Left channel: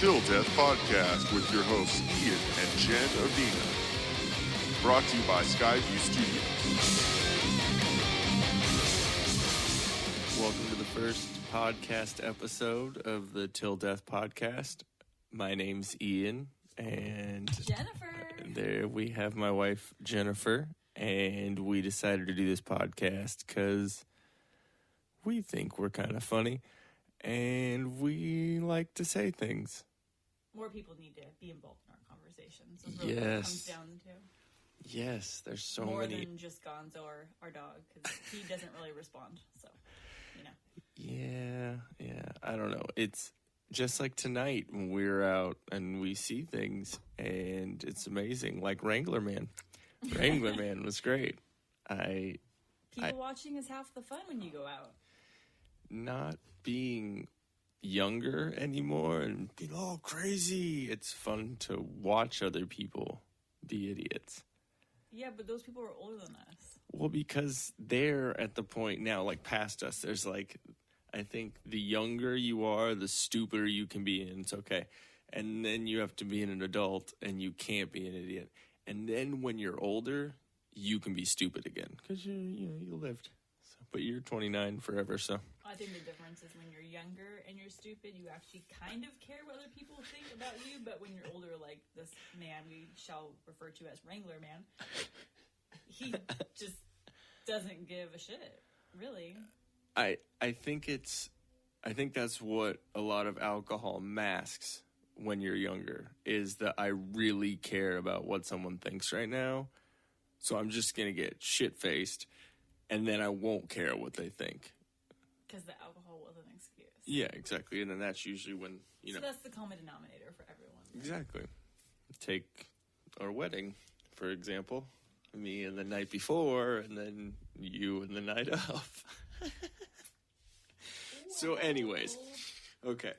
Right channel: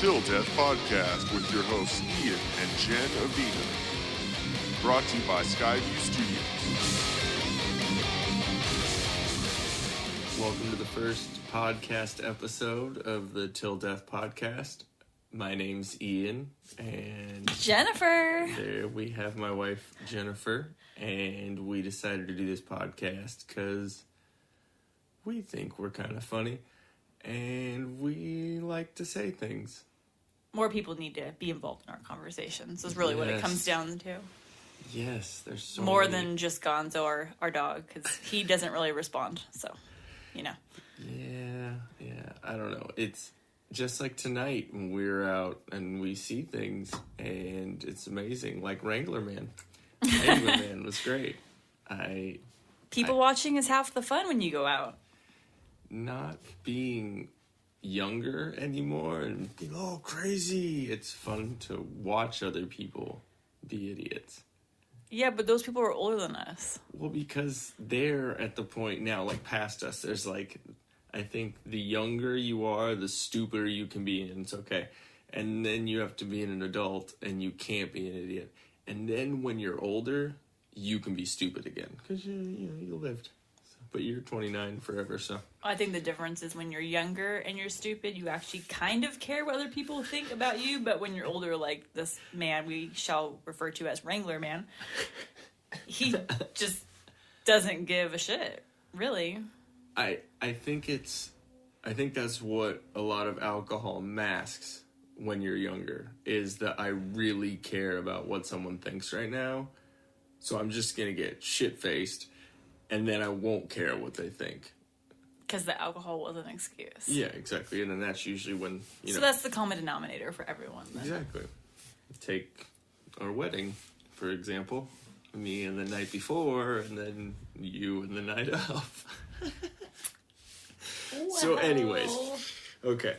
Til Death Podcast with your hosts Ian and Jen Avina. Brought to you by Skyview Studios. Welcome to the first podcast episode of the Til Death Podcast. My name's Ian, and Jennifer. There we have my wife, Jennifer, and we decided to do this podcast because we think we're kind of funny, and we like to say things. More people need to be involved in our conversations is really what it comes down to. Yes, there's so more many. than just Gonzo, our dog, because he doesn't really respond, so, you know. Yeah, I don't know. It's just like tonight when we're out and we see things, and it's amazing. Like Wrangler Man. Wrangler Man was great. People watching is half the fun when you go out. Not being younger anymore and being all crazy. It's fun to watch other people be idiots. Yeah, but those people are older than us. Well, because they're at the point now, like past us, there's like, I think the younger you are, the stupider you can be, and it's okay. And then you have to be an adult, and you can't be an idiot. And then when you're older, you can be stupid again, because you lived. But you're 29 forever, so. I think the difference is when you're younger and you're stupid, you actually kind of care what other people think about you, but when you're older, like this man we shall refer to as Wrangler Man, he just doesn't give a shit, really. I think that's what a lot of alcohol masks when you're younger, is that I really care about what someone thinks right now, so I'm just gonna get shit-faced, and then I won't care what they think. Because the alcohol was an excuse. Yeah, exactly. And then that's usually when, So that's the common denominator for everyone, then. Exactly. Take our wedding, for example. Me and the night before, and then you and the night of. Wow. So anyways, okay.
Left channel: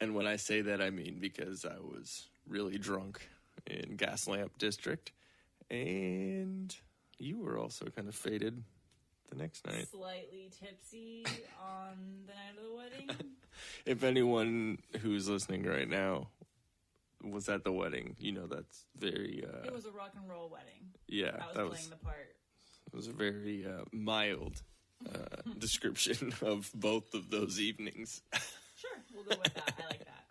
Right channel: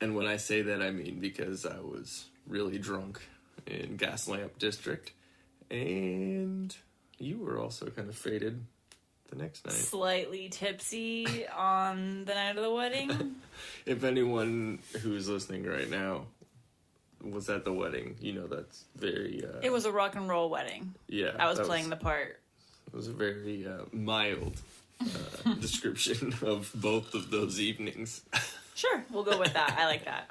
And when I say that, I mean because I was really drunk in Gaslamp District, and you were also kind of faded the next night. Slightly tipsy on the night of the wedding. If anyone who's listening right now was at the wedding, you know that's very... It was a rock and roll wedding. Yeah. I was playing the part. It was a very mild description of both of those evenings. Sure, we'll go with that. I like that.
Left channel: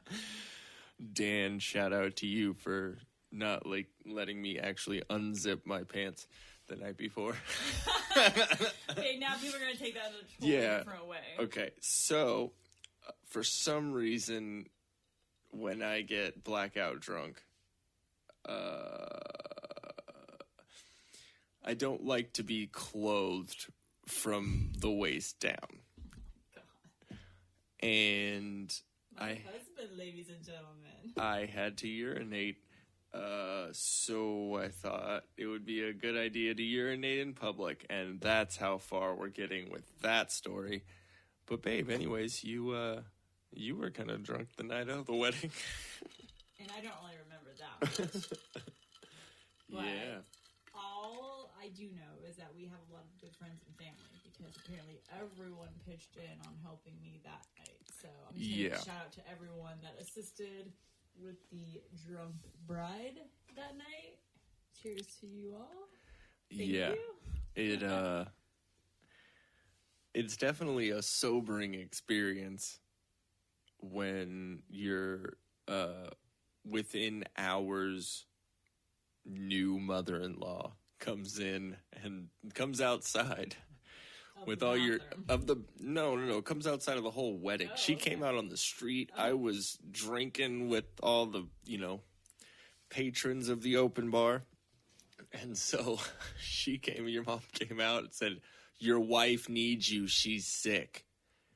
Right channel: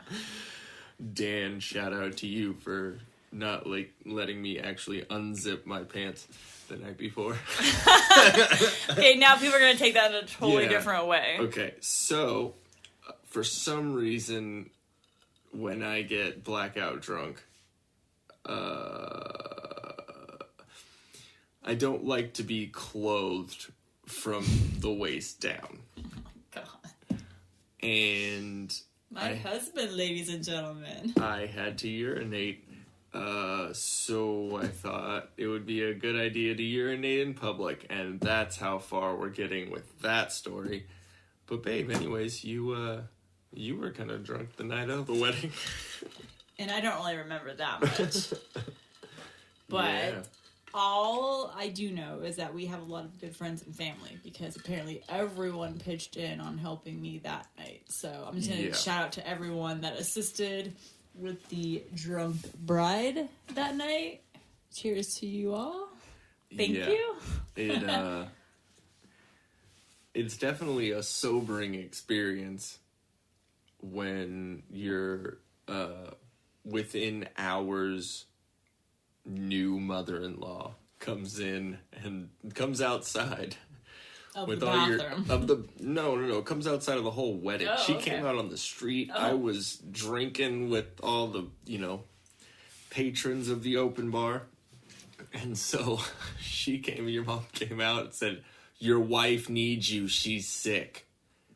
Dan, shout out to you for not letting me actually unzip my pants the night before. Okay, now people are going to take that in a totally different way. Okay, so for some reason, when I get blackout drunk, I don't like to be clothed from the waist down. God. And My husband, ladies and gentlemen. I had to urinate. So I thought it would be a good idea to urinate in public, and that's how far we're getting with that story. But babe, anyways, you were kind of drunk the night of the wedding. And I don't really remember that much. But yeah. all I do know is that we have a lot of good friends and family, because apparently everyone pitched in on helping me that night. So I'm just going to shout out to everyone that assisted with the drunk bride that night. Cheers to you all. Thank you. It's definitely a sobering experience when you're within hours new mother-in-law comes in and comes outside with all comes outside of the whole wedding. She came out on the street. I was drinking with all the patrons of the open bar, and so your mom came out and said, "Your wife needs you, she's sick."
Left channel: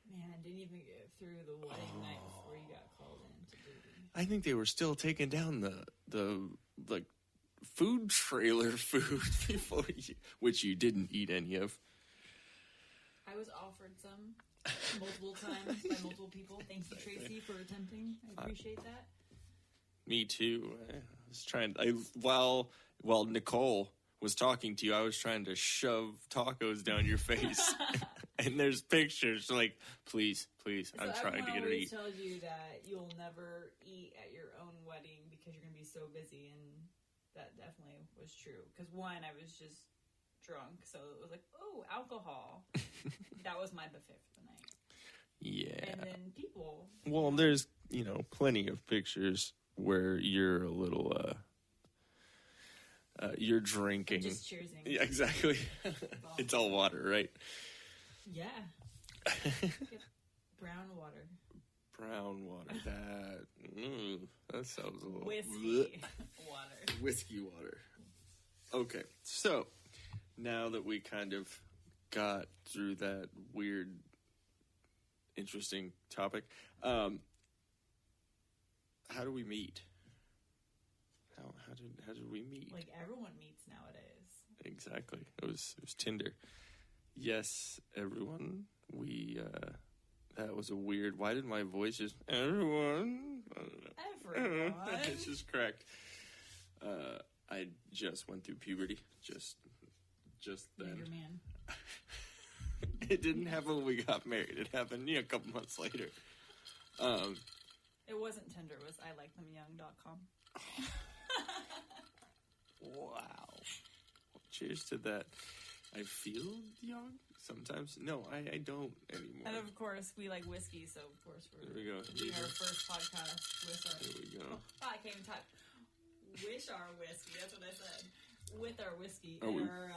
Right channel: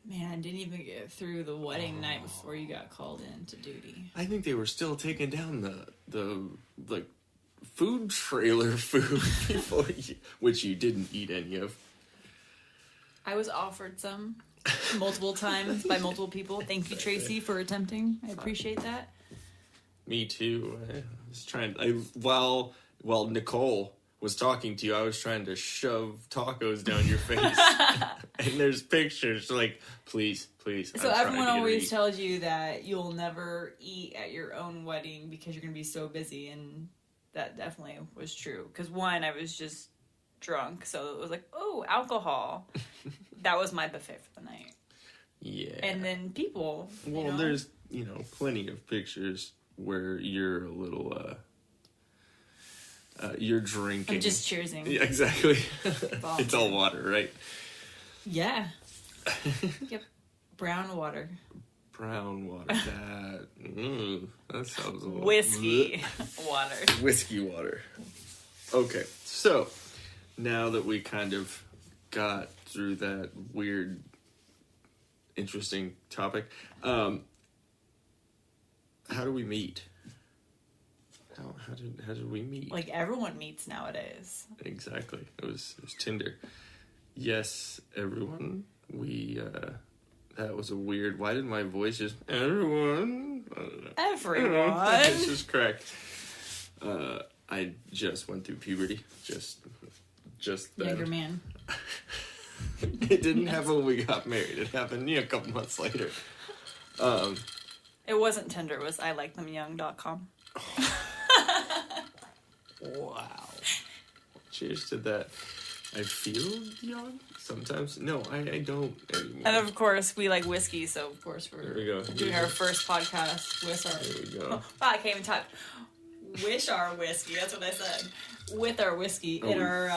Man, I didn't even get through the wedding night before you got called into duty. I think they were still taking down the food trailer food before which you didn't eat any of. I was offered some multiple times by multiple people. Thank you, Tracy, for attempting. I appreciate that. Me too. I was trying. While Nicole was talking to you, I was trying to shove tacos down your face. And there's pictures like, please. So everyone always tells you that you'll never eat at your own wedding because you're going to be so busy. And that definitely was true. Because one, I was just drunk. So it was like, oh, alcohol. That was my buffet for the night. Yeah. And then people. Well, there's, plenty of pictures where you're a little, you're drinking. I'm just cheersing. Yeah, exactly. It's all water, right? Yeah. Yep. Brown water. That sounds a little... Whiskey water. Whiskey water. Okay, so now that we kind of got through that weird, interesting topic, how do we meet? How did we meet? Like everyone meets nowadays. Exactly. It was Tinder. Yes, everyone. We that was a weird. Why did my voice just everyone? I don't know. Everyone. It's just cracked. I just went through puberty. Just that. Younger man. It didn't happen when we got married. It happened a couple months later. It wasn't Tinder. It was ILikeThemYoung.com. Wow. Cheers to that. I feel young sometimes. No, I don't anymore. And of course, we like whiskey, so of course There we go. doing our first podcast with our... There we go. Wow, I can't even talk. Wish our whiskey, that's what I said. With our whiskey in our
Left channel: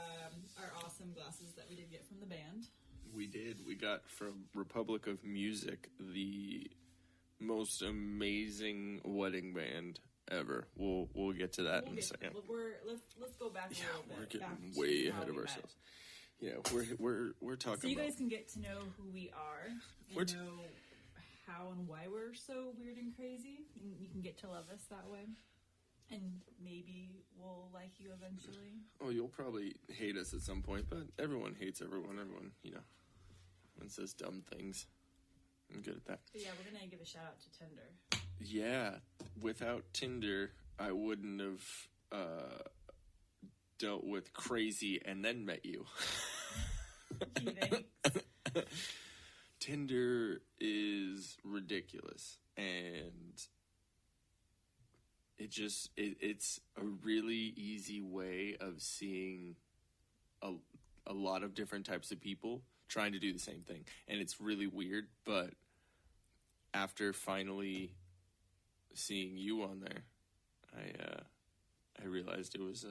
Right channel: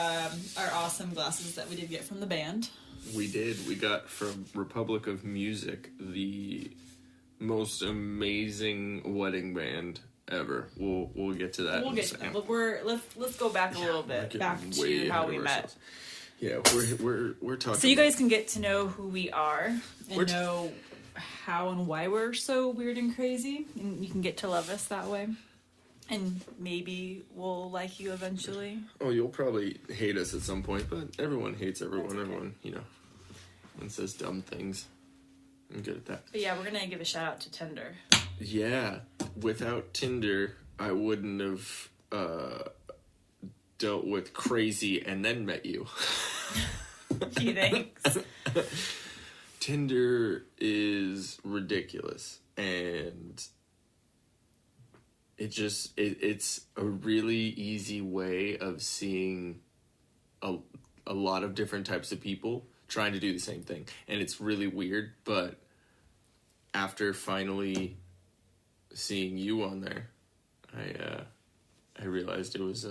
awesome glasses that we did get from the band. We did. We got from Republic of Music, the most amazing wedding band ever. We'll get to that. We'll get to that. But let's go back a little bit, back to how we met. Yeah, we're talking. So you guys can get to know who we are and know how and why we're so weird and crazy, and you can get to love us that way. And maybe we'll like you eventually. Oh, you'll probably hate us at some point, but everyone hates everyone. Okay. Everyone, everyone says dumb things. I'm good at that. But yeah, we're gonna give a shout out to Tinder. Yeah, without Tinder, I wouldn't have dealt with crazy and then met you. Gee, thanks. Tinder is ridiculous, and it's a really easy way of seeing a lot of different types of people trying to do the same thing, and it's really weird, but after finally seeing you on there, I realized it was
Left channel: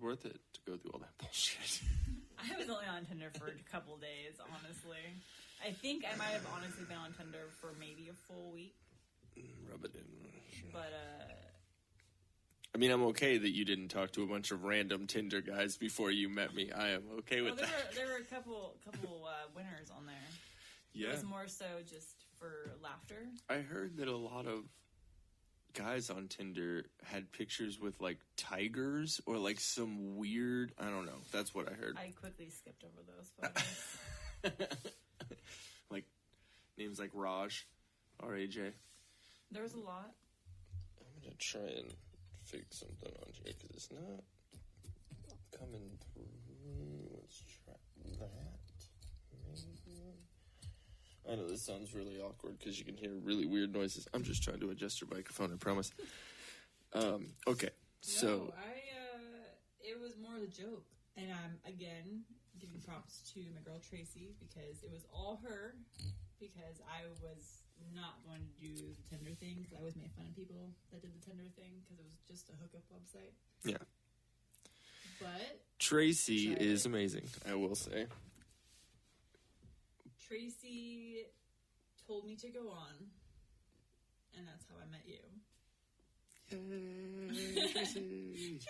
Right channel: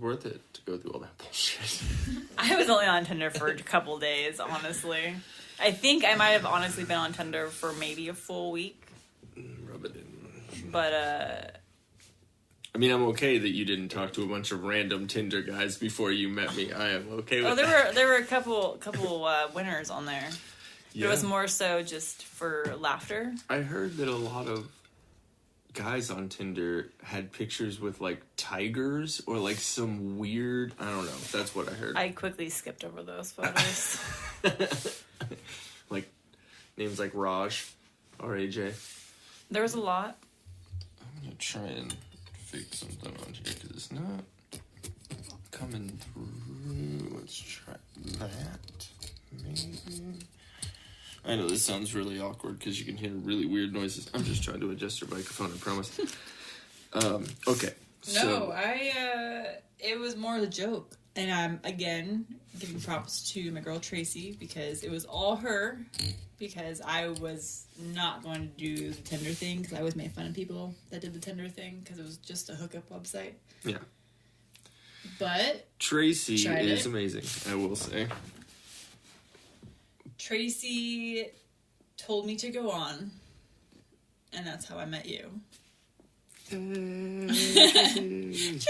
worth it to go through all that bullshit. I was only on Tinder for a couple days, honestly. I think I might have honestly been on Tinder for maybe a full week. Rub it in. But, I mean, I'm okay that you didn't talk to a bunch of random Tinder guys before you met me. I am okay with that. There were a couple winners on there. Yeah. It was more so just for laughter. I heard that a lot of guys on Tinder had pictures with, like, tigers or, like, some weird... I don't know. That's what I heard. I quickly skipped over those photos. Like, names like Raj, R-A-J. There was a lot. I'm going to try and fix something on here because it's not coming through. Let's try that. Maybe. I know this sounds really awkward because you can hear really weird noises. I'm just trying to adjust your microphone, I promise. Okay. No, it was more of a joke. And I'm, again, giving props to my girl Tracy because it was all her. Because I was not going to do the Tinder thing because I always made fun of people that did the Tinder thing because it was just a hookup website. Yeah. But Tracy is amazing, I will say. Tracy told me to go on, and that's how I met you. Tracy!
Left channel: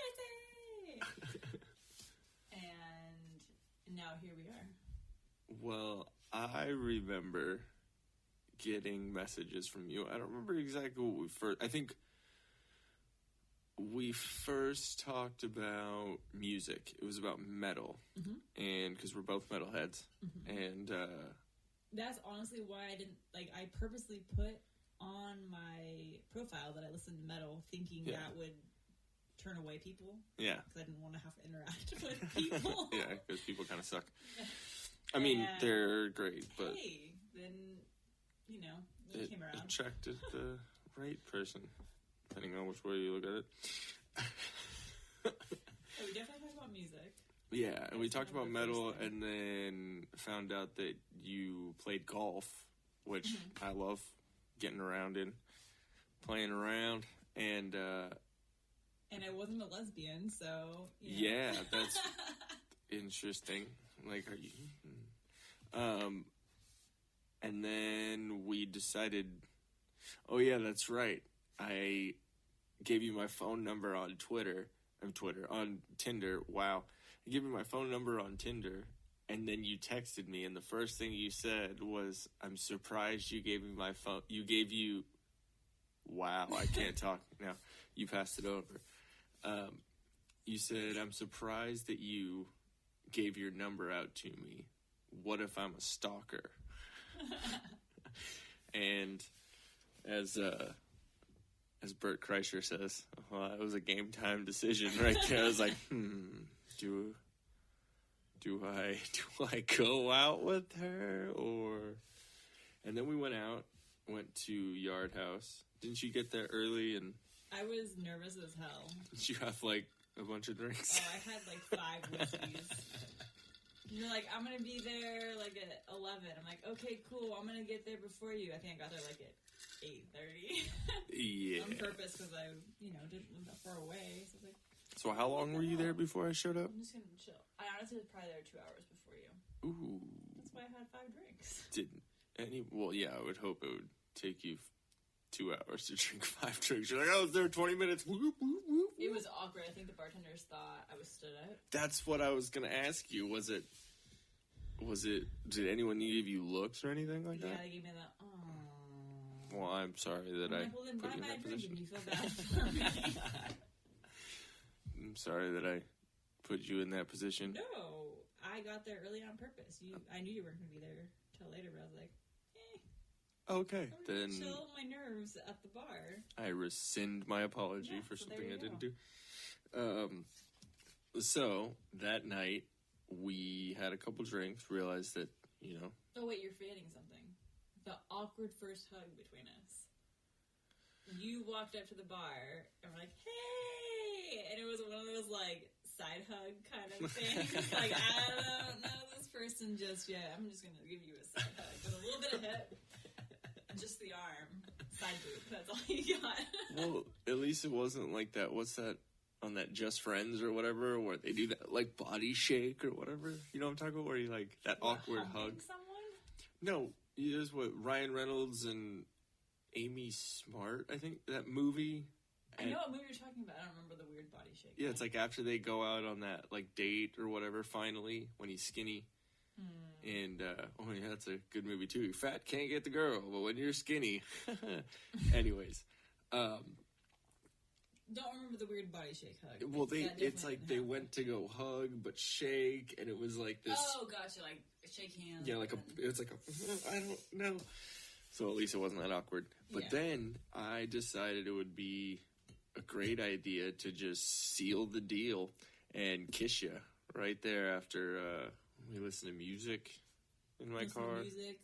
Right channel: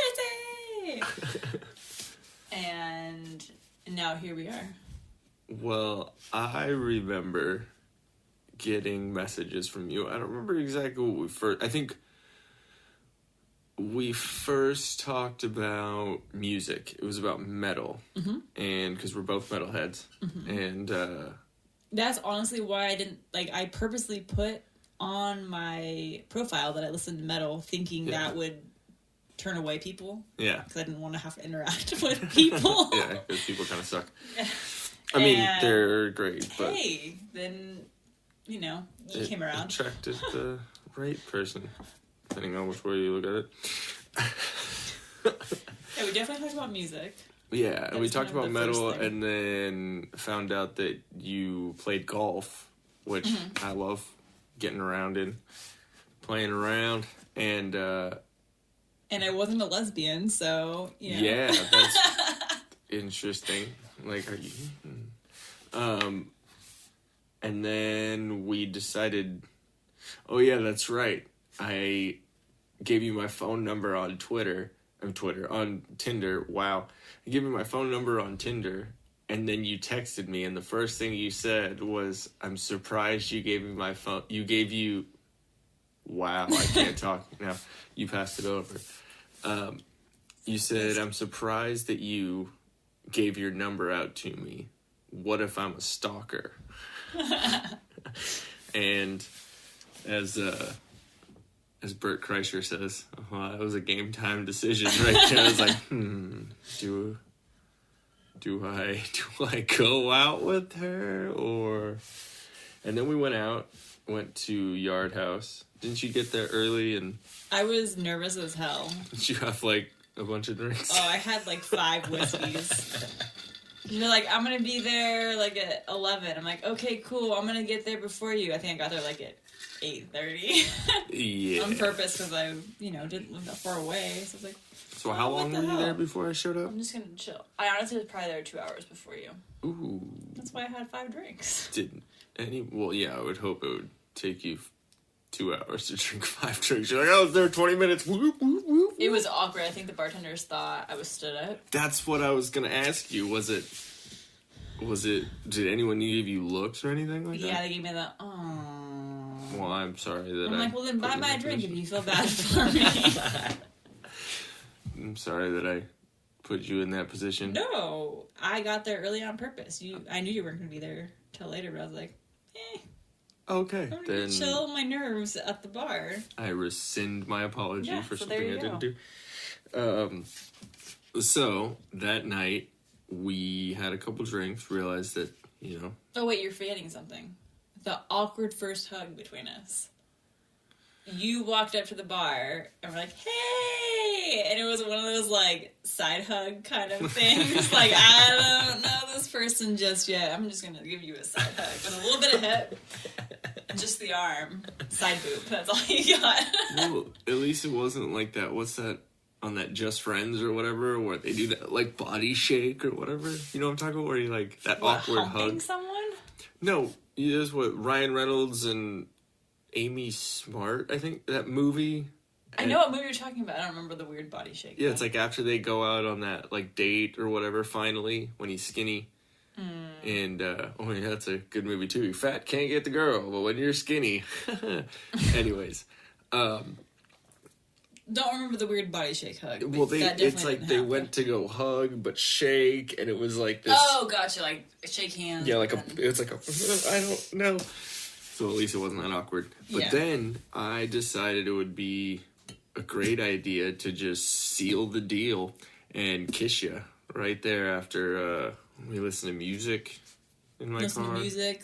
And now here we are. Well, I remember getting messages from you. I don't remember exactly what we first... I think we first talked about music. It was about metal. Mm-hmm. And because we're both metalheads. Mm-hmm. And... that's honestly why I didn't... Like, I purposely put on my profile that I listened to metal thinking that would turn away people. Yeah. Because I didn't want to have to interact with people. Yeah, because people kind of suck. I mean, they're great, but... Hey, then, you came around. Attracted the right person, depending on which way you look at it. Yeah, we definitely talked about music. Yeah, and we talked about metal, and then found out that you played golf, which I love getting around in, playing around, and I wasn't a lesbian, so, Yeah, that's interesting. Like, are you... And then we decided... Oh, yeah, that's right. I gave you my phone number on on Tinder. Wow. I gave you my phone number on Tinder, and then you texted me, and the first thing you said was, I'm surprised you gave me my phone. Wow, I can't talk now. You passed it over. You said, I'm surprised that you gave your number out to me. What if I'm a stalker? And as Bert Kreischer says, that was a game time decision right there. I was like, do I go out with her or? And then we went to Yard House. Didn't you get there early? And I was nervous as hell. Did you have like a bunch of drinks? Oh, I had like 5 whiskeys. You're like, I'm gonna be there like at 11. I'm like, okay, cool. I'm gonna get there before you. I think I got there like at 8:30. Yeah. On purpose because I, didn't live that far away. So I was like, so how long were you there before I showed up? I'm just gonna chill. I honestly was probably there 2 hours before you. Ooh. That's why I had 5 drinks. Well, yeah, I would hope it would take you 2 hours to drink 5 drinks. You're like, I was there 20 minutes. Whoop, whoop, whoop. It was awkward. I think the bartenders thought I was stood up. That's what I was gonna ask you. Was it? Did anyone give you looks or anything like that? Yeah, they gave me the. Well, I'm sorry that I'm like, well, then buy my drink if you feel bad for me. I'm sorry that I put you in that position. No, I got there early on purpose. I knew you weren't gonna be there till later, but I was like, Okay, I'm gonna chill my nerves at the bar. I rescind my apology for something I didn't do. So that night we had a couple drinks. Realized that Oh wait, you're forgetting something. The awkward first hug between us. You walked up to the bar and were like, "Hey!" And it was one of those like side hug kind of things. Like, I don't know this person just yet. I'm just gonna give you a side hug with a little bit of hip. Just the arm. Side boob. That's all you got. Well, at least it wasn't like that. What's that on that Just Friends or whatever, where they do that like body shake or whatever? You know what I'm talking about? Where you like that awkward humping hug. Someone? No, that's what Ryan Reynolds and Amy Smart, I think, that movie. I know what movie you're talking about. I don't remember the weird body shake. Yeah, it's like after they go out on that like date or whatever, finally, when he's skinny. And, yeah, that's a good movie too. You're fat, can't get the girl, but when you're skinny. Anyways. Don't remember the weird body shake hug. Well, it's like they went to go hug, but shake, and it was like this. Oh, gotcha, like shake hands. Yeah, it's like I don't know. So at least it wasn't that awkward. But then I decided it would be a great idea to just seal the deal and kiss you right there after we listen to music in my car. Listen to music.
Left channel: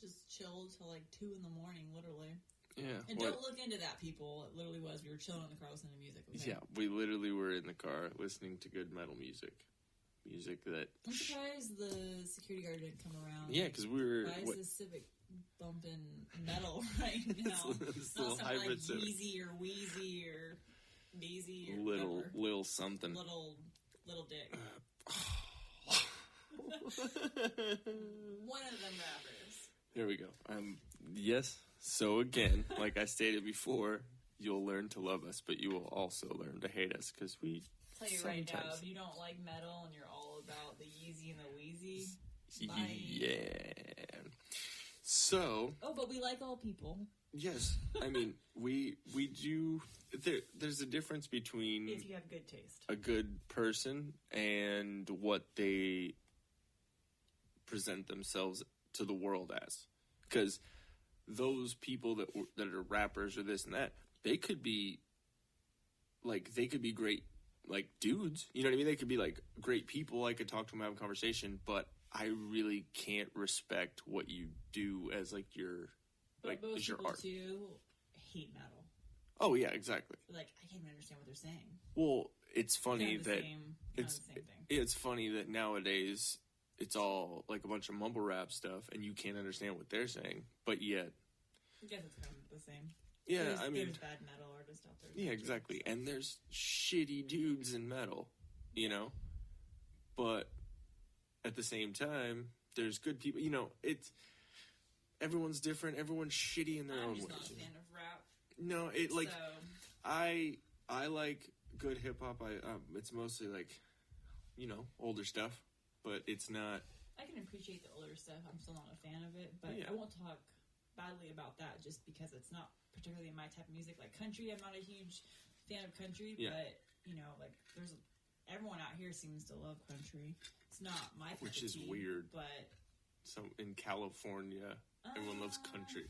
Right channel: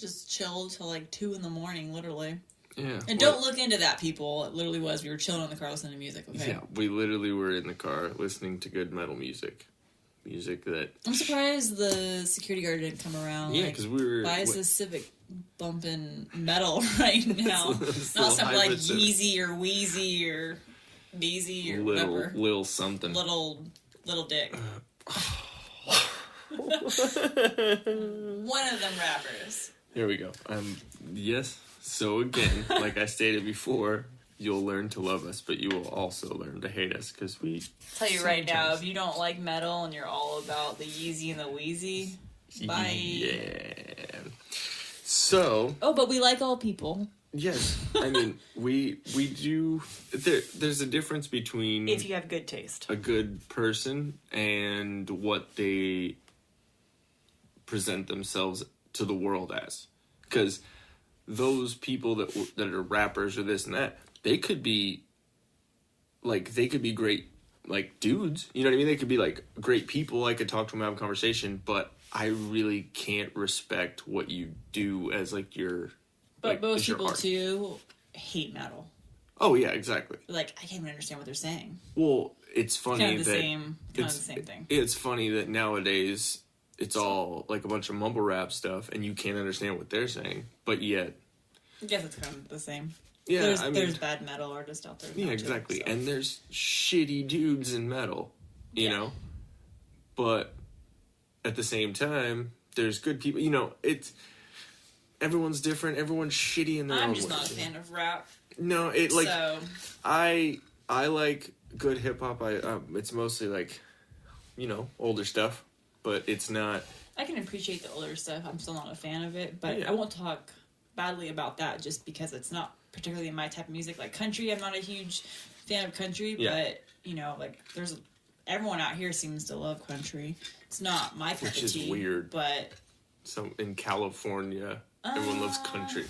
Just chill till like 2 a.m, literally. Yeah. And don't look into that, people. It literally was. We were chilling in the car listening to music, okay? Yeah, we literally were in the car listening to good metal music. Music that... I'm surprised the security guard didn't come around. Yeah, because we were... Why is this Civic bumping metal right now? Not something like Yeezy or Wheezy or Beezy or whatever. Lil something. Little dick. One of them rappers. Here we go. Yes. So again, like I stated before, you'll learn to love us, but you will also learn to hate us because we... Tell you right now, if you don't like metal and you're all about the Yeezy and the Wheezy, bye. Yeah. So... Oh, but we like all people. Yes. I mean, we do... There's a difference between... If you have good taste. A good person and what they present themselves to the world as. Because those people that are rappers or this and that, they could be like, they could be great, like, dudes. You know what I mean? They could be, like, great people. I could talk to them, have a conversation, but I really can't respect what you do as, like, your... But like, most your people, art. too, hate metal. Oh, yeah, exactly. Like, I can't even understand what they're saying. Well, it's funny Kind of the that... same thing. It's funny that nowadays it's all, like, a bunch of mumble rap stuff, and you can't understand what they're saying, but yet... I guess it's kind of the same. Yeah, there's bad metal artists out there. Yeah, exactly. So. And there's shitty dudes in metal, you know? But at the same time, there's good people. You know, it's... Everyone's different. Everyone's shitty in their own way. I'm just not a fan of rap. No, So. I like good hip-hop. It's mostly, like, you know, older stuff. But it's not... I can appreciate the older stuff. I'm still not a fan of it. But I won't talk badly about that just because it's not particularly my type of music. Like country, I'm not a huge fan of country, but you know, like there's everyone out here seems to love country. It's not my cup of tea. Which is weird. But in California, everyone loves country.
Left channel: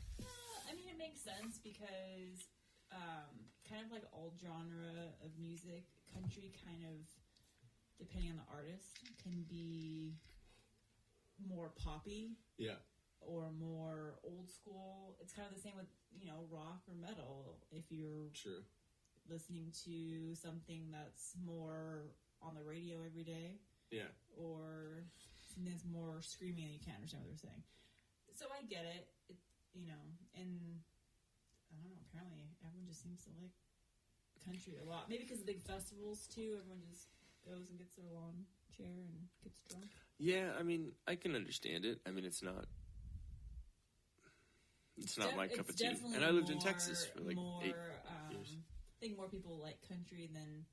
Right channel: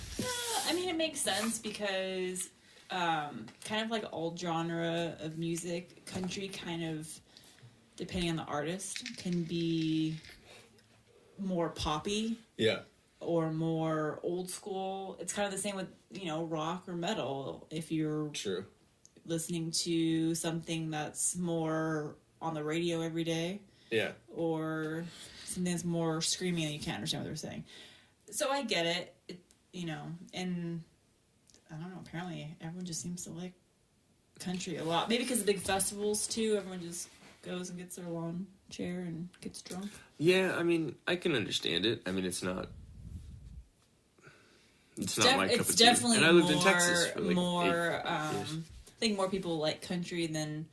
I mean, it makes sense because kind of like old genre of music, country kind of, depending on the artist, can be more poppy. Yeah. Or more old school. It's kind of the same with, you know, rock or metal. If you're listening to something that's more on the radio every day. Yeah. Or something that's more screaming and you can't understand what they're saying. So I get it. You know, and I don't know, apparently everyone just seems to like country a lot. Maybe because of big festivals too. Everyone just goes and gets their lawn chair and gets drunk. Yeah, I mean, I can understand it. I mean, it's not my cup of tea. Definitely and I lived in Texas for like more. I think more people like country than,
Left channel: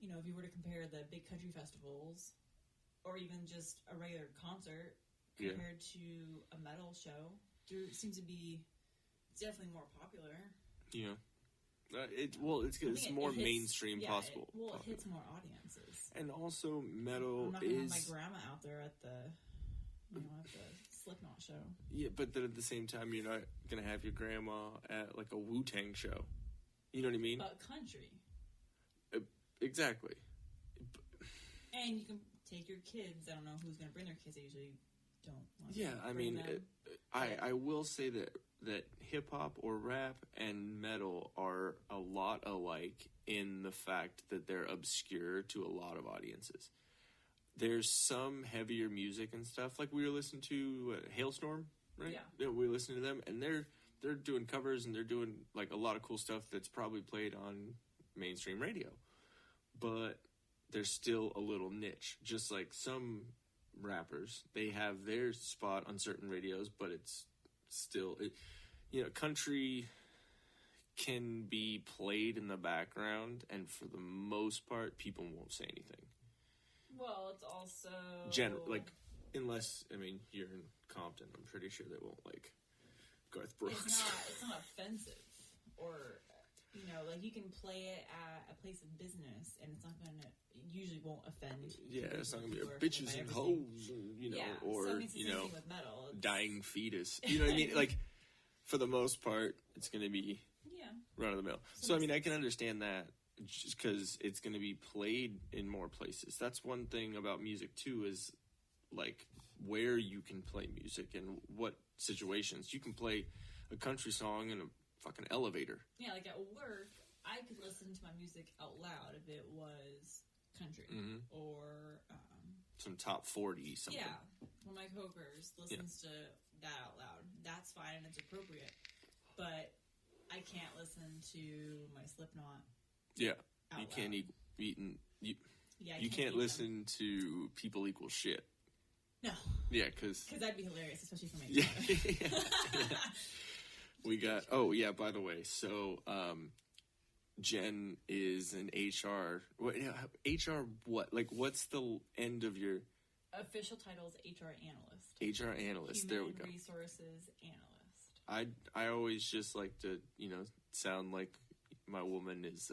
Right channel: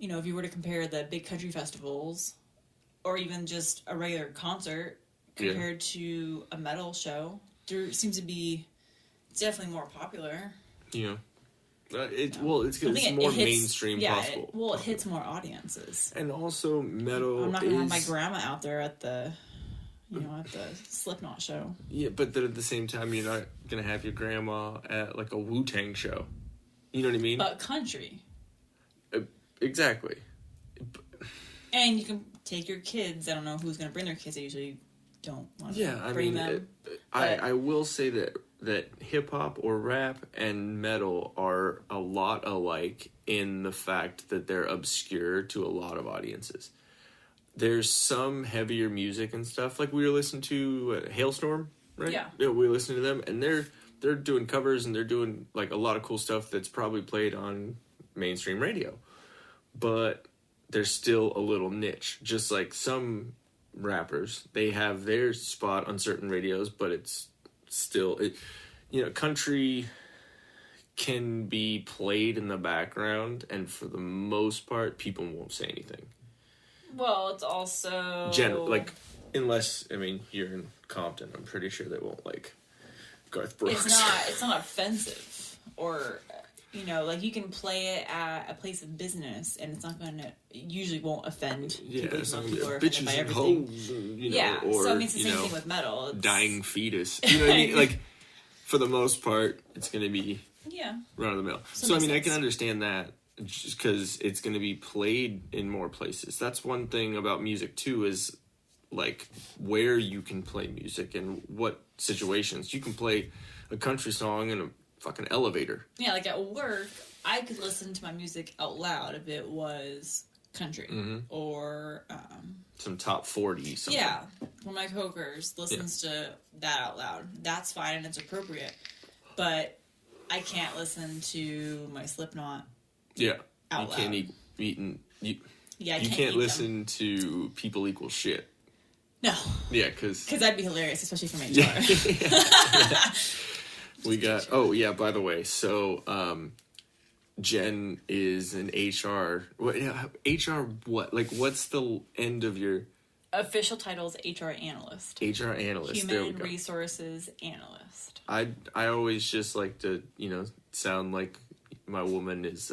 you know, if you were to compare the big country festivals, or even just a regular concert compared to a metal show. There seems to be definitely more popular. Yeah. It's because it's more mainstream possible. It hits more audiences. And also metal. I'm not gonna have my grandma out there at the Slipknot show. Yeah, but then at the same time, you're not gonna have your grandma at like a Wu-Tang show. You know what I mean? But country. Exactly. And you can take your kids. I don't know who's gonna bring their kids. I usually don't want to bring them. I will say that hip-hop or rap and metal are a lot alike in the fact that they're obscure to a lot of audiences. There's some heavier music and stuff, like we were listening to Hailstorm, right? Yeah, we were listening to them, and they're doing covers, and they're doing like a lot of cool stuff that's probably played on mainstream radio. But there's still a little niche, just like some rappers. They have their spot on certain radios, but it's still, country can be played in the background, and for the most part, people won't say anything. Well, it's also... unless, you're in Compton, I'm pretty sure they won't like Garth Brooks. It's not offensive. Or, you can play it at a place of business, and it's not going to... usually won't offend people. Some people are offended by everything. Hoes, or, so it's the same thing with metal. It's... dying fetus. You know what I mean? Like, for the most part, it's going to be run of the mill. So, I can understand that. Just because it's going to be played in more places. That's one thing about music too, is like where you can play music and what situations. You can play a country song in a fucking elevator. Yeah, like at work, I could listen to my music out loud if it was country or some top 40 something. Yeah, one of my coworkers listens to that out loud. That's fine and it's appropriate, but I can't listen to my Slipknot. Yeah, out you loud. Can't listen to People Equal Shit. No. Yeah, because that'd be hilarious, especially from HR. We got. By the way, so Jen is an HR. HR what? Like, what's the end of your official title? Is HR analyst. HR analyst. Human resources analyst. I always just like to sound like my woman is,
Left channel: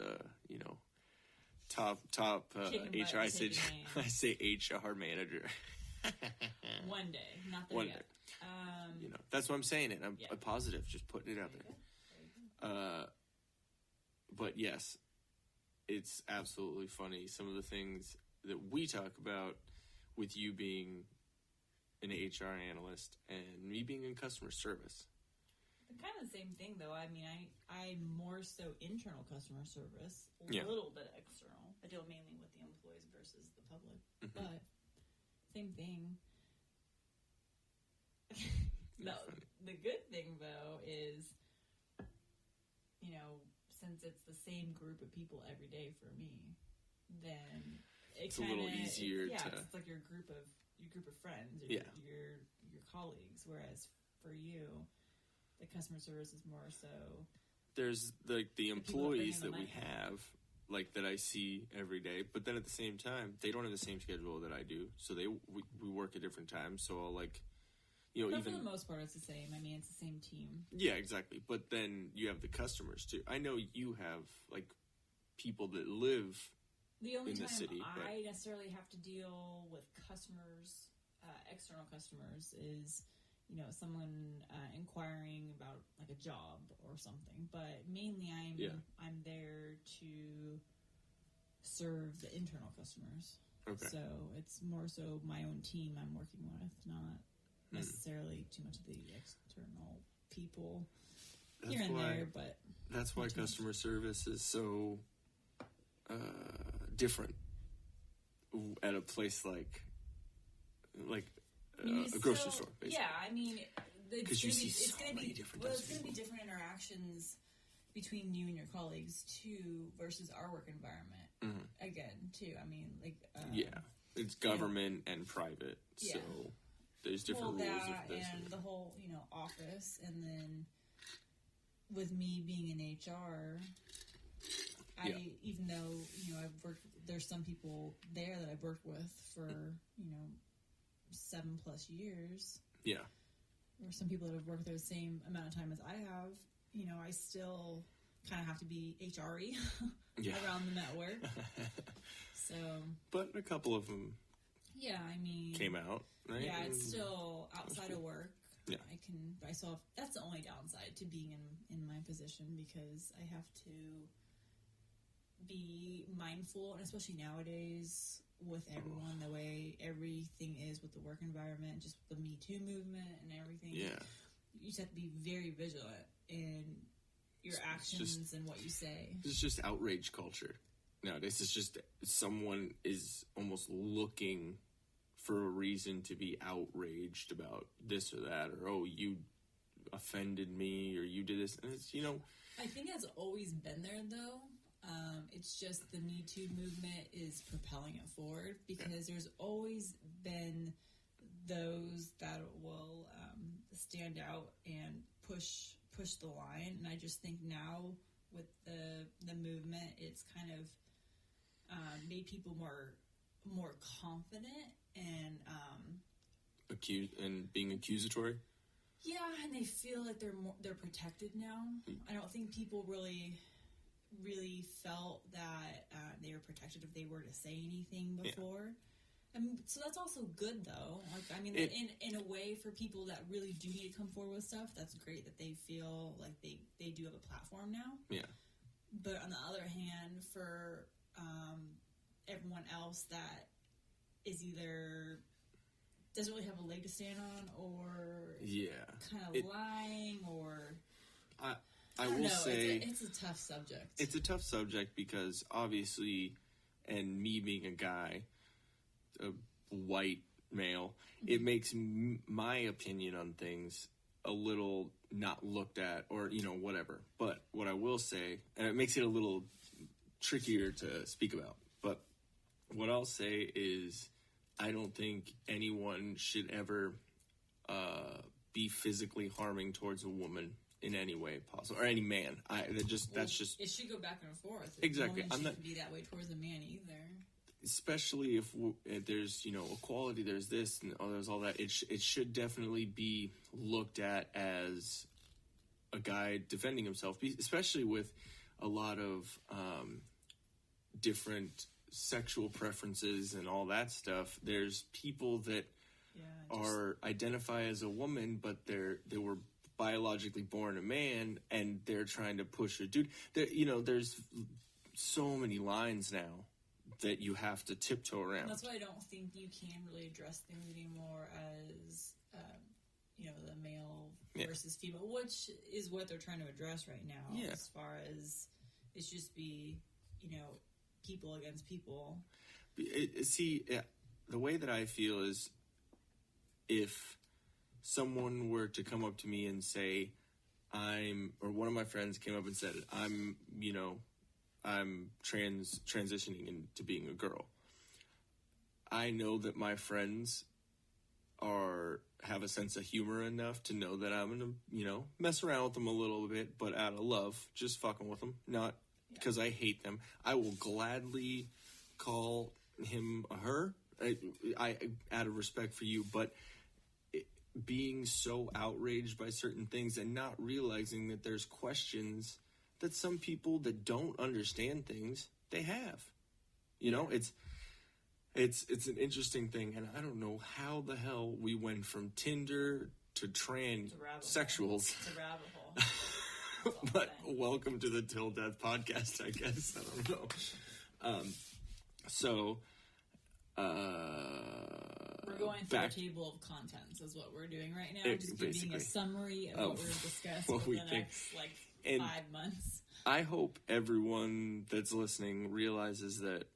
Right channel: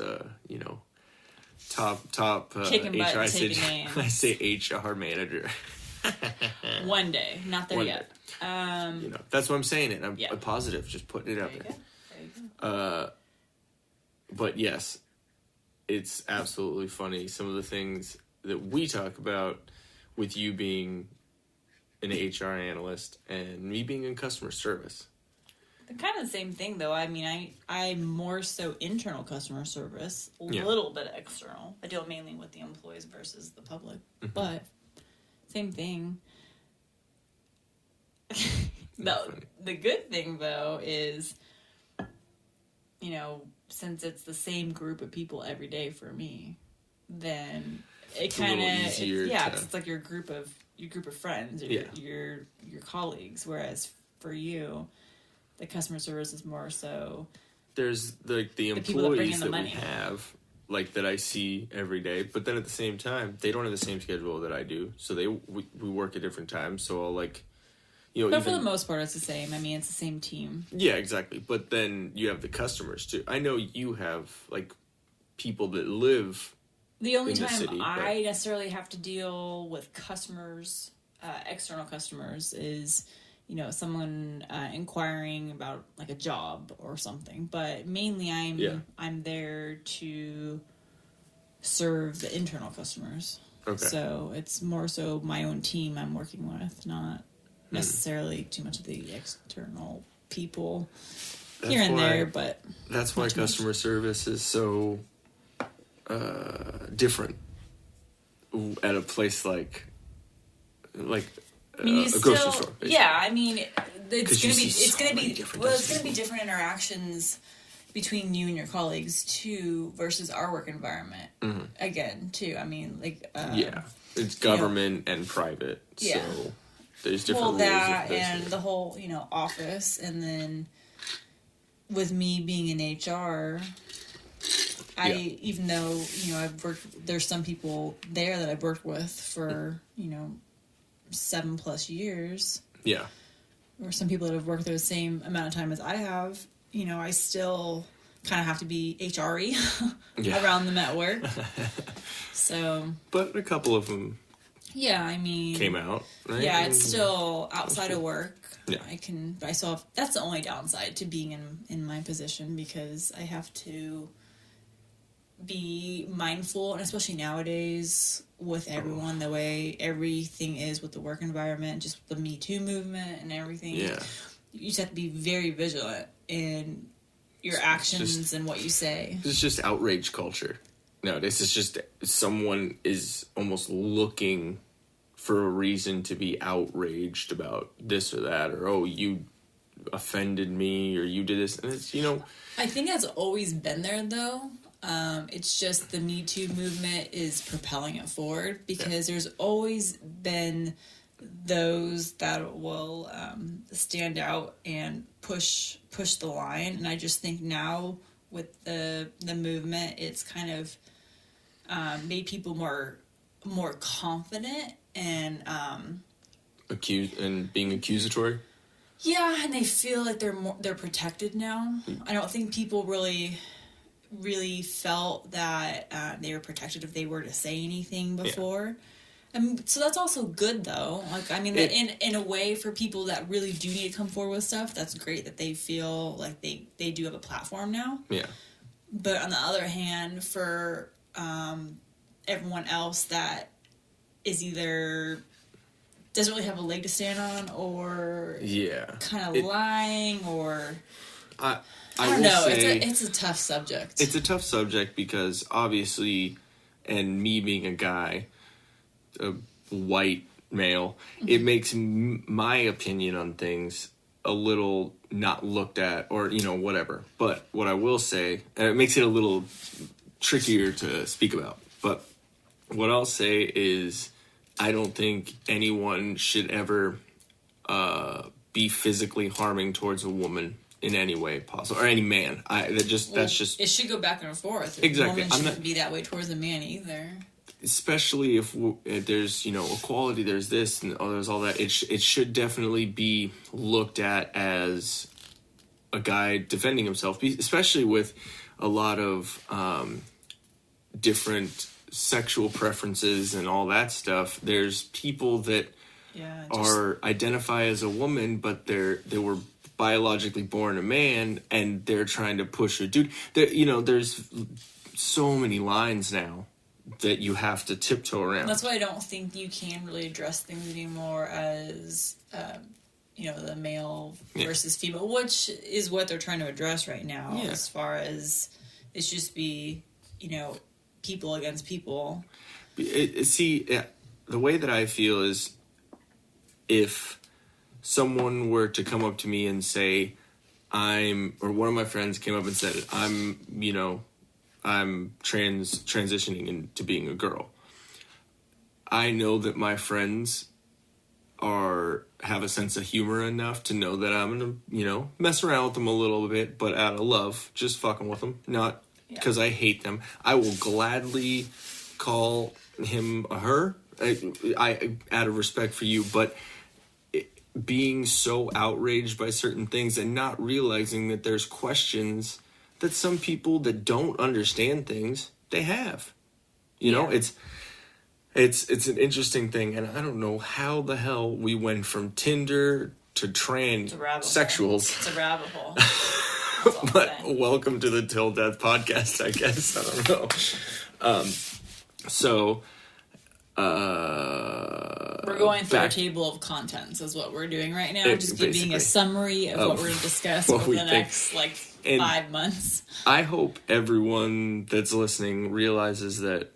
top HR. I say HR manager. One day, not there yet. That's what I'm saying. I'm positive, just putting it out there. There you go. But yes, it's absolutely funny. Some of the things that we talk about with you being an HR analyst and me being in customer service. They're kind of the same thing, though. I mean, I'm more so internal customer service, a little bit external. I deal mainly with the employees versus the public, but same thing. The good thing, though, is, you know, since it's the same group of people every day for me, then it kind of it's like your group of friends, or your colleagues. Whereas for you, the customer service is more so. There's like the employees that we have, like that I see every day, but then at the same time, they don't have the same schedule that I do, so we work at different times. So I'll like. But for the most part, it's the same. I mean, it's the same team. Yeah, exactly. But then you have the customers, too. I know you have, like, people that live the only in time the city, I necessarily have to deal with customers, external customers, is, you know, someone inquiring about, like, a job or something. But mainly I'm there to serve the internal customers. Okay. So it's more so my own team I'm working with, not necessarily too much of the external people here and there, but that's why customer service is so different at a place like a grocery store. Basically. Yeah, I mean, it's gonna be different interactions between you and your colleagues too versus our work environment. Again, too. I mean, like it's government and private. Yeah. So there's different rules. That and the whole, you know, office, and then with me being in HR, even though, you know, there's some people there that I've worked with for, you know, 7+ years. Yeah. Or some people that have worked there the same amount of time as I have, you know, I still kind of have to be HR-y around them at work. So. But a couple of them. Yeah, I mean. Came out, right? Yeah, it's still outside of work. Yeah. I still have, that's the only downside to being in my position, because I have to be mindful, and especially nowadays with everyone, the way everything is with the work environment, just the Me Too movement and everything. Yeah. You just have to be very vigilant in your actions and what you say. It's just outrage culture. Nowadays, it's just someone is almost looking for a reason to be outraged about this or that, or, oh, you offended me, or you did this. And it's, you know. I think that's always been there, though. It's just the Me Too movement is propelling it forward, because there's always been those that will stand out and push the line. And I just think now with the movement, it's kind of made people more confident and being accusatory. Yeah, and they feel like they're protected now. I don't think people really felt that they were protected if they were to say anything before. So that's also good, though. Like, I mean, in a way, for people that really do need to come forward with stuff, that's great that they feel like they do have a platform now. Yeah. But on the other hand, for everyone else that is either doesn't really have a leg to stand on, or kind of lying, or I don't know. It's a tough subject. It's a tough subject because obviously, and me being a guy, a white male, it makes my opinion on things a little not looked at, or, you know, whatever. But what I will say, and it makes it a little trickier to speak about, but what I'll say is I don't think anyone should ever be physically harming towards a woman in any way possible, or any man. That's just it should go back and forth. Exactly. A woman shouldn't be that way towards a man either. Especially if there's, you know, equality, there's this and there's all that. It should definitely be looked at as a guy defending himself, especially with a lot of different sexual preferences and all that stuff. There's people that identify as a woman, but they were biologically born a man, and they're trying to push a dude. You know, there's so many lines now that you have to tiptoe around. That's why I don't think you can really address things anymore as, the male versus female, which is what they're trying to address right now, as far as it's just be, people against people. The way that I feel is if someone were to come up to me and say, or one of my friends came up and said, I'm transitioning into being a girl. I know that my friends have a sense of humor enough to know that I'm gonna, mess around with them a little bit, but out of love, just fucking with them, not because I hate them. I will gladly call him a her. I out of respect for you, but being so outraged by certain things and not realizing that there's questions that some people that don't understand things, they have. It's an interesting thing, and I don't know how the hell we went from Tinder to transsexuals. It's a rabbit hole. But welcome to the Til Death Podcast, I guess. I don't know. We're going through a table of contents is what we're doing right now. Just giving a summary of what we're going to discuss over the next 5 months. I hope everyone that's listening realizes that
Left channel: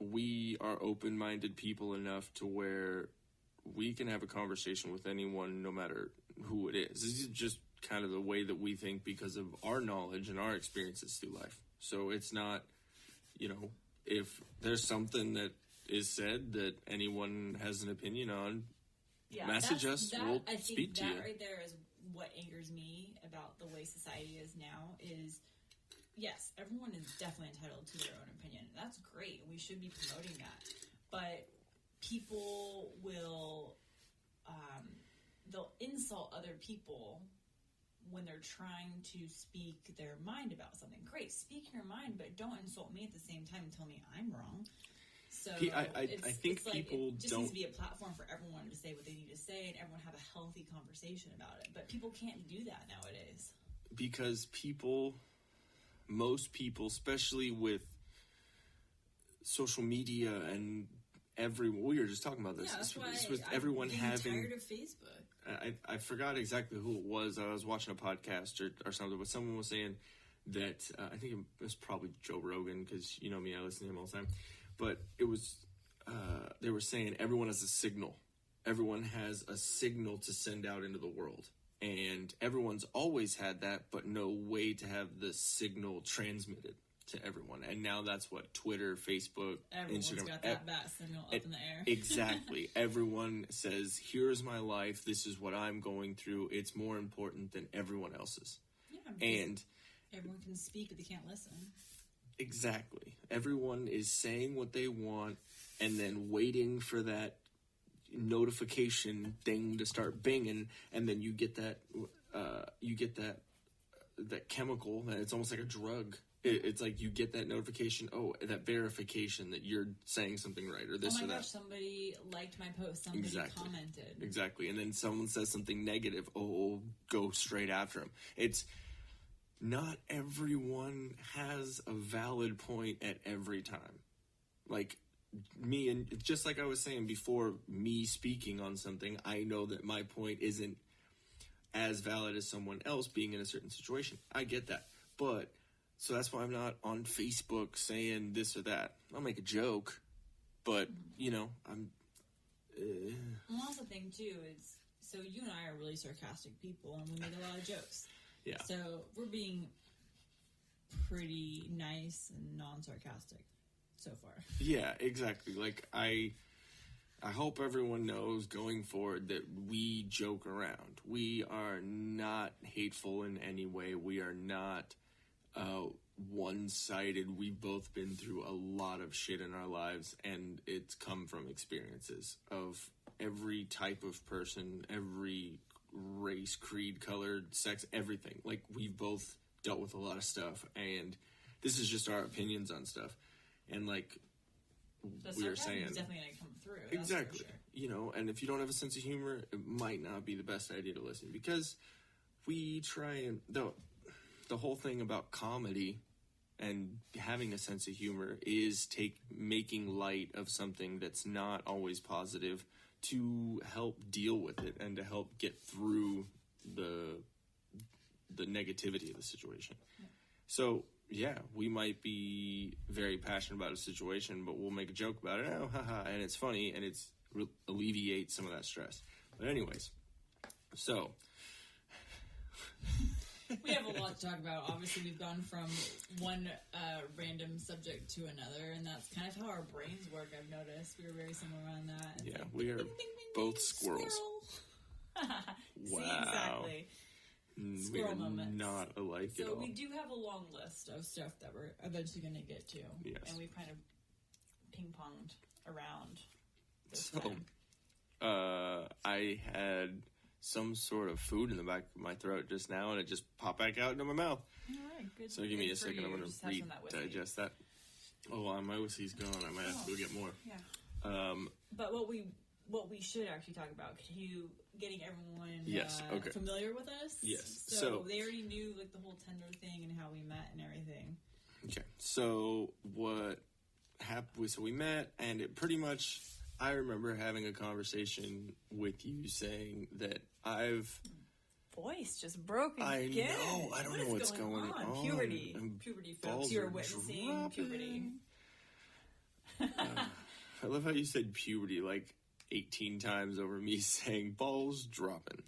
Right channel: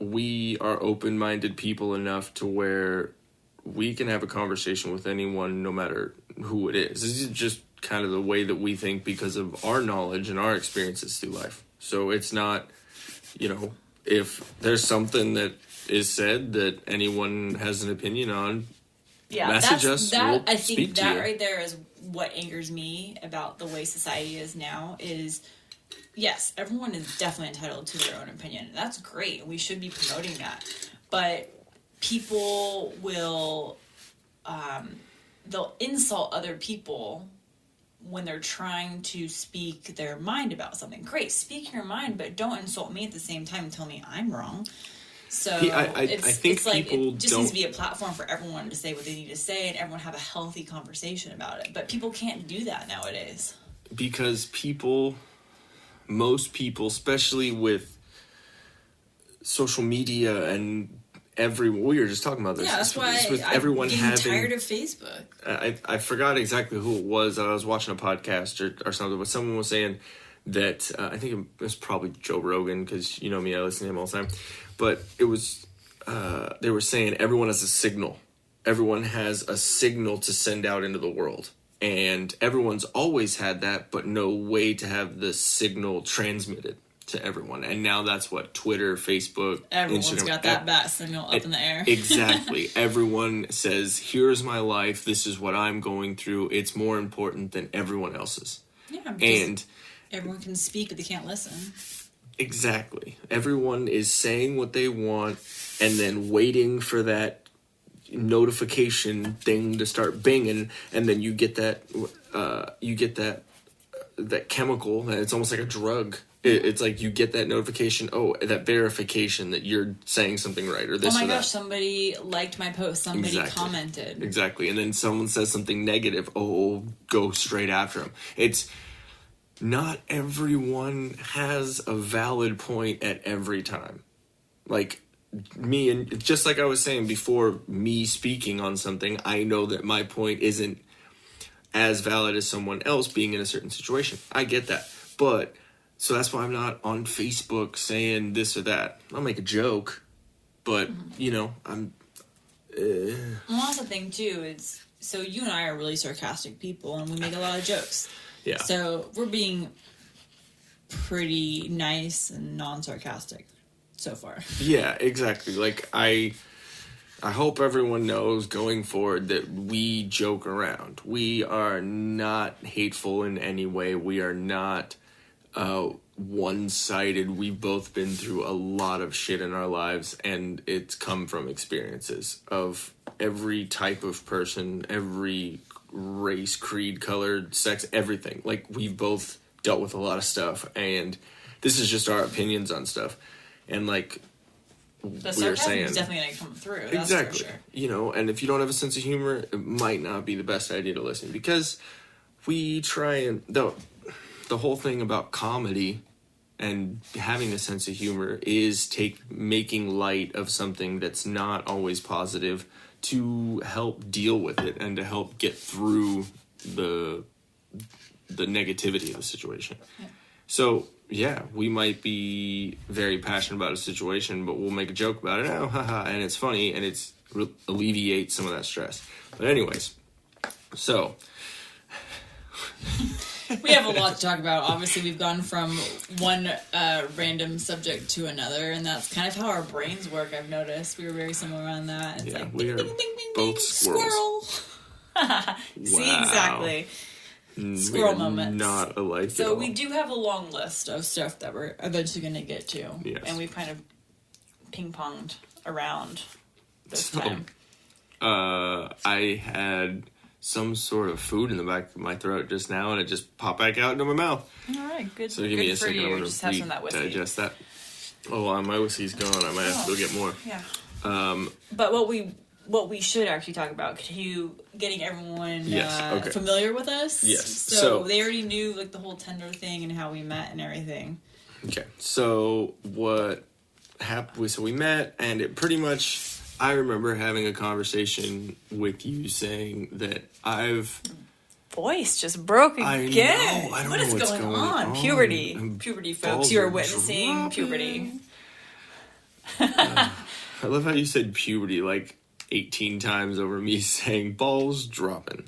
we are open-minded people enough to where we can have a conversation with anyone no matter who it is. This is just kind of the way that we think because of our knowledge and our experiences through life. So it's not, if there's something that is said that anyone has an opinion on, message us. I think that right there is what angers me about the way society is now is, yes, everyone is definitely entitled to their own opinion. That's great. We should be promoting that. But people will, they'll insult other people when they're trying to speak their mind about something. Great, speak your mind, but don't insult me at the same time and tell me I'm wrong. So I think it's like people it just needs to be a platform for everyone to say what they need to say and everyone have a healthy conversation about it. But people can't do that nowadays. Because most people, especially with social media and we were just talking about this. Yeah, that's why everyone I'm tired of Facebook. I forgot exactly who it was. I was watching a podcast or something, but someone was saying that, I think it was probably Joe Rogan, because you know me, I listen to him all the time. But it was, they were saying everyone has a signal. Everyone has a signal to send out into the world. And everyone's always had that, but no way to have the signal transmitted to everyone. And now that's what Twitter, Facebook, everyone's Instagram, got that bat signal up in the air. Exactly. Everyone says, here's my life. This is what I'm going through. It's more important than everyone else's. Yeah, and everyone can speak, but they can't listen. Exactly. Everyone is saying what they want and then waiting for that notification thing to start binging, and then you get that that chemical, and it's almost like a drug. It's like you get that notification, that verification that you're saying something right, or this. Oh my or that. gosh, somebody liked my post, somebody commented. Exactly, and then someone says something negative, go straight after them. It's not everyone has a valid point at every time. Like me, and just like I was saying before, me speaking on something, I know that my point isn't as valid as someone else being in a certain situation. I get that. But, so that's why I'm not on Facebook saying this or that. I'll make a joke, but, I'm... Well, that's the thing, too, is, so you and I are really sarcastic people, and we make a lot of jokes. Yeah. So, we're being pretty nice and non-sarcastic so far. Yeah, exactly. Like, I hope everyone knows going forward that we joke around. We are not hateful in any way. We are not one-sided. We've both been through a lot of shit in our lives, and it's come from experiences of every type of person, every race, creed, color, sex, everything. Like, we've both dealt with a lot of stuff, and this is just our opinions on stuff. And like we were saying, is definitely going to come through. That's exactly. For sure. And if you don't have a sense of humor, it might not be the best idea to listen, because we try and the whole thing about comedy and having a sense of humor is making light of something that's not always positive to help deal with it and to help get through the negativity of the situation. Yeah. So, yeah, we might be very passionate about a situation, but we'll make a joke about it, oh, haha, and it's funny, and it's alleviates some of that stress. But anyways, so... We have a lot to talk about. Obviously, we've gone from one random subject to another, and that's kind of how our brains work, I've noticed. We were very similar on that. It's like, we ding, are ding, ding, ding, both ding, squirrels. Squirrel. See, exactly. Squirrel moments. Not alike. So we do have a long list of stuff that we're eventually going to get to. Yes. And we've kind of ping-ponged around this time. I had some sort of food in the back of my throat just now, and it just popped back out into my mouth. All right, good. So give me a second. I'm going to digest that. Oh, well, my whiskey's gone. I might have to go get more. Yeah. But what we should actually talk about, getting everyone familiar with us. Yes. So they already knew like the whole Tinder thing and how we met and everything. Okay. So what happened? So we met, and it pretty much. I remember having a conversation with you saying that voice just broke again. I don't what know is what's going on? Puberty, folks. You're witnessing puberty. I love how you said puberty like 18 times over me saying balls dropping.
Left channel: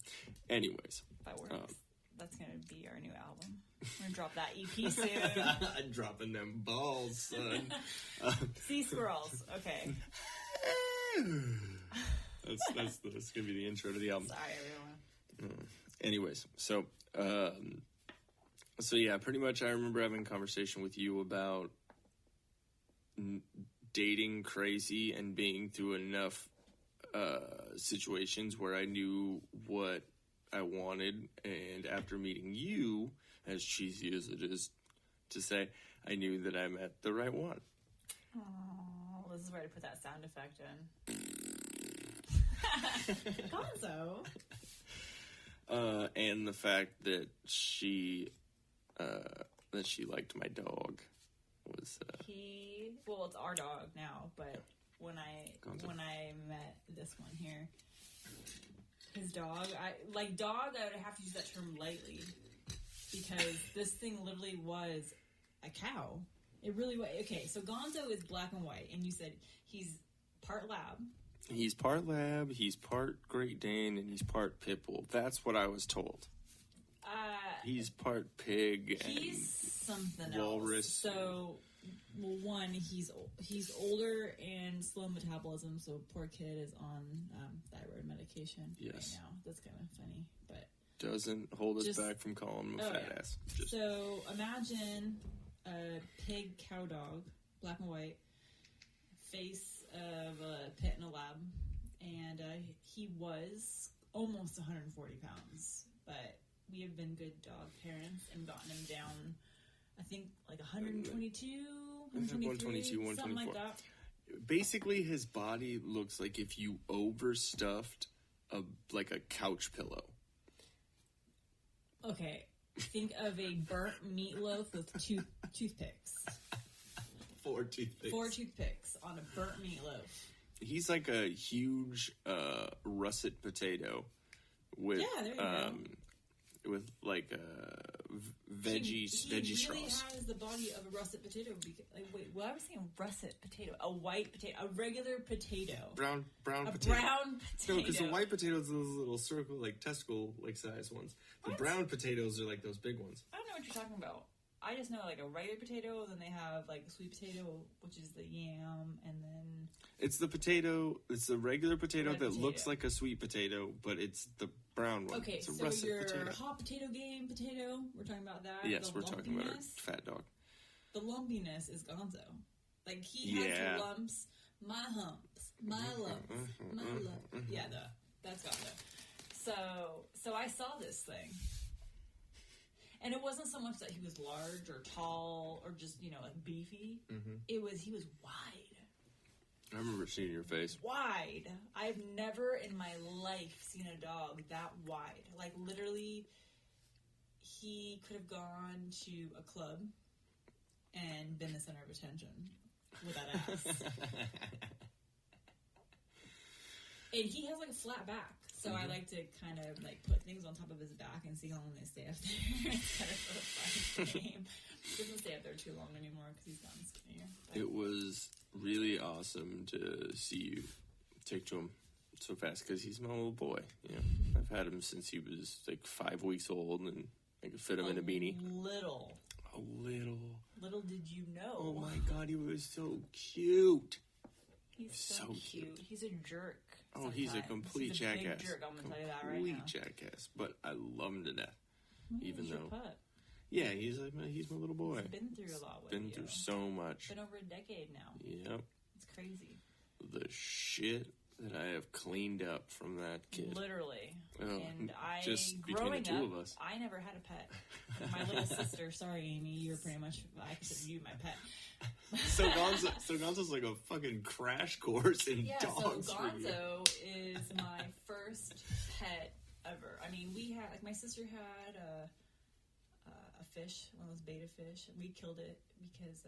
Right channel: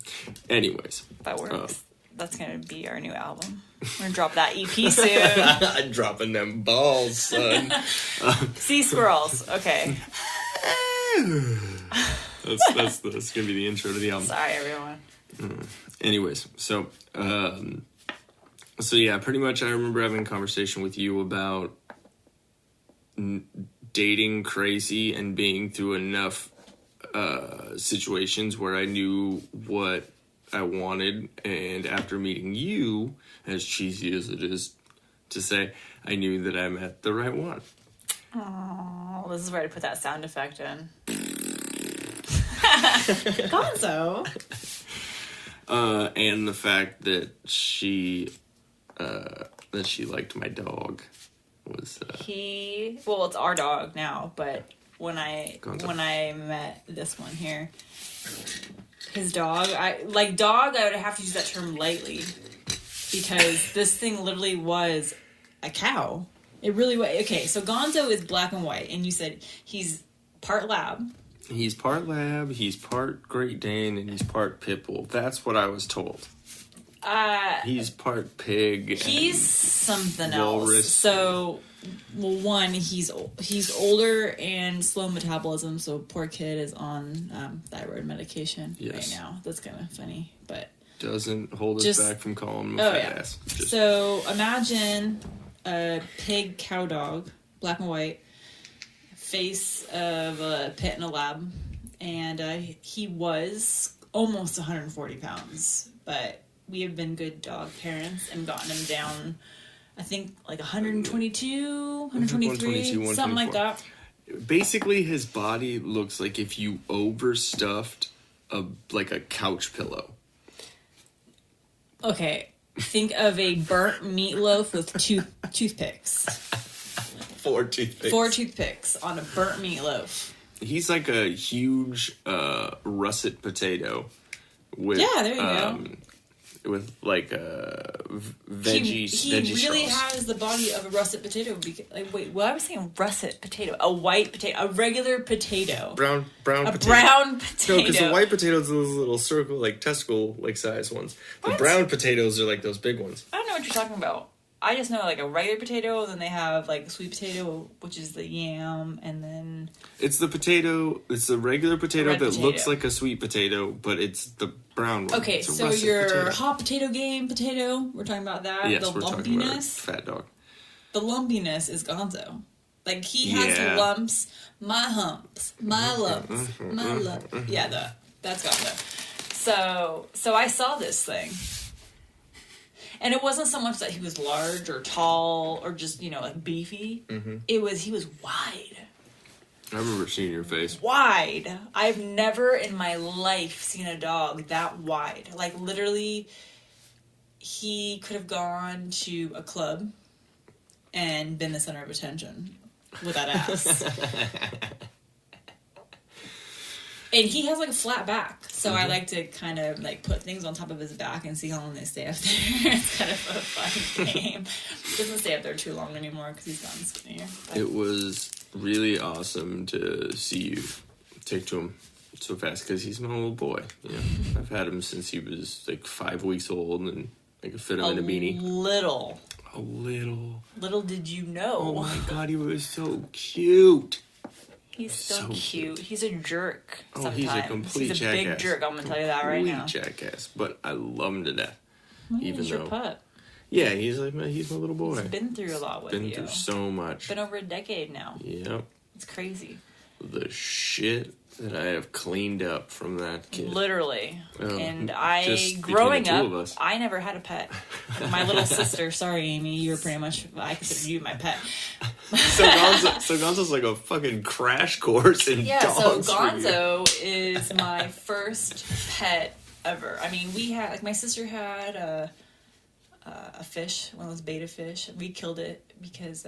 Anyways. That works. That's going to be our new album. We're going to drop that EP soon. Dropping them balls, son. Sea squirrels. Okay. That's gonna be the intro to the album. Sorry, everyone. Anyways, so yeah, pretty much I remember having a conversation with you about dating crazy and being through enough situations where I knew what I wanted, and after meeting you, as cheesy as it is to say, I knew that I met the right one. Oh, this is where I put that sound effect in. Gonzo. And the fact that she liked my dog was it's our dog now, but when I met this one here, his dog, I would have to use that term lightly because this thing literally was a cow. It really was. Okay, so Gonzo is black and white, and you said he's part lab. He's part lab, he's part Great Dane, and he's part pit bull. That's what I was told. He's part pig. He's something walrus. Else. So, well, one, he's older and slow metabolism, so poor kid is on thyroid medication right now. That's kind of funny, but doesn't hold us back from calling him a fat ass. So imagine a pig cow dog, black and white, face of a pit in a lab, and he was almost 140 pounds, but we have been good dog parents and gotten him down, I think, like 122, 123, something like that. Basically, his body looks like if you overstuffed a couch pillow. Okay, think of a burnt meatloaf with toothpicks. 4 toothpicks. 4 toothpicks on a burnt meatloaf. He's like a huge russet potato with there you go. With like veggie He really sauce. has the body of a russet potato. I was saying russet potato, a white potato, a regular potato, brown potato. Brown potato. No, because the white potatoes are those little circle, like testicle, like size ones. The brown potatoes are like those big ones. I don't know what you're talking about. I just know like a regular potato, then they have like sweet potato, which is the yam, and then it's the potato. It's the regular potato that looks like a sweet potato, but it's the brown one. Okay, so your hot potato game potato, we're talking about that. Yes, the we're talking about fat dog. The lumpiness is Gonzo. Like he has lumps, my humps, my lumps, my lumps. Yeah, that's Gonzo. So I saw this thing. And it wasn't so much that he was large or tall or just, like beefy. Mm-hmm. He was wide. I remember seeing your face. Wide. I've never in my life seen a dog that wide. Like literally, he could have gone to a club and been the center of attention with that ass. And he has like a flat back, so I like to kind of like put things on top of his back and see how long they stay up there. It's kind of a fun game. He doesn't stay up there too long anymore because he's gotten skinnier. But It was really awesome to see you take to him so fast because he's my little boy. You know, I've had him since he was like 5 weeks old, and I could fit him in a beanie. A little did you know. Oh my god, he was so cute. He's so cute. He's a jerk. Oh, he's a complete He's a jackass. big jerk. I'm gonna tell you that right now. Complete jackass, but I love him to death. He's your pup. Yeah, he's my little boy. He's been through a lot with you. Been through so much. Been over a decade now. Yep. It's crazy. The shit that I have cleaned up from that kid. Literally. And just growing between the up, two of us. I never had a pet. My little sister, sorry Amy, you were pretty much, I consider you my pet. So Gonzo's like a fucking crash course in dogs. So Gonzo is my first pet ever. I mean, we had, like, my sister had a fish, one of those beta fish. We killed it because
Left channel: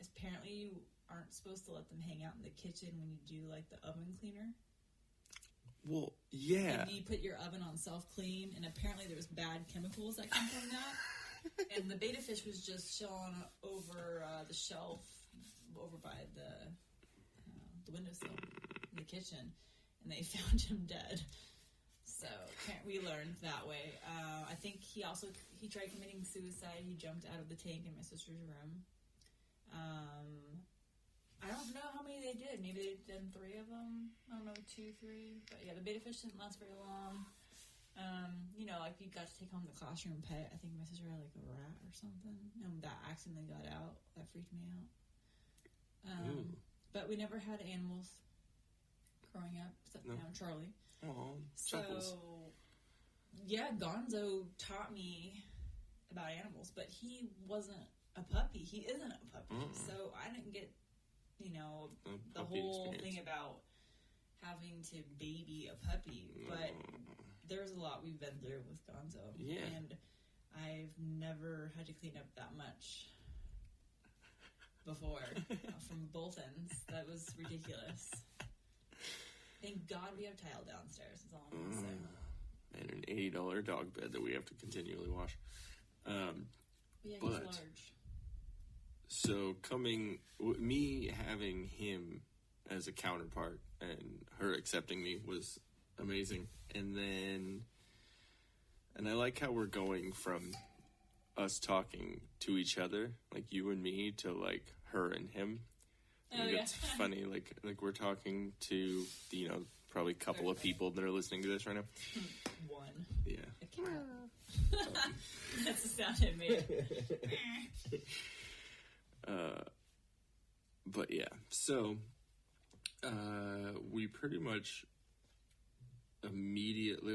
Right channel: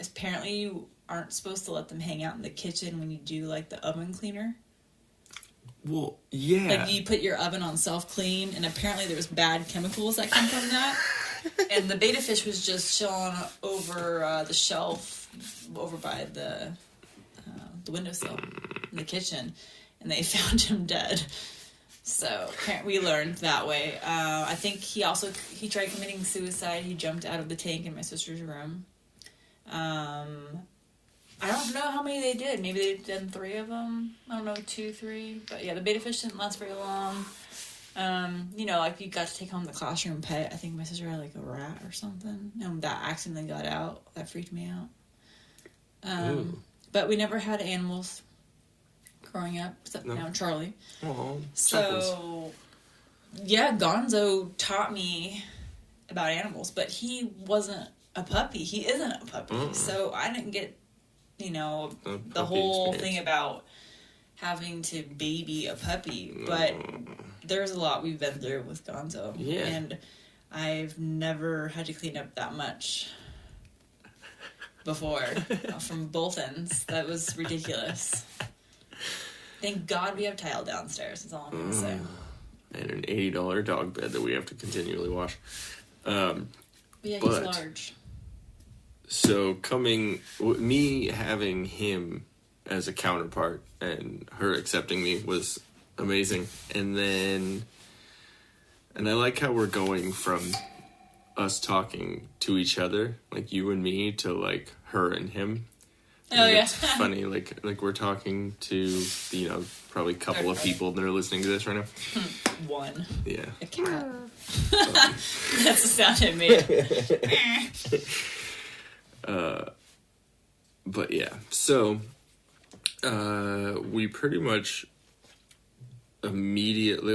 apparently you aren't supposed to let them hang out in the kitchen when you do like the oven cleaner. Well, yeah. Like you put your oven on self-clean, and apparently there's bad chemicals that come from that. And the beta fish was just chilling over the shelf over by the windowsill in the kitchen, and they found him dead. So we learned that way. I think he tried committing suicide. He jumped out of the tank in my sister's room. I don't know how many they did. Maybe they've done 3 of them. I don't know, 2, 3. But yeah, the beta fish didn't last very long. You know, like you got to take home the classroom pet. I think my sister had like a rat or something. And that accidentally got out. That freaked me out. But we never had animals growing up, except now Charlie. Oh, so, yeah, Gonzo taught me about animals, but he wasn't a puppy. He isn't a puppy. So I didn't get, you know, the whole thing about having to baby a puppy. But there's a lot we've been through with Gonzo. Yeah. And I've never had to clean up that much before from both ends. That was ridiculous. Thank God we have tile downstairs, is all I'm going to say. And an $80 dog bed that we have to continually wash. Yeah, he's large. So me having him as a counterpart and her accepting me was amazing. And I like how we're going from us talking to each other, like you and me, to like her and him. Oh, yeah. It's funny, like we're talking to, you know, probably a couple of people that are listening to this right now. One. Yeah. A cat. That's the sound it made. But yeah, so we pretty much immediately,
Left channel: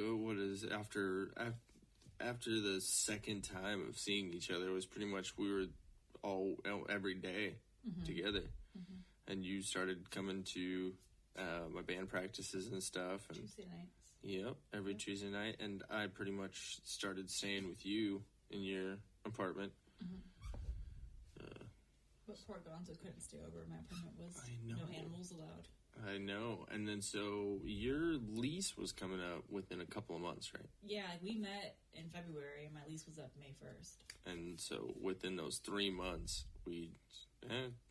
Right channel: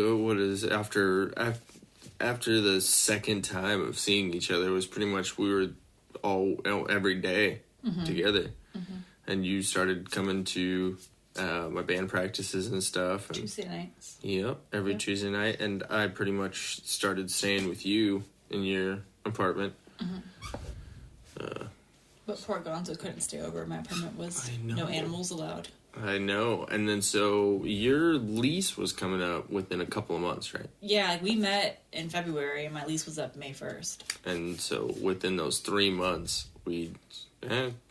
after the second time of seeing each other, it was pretty much we were all every day together. And you started coming to my band practices and stuff. And, Tuesday nights. Yep, every Tuesday night. And I pretty much started staying with you in your apartment. But poor Gonzo couldn't stay over. My apartment was no animals allowed. I know. And then so your lease was coming up within a couple of months, right? Yeah, like we met in February and my lease was up May 1st. And so within those 3 months, we...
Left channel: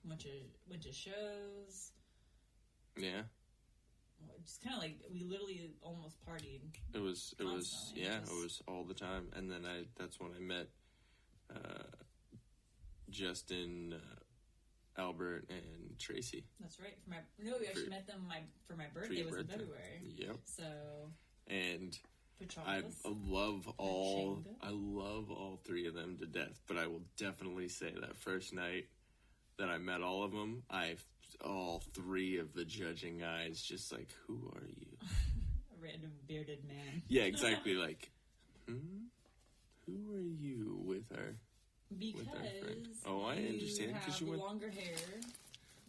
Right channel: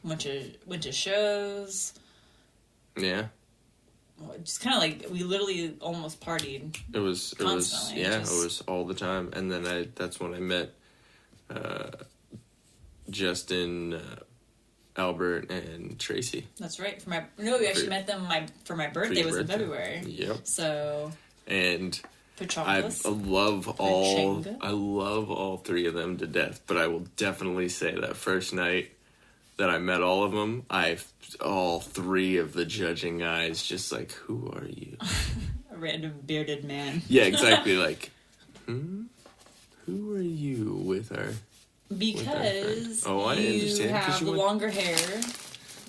Went to shows. Yeah. Just kind of like, we literally almost partied. It was all the time. And then that's when I met Justin, Albert, and Tracy. That's right. We actually met them for my birthday. Was in February. Yep. So. And I love all 3 of them to death. But I will definitely say that first night that I met all of them, all 3 of the judging eyes just like, who are you? A random bearded man. Yeah, exactly. Like, who are you with our... Because I understand. You have the longer hair.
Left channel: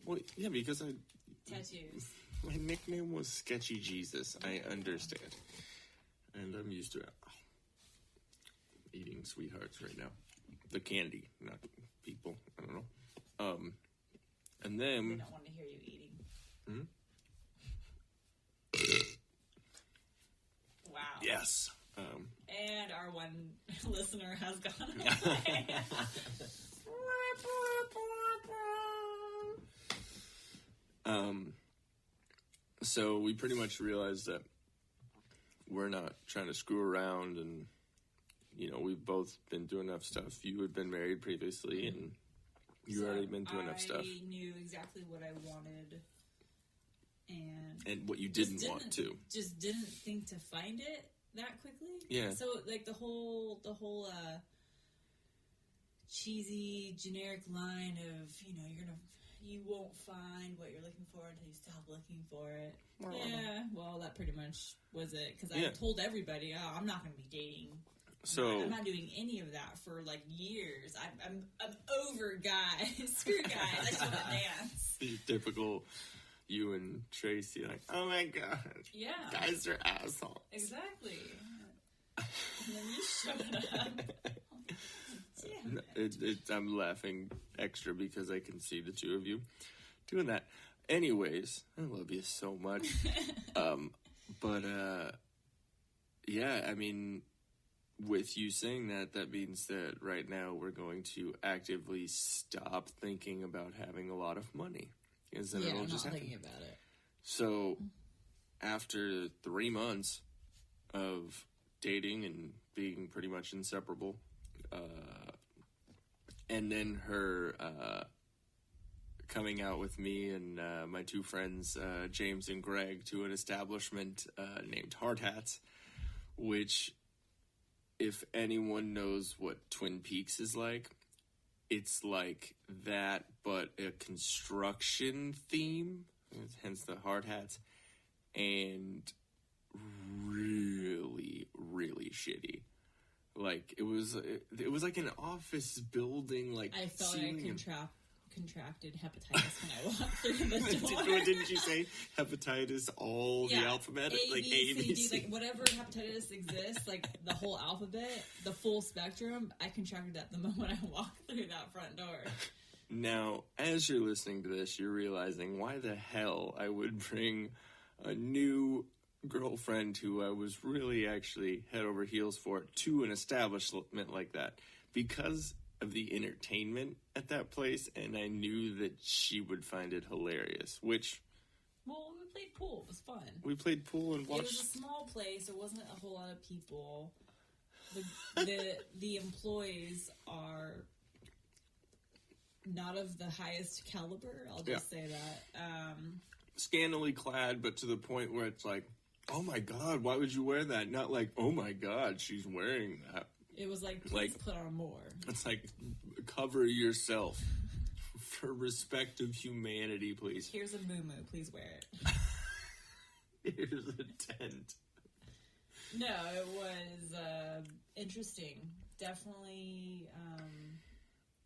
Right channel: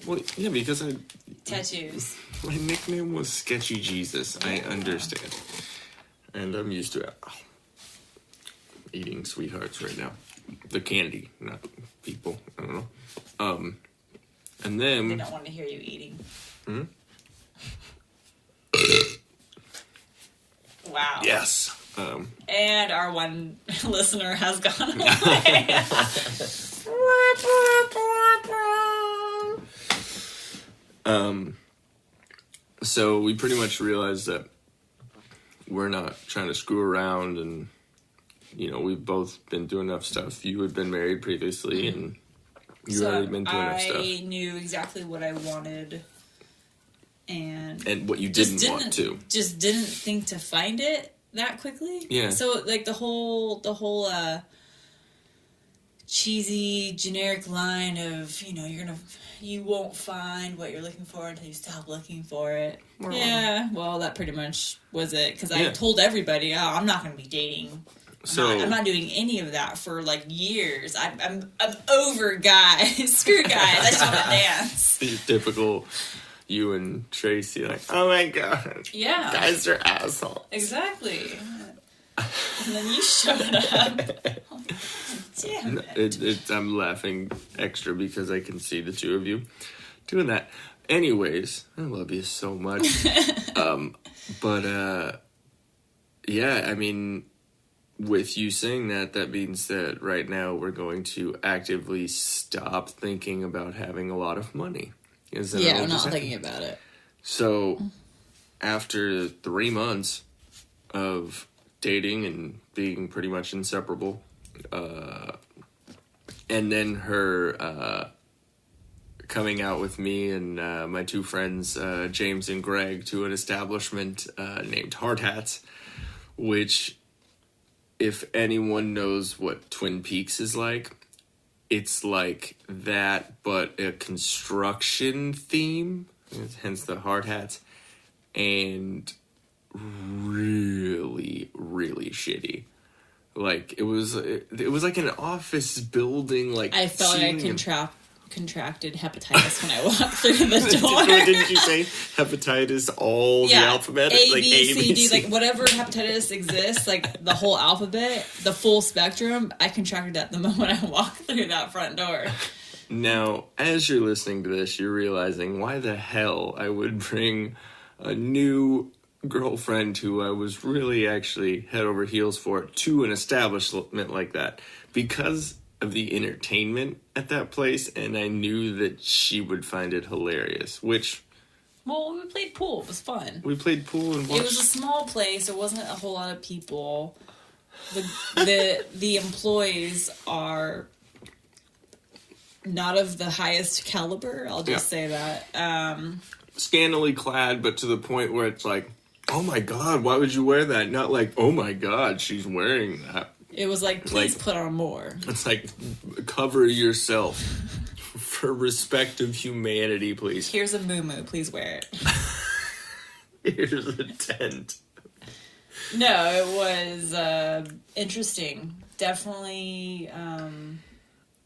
Well, yeah, because tattoos. My nickname was Sketchy Jesus. I understand. And I'm used to it. Oh, I'm eating sweethearts right now. the candy, not people. I don't know. And then they don't want to hear you eating. Hmm? Wow. Yes. And our one listener has gone away. So we pretty much realized that we're not trying to screw around, and we've both been doing enough stuff. You had been married previously, and you already been doing enough stuff. I knew exactly what I wanted, and what you didn't want to. Just didn't think to find it that quickly. Yeah. So like the whole cheesy generic line of you won't find what you're looking for until you stop looking for it. Yeah, well, that pretty much was it. Because I told everybody, I'm not going to be dating. I'm not doing any of that for like years. I'm over guys. Screw guys. I just want to dance. The typical you and Tracy, like, oh my god. Yeah. Guys are assholes. Exactly. And then you showed up. Damn it. I'm laughing extra because I can see the two of you doing that. Anyways, I love you so much. Yeah, I mean, with you saying that means that right now we're going to actively stop thinking about having a lot of money. I'm not thinking about it. So, after 3 months of dating and being pretty much inseparable, and then her coming out with me and my two friends, James and Greg, to an establishment named Hard Hats, which, if anyone knows what Twin Peaks is like, it's like that, but a construction theme, hence the hard hats, and really, really shitty. Like, it was like an office building, like... I felt like I contracted hepatitis when I walked through the door. Didn't you say hepatitis, all the alphabet? A, like B, C, D, like whatever hepatitis exists, like the whole alphabet, the full spectrum, I contracted that the moment I walked through that front door. Now, as you're listening to this, you're realizing why the hell I would bring a new girlfriend who I was really actually head over heels for to an establishment like that. Because of the entertainment at that place, and I knew that she would find it hilarious, which... Well, we played pool. It was fun. We played pool and watched... It was a small place. There wasn't a whole lot of people. The employees are not of the highest caliber. I'll just say that. Scantily clad, but to the point where it's like, oh my god, why would you wear that? Not like, oh my god, she's wearing that. It was like, please put on more. It's like, cover yourself. For respect of humanity, please. Here's a moo-moo, please wear it. Here's a tent. No, it was interesting. Definitely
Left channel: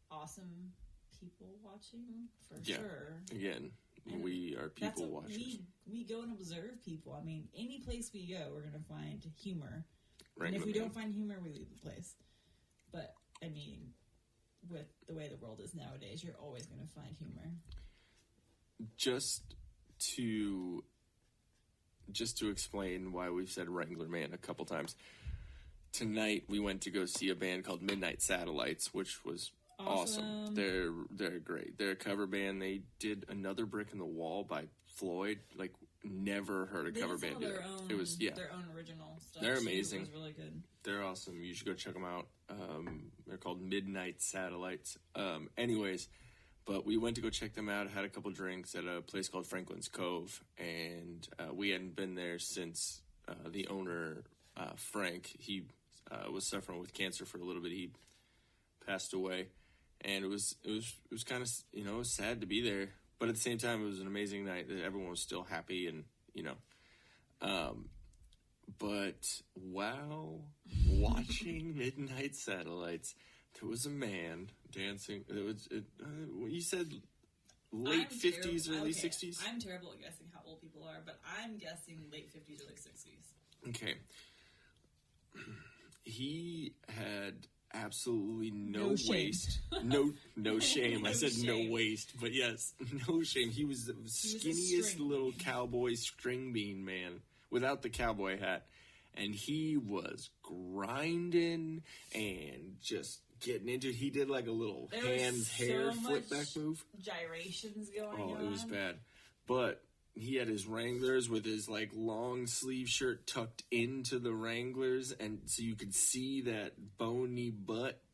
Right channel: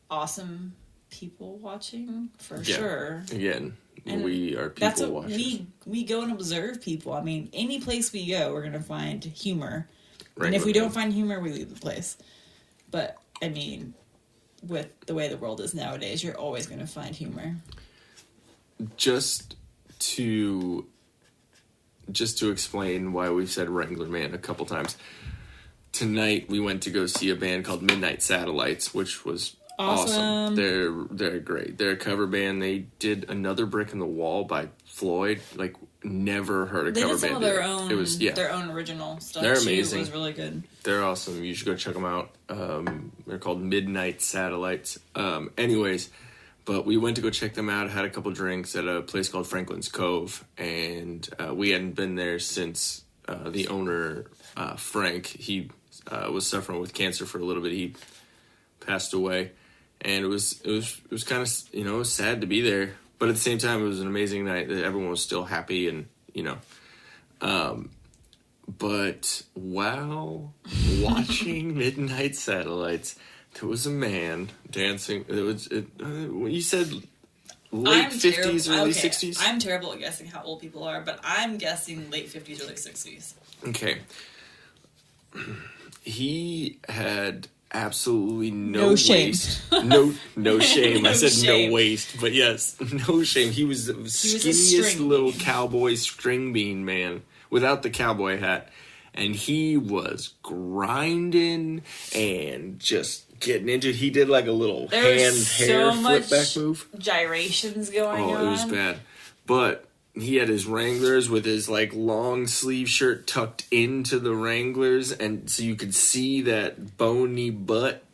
awesome people watching, for sure. Again, and we are people watchers. We go and observe people. I mean, any place we go, we're going to find humor. Right, and if we don't find humor, we leave the place. But, I mean, with the way the world is nowadays, you're always going to find humor. Just to explain why we've said Wrangler Man a couple times. Tonight, we went to go see a band called Midnight Satellites, which was awesome. They're great. They're a cover band. They did Another Brick in the Wall by Floyd. Like, never heard a cover band. They did some of their own original stuff. They're amazing. It was really good. They're awesome. You should go check them out. They're called Midnight Satellites. Anyways, but we went to go check them out. Had a couple drinks at a place called Franklin's Cove, and we hadn't been there since the owner, Frank, he was suffering with cancer for a little bit. He passed away, and it was kind of, it was sad to be there. But at the same time, it was an amazing night. Everyone was still happy, and, but while watching Midnight Satellites, there was a man dancing. You said late 50s, early 60s? I'm terrible at guessing how old people are, but I'm guessing late 50s, early 60s. Okay. He had absolutely No shame. waist. No shame. No I said shame. no waist, but yes, no shame. He was the skinniest little cowboy string bean man without the cowboy hat. And he was grinding and just getting into it. He did like a little hair flip back move. Gyrations going on. Oh, it was bad. But he had his Wranglers with his like long sleeve shirt tucked into the Wranglers, and so you could see that bony butt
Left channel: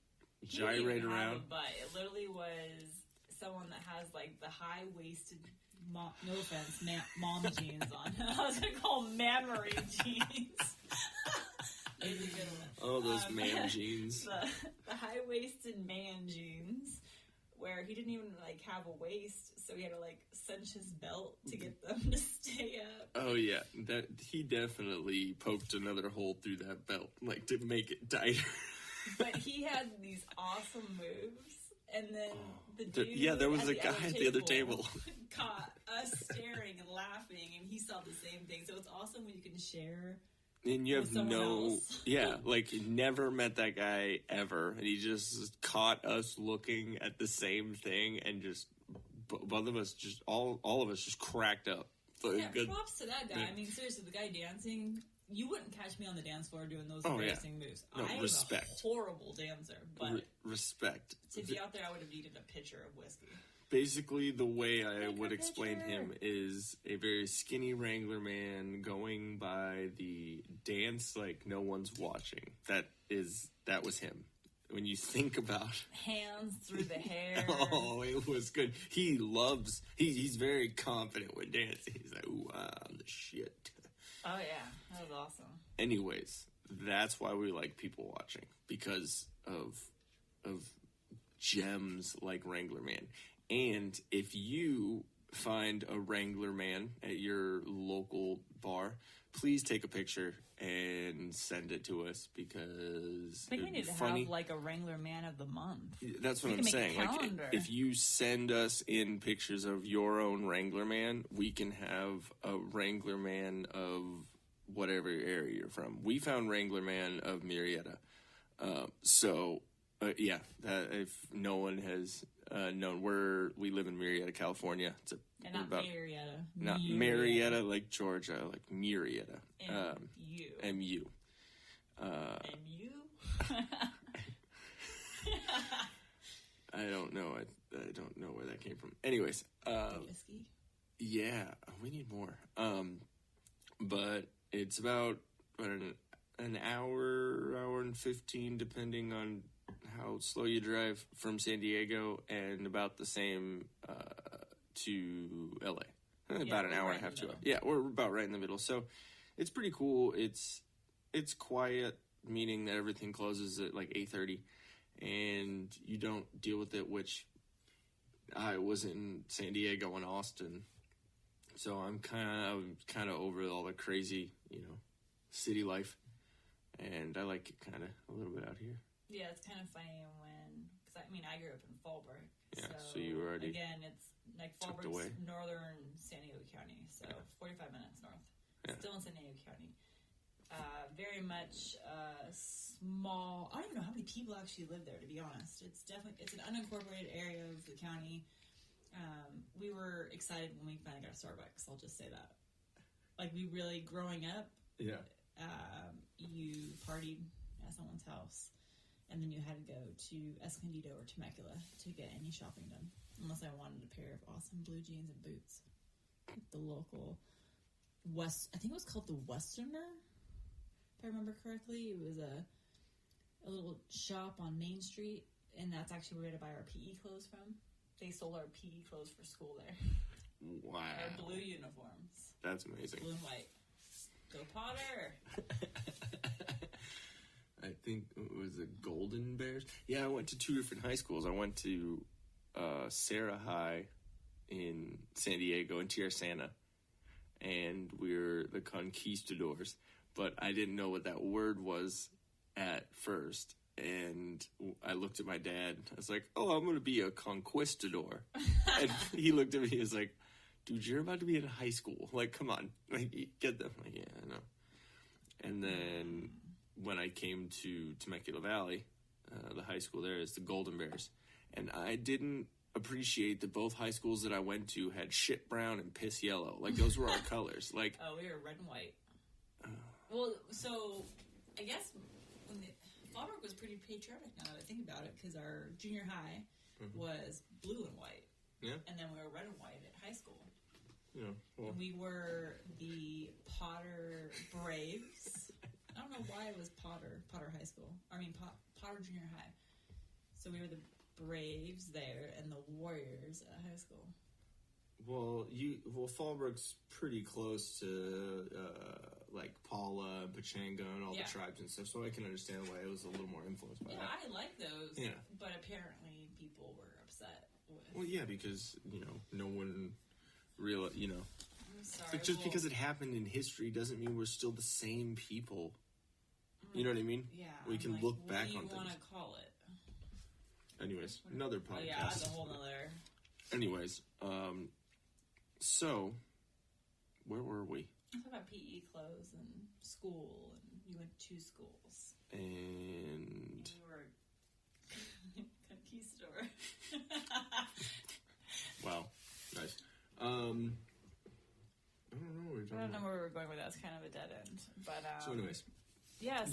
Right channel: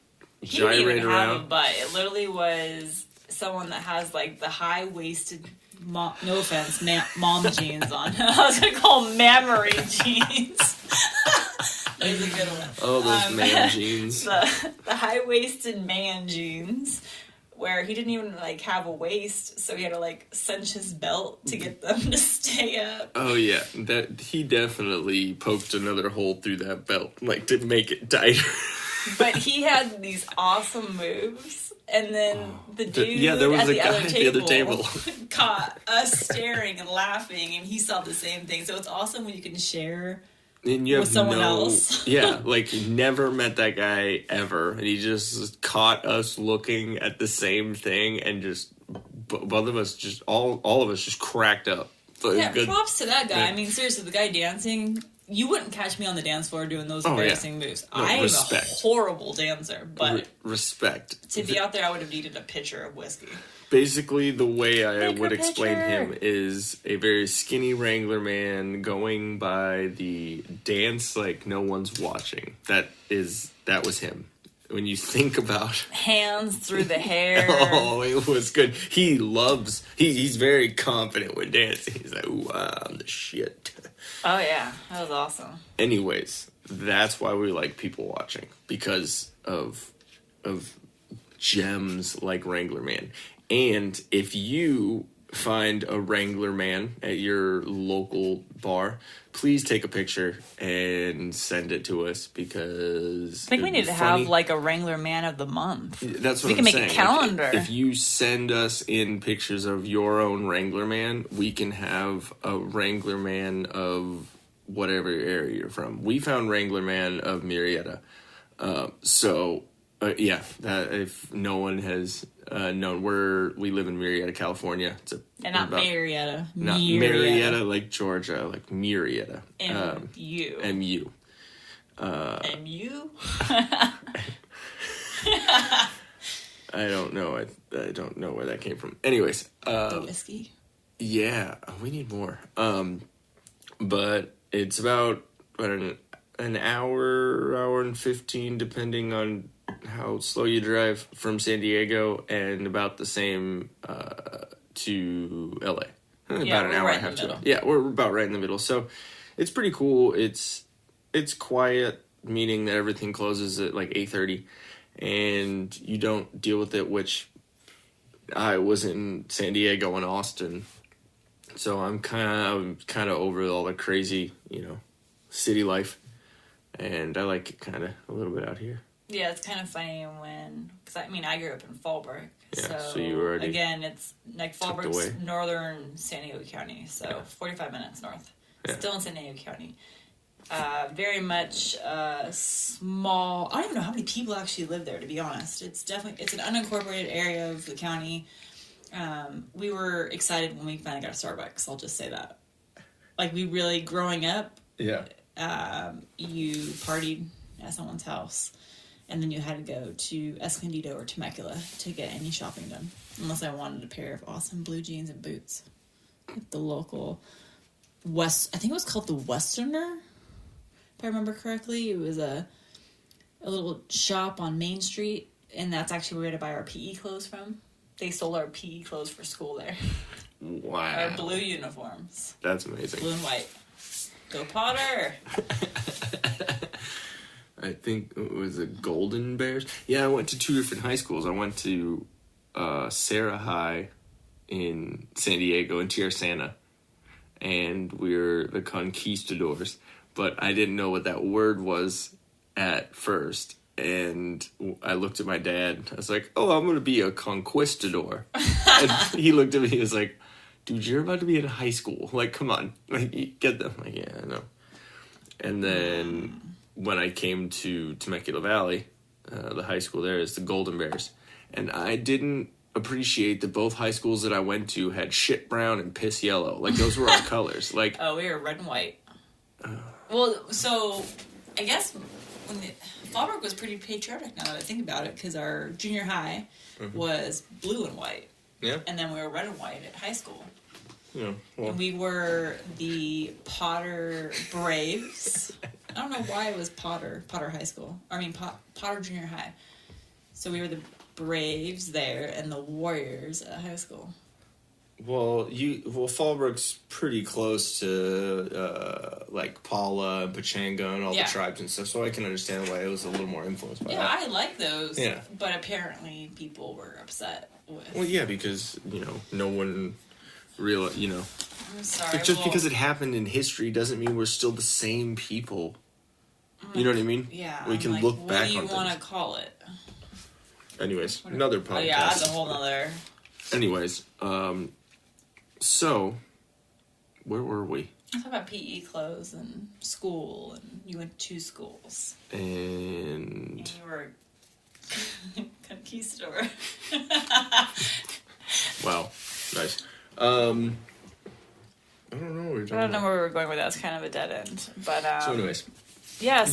gyrate didn't even around. have a butt. It literally was someone that has like the high waisted. No offense, mom jeans on. I was gonna call them mammary jeans. There's a good one. Oh, those man jeans. The high waisted man jeans, where he didn't even like have a waist, so he had to like cinch his belt to get them to stay up. Oh yeah, that he definitely poked another hole through that belt, like to make it tighter. But he had these awesome moves. And then the dude there was at the other other table caught us staring and laughing, and he saw the same thing. So it's awesome when you can share and you with someone else. Yeah, like never met that guy ever, and he just caught us looking at the same thing, and just both of us, just all of us, just cracked up. So yeah, props to that guy. Yeah. I mean, seriously, the guy dancing. You wouldn't catch me on the dance floor doing those embarrassing moves. No, I am a horrible dancer, but respect. To be out there, I would have needed a pitcher of whiskey. Basically, the way I would explain him is a very skinny Wrangler man going by the dance like no one's watching. That was him. When you think about hands through the hair. Oh, it was good. He's very confident when dancing. He's like, ooh, I'm the shit. Oh, yeah. That was awesome. Anyways, that's why we like people watching. Because of gems like Wrangler Man. And if you find a Wrangler Man at your local bar, please take a picture and send it to us, because I think we need to have like a Wrangler Man of the month. That's what we can make a calendar. Like, if you send us in pictures of your own Wrangler Man, we can have a Wrangler Man of whatever area you're from. We found Wrangler Man of Murrieta. Yeah, that if no one has known, we live in Murrieta, California. And not Marietta. Not Marietta, like Georgia, like Murrieta. M-U. M-U. M-U? I don't know. I don't know where that came from. Anyways. The whiskey? Yeah, we need more. But it's about, an hour and 15, depending on how slow you drive from San Diego, and about the same to LA. About an hour and a half to. Yeah, we're about right in the middle. So it's pretty cool. It's quiet, meaning that everything closes at like 8:30, and you don't deal with it, which I was in San Diego and Austin. So I'm kind of over all the crazy, city life, and I like it kind of a little bit out here. Yeah, it's kind of funny because I grew up in Fallbrook. Yeah, so you already again, it's like Fallbrook's northern San Diego County, so 45 minutes north. Yeah. Still in San Diego County. Very much small. I don't even know how many people actually live there, to be honest. It's an unincorporated area of the county. We were excited when we finally got a Starbucks. I'll just say that. Like, we really, growing up, yeah. You partied at someone's house, and then you had to go to Escondido or Temecula to get any shopping done, unless I wanted a pair of awesome blue jeans and boots. At the local I think it was called the Westerner, if I remember correctly. It was a little shop on Main Street, and that's actually where we had to buy our PE clothes from. They sold our PE clothes for school there. Wow. Our blue uniforms. That's amazing. Blue and white. Go Potter! I think it was the Golden Bears. Yeah, I went to 2 different high schools. I went to Sarah High in San Diego, in Tierra, and we were the conquistadors. But I didn't know what that word was at first. And I looked at my dad. I was like, "Oh, I'm going to be a conquistador." And he looked at me. He was like, "Dude, you're about to be in high school. Like, come on. Like, get them." Like, yeah, I know. And then when I came to Temecula Valley, the high school there is the Golden Bears. And I didn't appreciate that both high schools that I went to had shit brown and piss yellow. Like, those were our colors. Like, oh, we were red and white. Well, so I guess Fallbrook was pretty patriotic now that I think about it, because our junior high was blue and white. Yeah. And then we were red and white at high school. Yeah. Well. And we were the Potter Braves. I don't know why it was Potter High School. Potter Junior High. So we were the Braves there and the Warriors at high school. Well, Fallbrook's pretty close to like Paula and Pachanga and all the tribes and stuff, so I can understand why it was a little more influenced by that. Yeah, I like those. Yeah. But apparently people were upset with. Well, yeah, because no one realized. I'm sorry. But just because it happened in history doesn't mean we're still the same people. You know what I mean? Yeah. We can look back on things. What do you want to call it? Anyways, another podcast. Oh yeah, that's a whole nother. Anyways, so where were we? I talk about PE clothes and school, and you went to 2 schools. And you were conquistador. Wow, nice. I don't know. I don't know where we were going with that. It's kind of a dead end. But so anyways, yeah.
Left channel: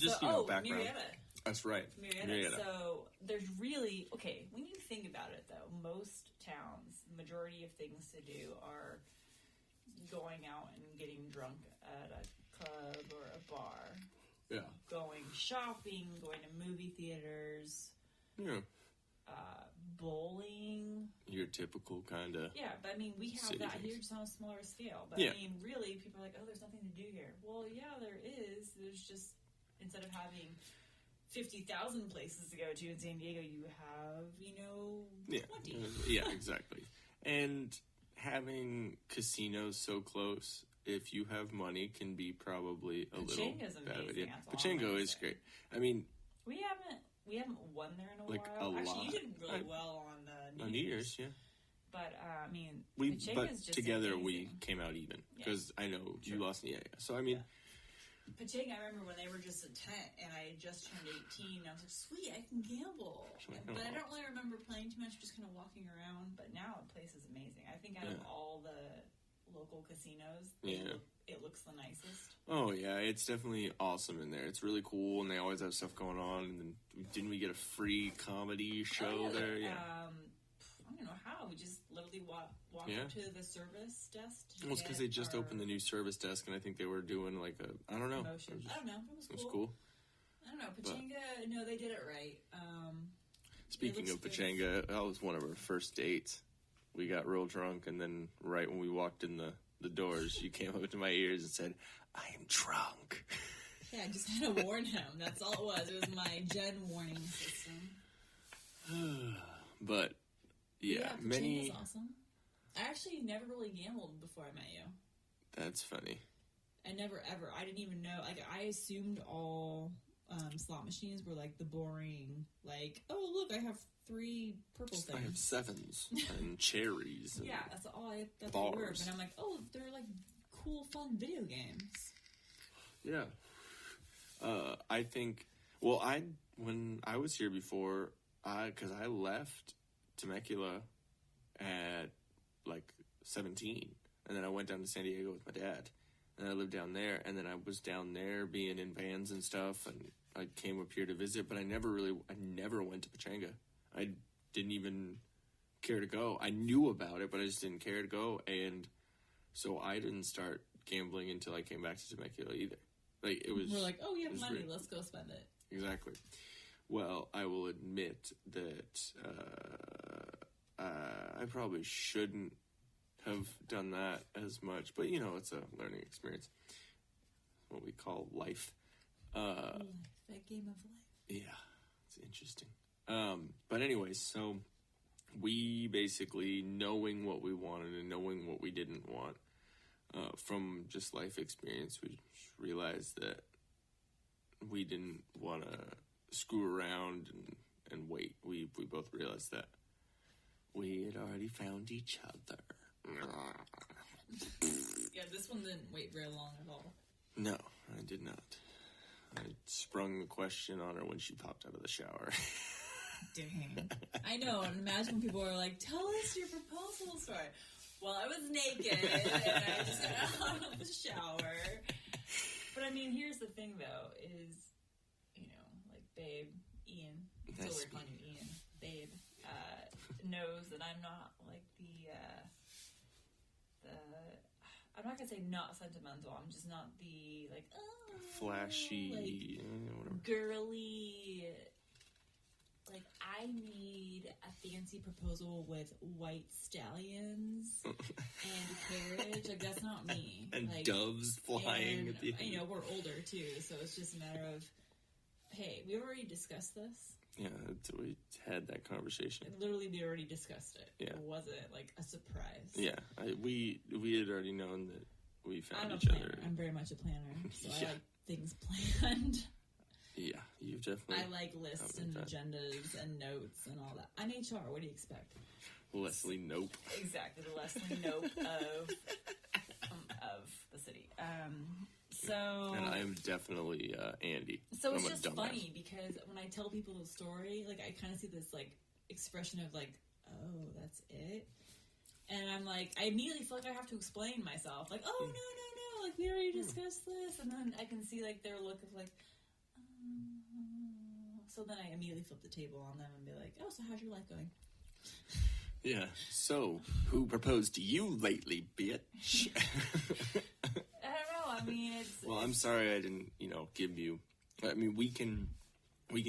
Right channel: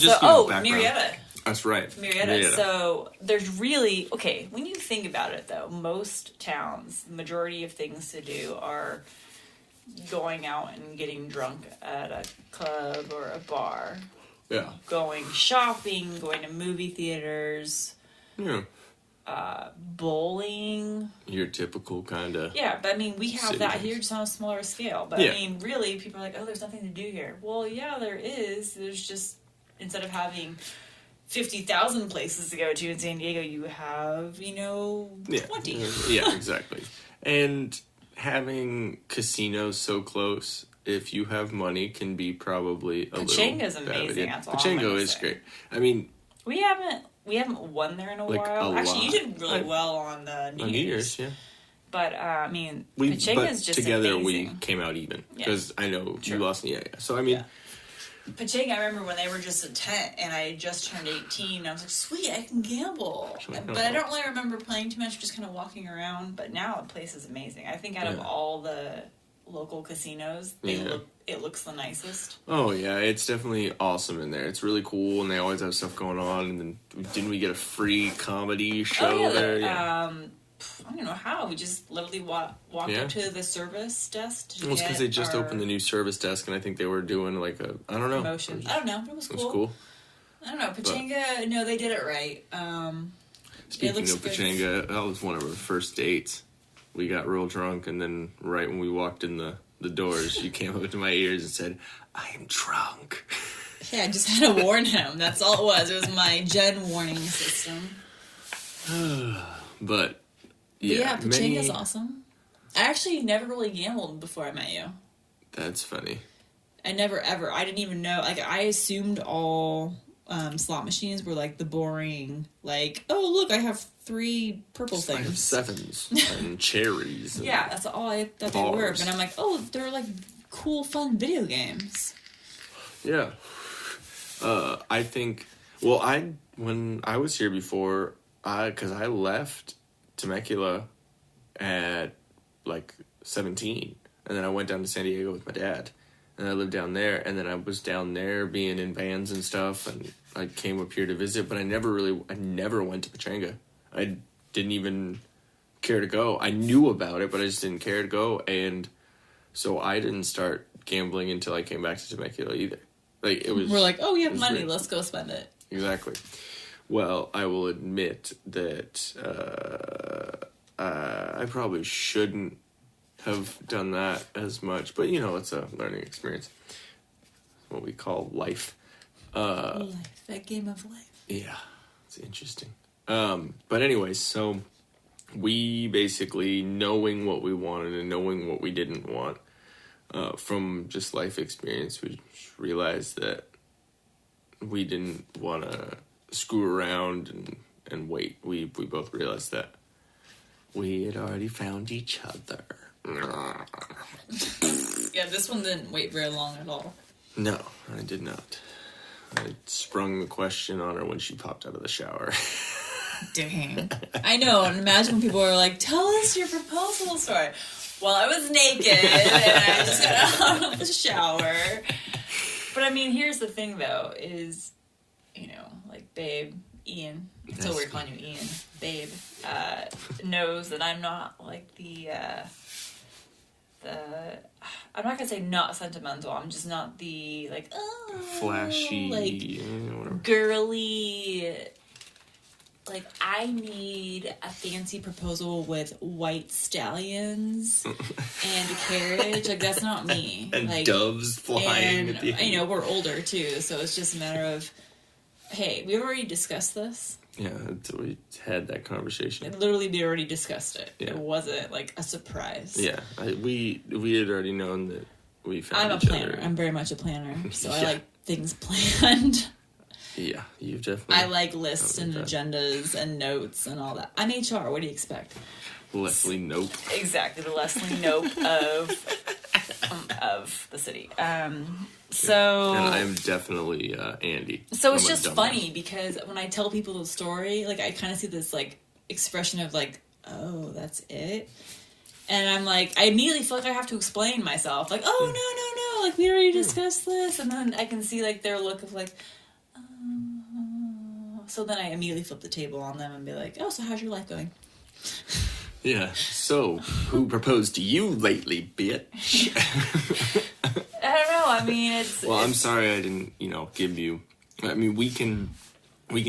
Marietta. That's right. Marietta. So there's really when you think about it though, most towns, the majority of things to do are going out and getting drunk at a club or a bar. Yeah. Going shopping, going to movie theaters. Yeah. Bowling. Your typical kind of. Yeah, but I mean, we have that here just on a smaller scale. But I mean, really, people are like, oh, there's nothing to do here. Well, yeah, there is. There's just, instead of having 50,000 places to go to in San Diego, you have, 20. Yeah, exactly. And having casinos so close, if you have money, can be probably a Pachanga's little amazing. That's all Pachango is great. I mean, we haven't won there in a while. Actually, you did really well on the New Year's. Yeah. But I mean, Pachanga's just together amazing. We came out even because I know you lost. Yeah. So I mean. Yeah. Pachanga, I remember when they were just a tent and I had just turned 18, I was like, sweet, I can gamble. But I don't really remember playing too much, just kind of walking around. But now the place is amazing. I think out of all the local casinos, it looks the nicest. Oh, yeah, it's definitely awesome in there. It's really cool, and they always have stuff going on. And then didn't we get a free comedy show there? Yeah. I don't know how. We just literally walked up to the service desk. Well, it's because they just opened the new service desk, and I think they were doing like I don't know. Promotion. I don't know. It was cool. It was cool. I don't know. Pachanga, no, they did it right. Speaking of Pachanga, that was one of our first dates. We got real drunk, and then right when we walked in the doors, you came up to my ears and said, "I am drunk." Yeah, I just had to warn him. That's all it was. It was my Jen warning system. But yeah, Pachanga's awesome. I actually never really gambled before I met you. That's funny. I never ever. I didn't even know. Like, I assumed all slot machines were like the boring, like, oh look, I have 3 purple things. I have 7s and cherries. And yeah, that's all I thought they were. But I'm like, oh, they're like cool, fun video games. Yeah. I think. Well, when I was here before, because I left Temecula at like 17, and then I went down to San Diego with my dad, and I lived down there, and then I was down there being in bands and stuff, and I came up here to visit, but I never went to Pachanga. I didn't even care to go. I knew about it, but I just didn't care to go, and so I didn't start gambling until I came back to Temecula either. Like, it was. We're like, oh, we have money, let's go spend it. Exactly. Well, I will admit that I probably shouldn't have done that as much, but it's a learning experience. What we call life. Life, that game of life. Yeah, it's interesting. But anyways, so we basically, knowing what we wanted and knowing what we didn't want, from just life experience, we realized that we didn't want to screw around and wait. We both realized that we had already found each other. Yeah, this one didn't wait very long at all. No, I did not. sprung the question on her when she popped out of the shower. Dang. I know, and imagine when people are like, tell us your proposal story. Well, I was naked, and I just got out of the shower. But I mean, here's the thing, though, is, you know, like, babe, Ian, so we're calling you Ian, babe, knows that I'm not, like, I'm not gonna say not sentimental, I'm just not the, like, oh, flashy, like, girly, like, I need a fancy proposal with white stallions and a carriage. Like, that's not me. And like, doves flying. And, you know, we're older, too, so it's just a matter of, hey, we've already discussed this. Yeah, we had that conversation. And literally, we already discussed it. Yeah. It wasn't, like, a surprise. Yeah, we had already known that we found I'm a each planner. other. I'm very much a planner, so Yeah. I like things planned. Yeah, you've definitely... I like lists and agendas and notes and all that. I'm HR. What do you expect? Leslie Nope. Exactly, the Leslie Nope of the city. So... And I'm definitely Andy. So it's just funny because when I tell people the story, like, I kind of see this, like, expression of, like, oh, that's it? And I'm like, I immediately feel like I have to explain myself. Like, oh, no, like, we already discussed this. And then I can see, like, their look of, like, so then I immediately flip the table on them and be like, oh, so how's your life going? Yeah, so who proposed to you lately, bitch? I don't know, I mean, it's... Well, I'm sorry I didn't, give you... I mean, we can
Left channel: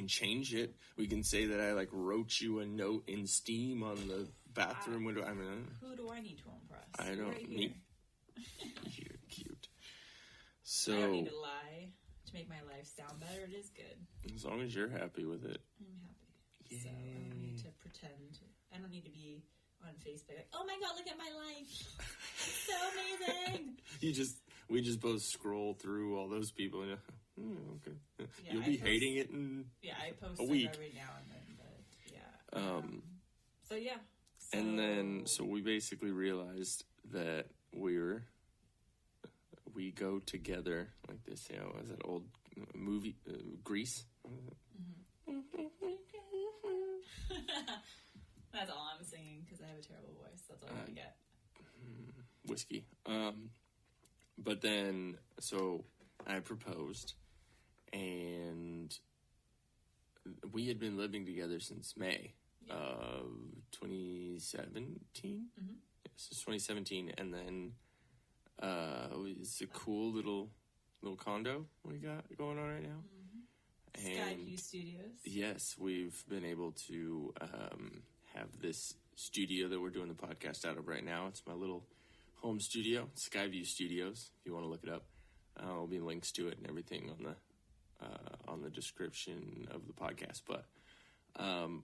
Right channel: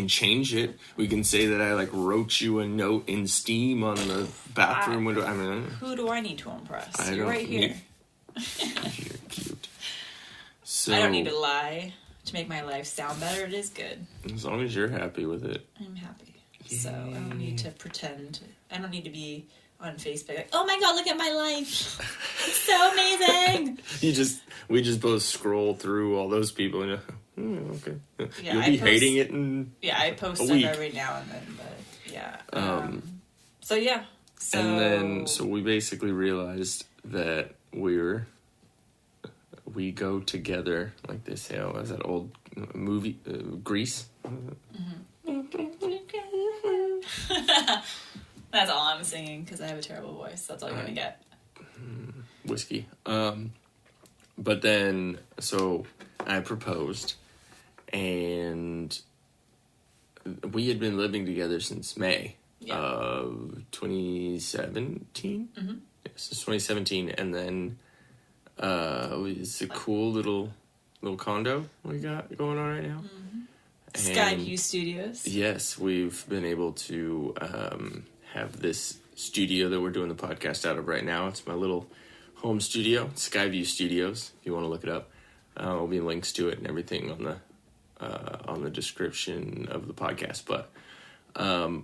change it. We can say that I, like, wrote you a note in steam on the bathroom window. I mean... Who do I need to impress? You're right here. You're cute. So, I don't need to lie to make my life sound better. It is good. As long as you're happy with it. I'm happy. Yay. So I don't need to pretend. I don't need to be on Facebook like, oh my god, look at my life. It's so amazing. We just both scroll through all those people and okay. Yeah, You'll be hating it in I post stuff every now and then, but yeah. So yeah. And then we basically realized that we go together, like they say, as that old movie, Grease. That's all I'm singing because I have a terrible voice. That's all you're gonna get. Whiskey. But then, so I proposed, and we had been living together since May of 2017. Mm-hmm. Yes, it's 2017, and then it's a cool little condo we got going on right now. Mm-hmm. Skyview Studios. Yes, we've been able to have this studio that we're doing the podcast out of right now. It's my little home studio, Skyview Studios. If you want to look it up, there'll be links to it and everything on the description of the podcast. But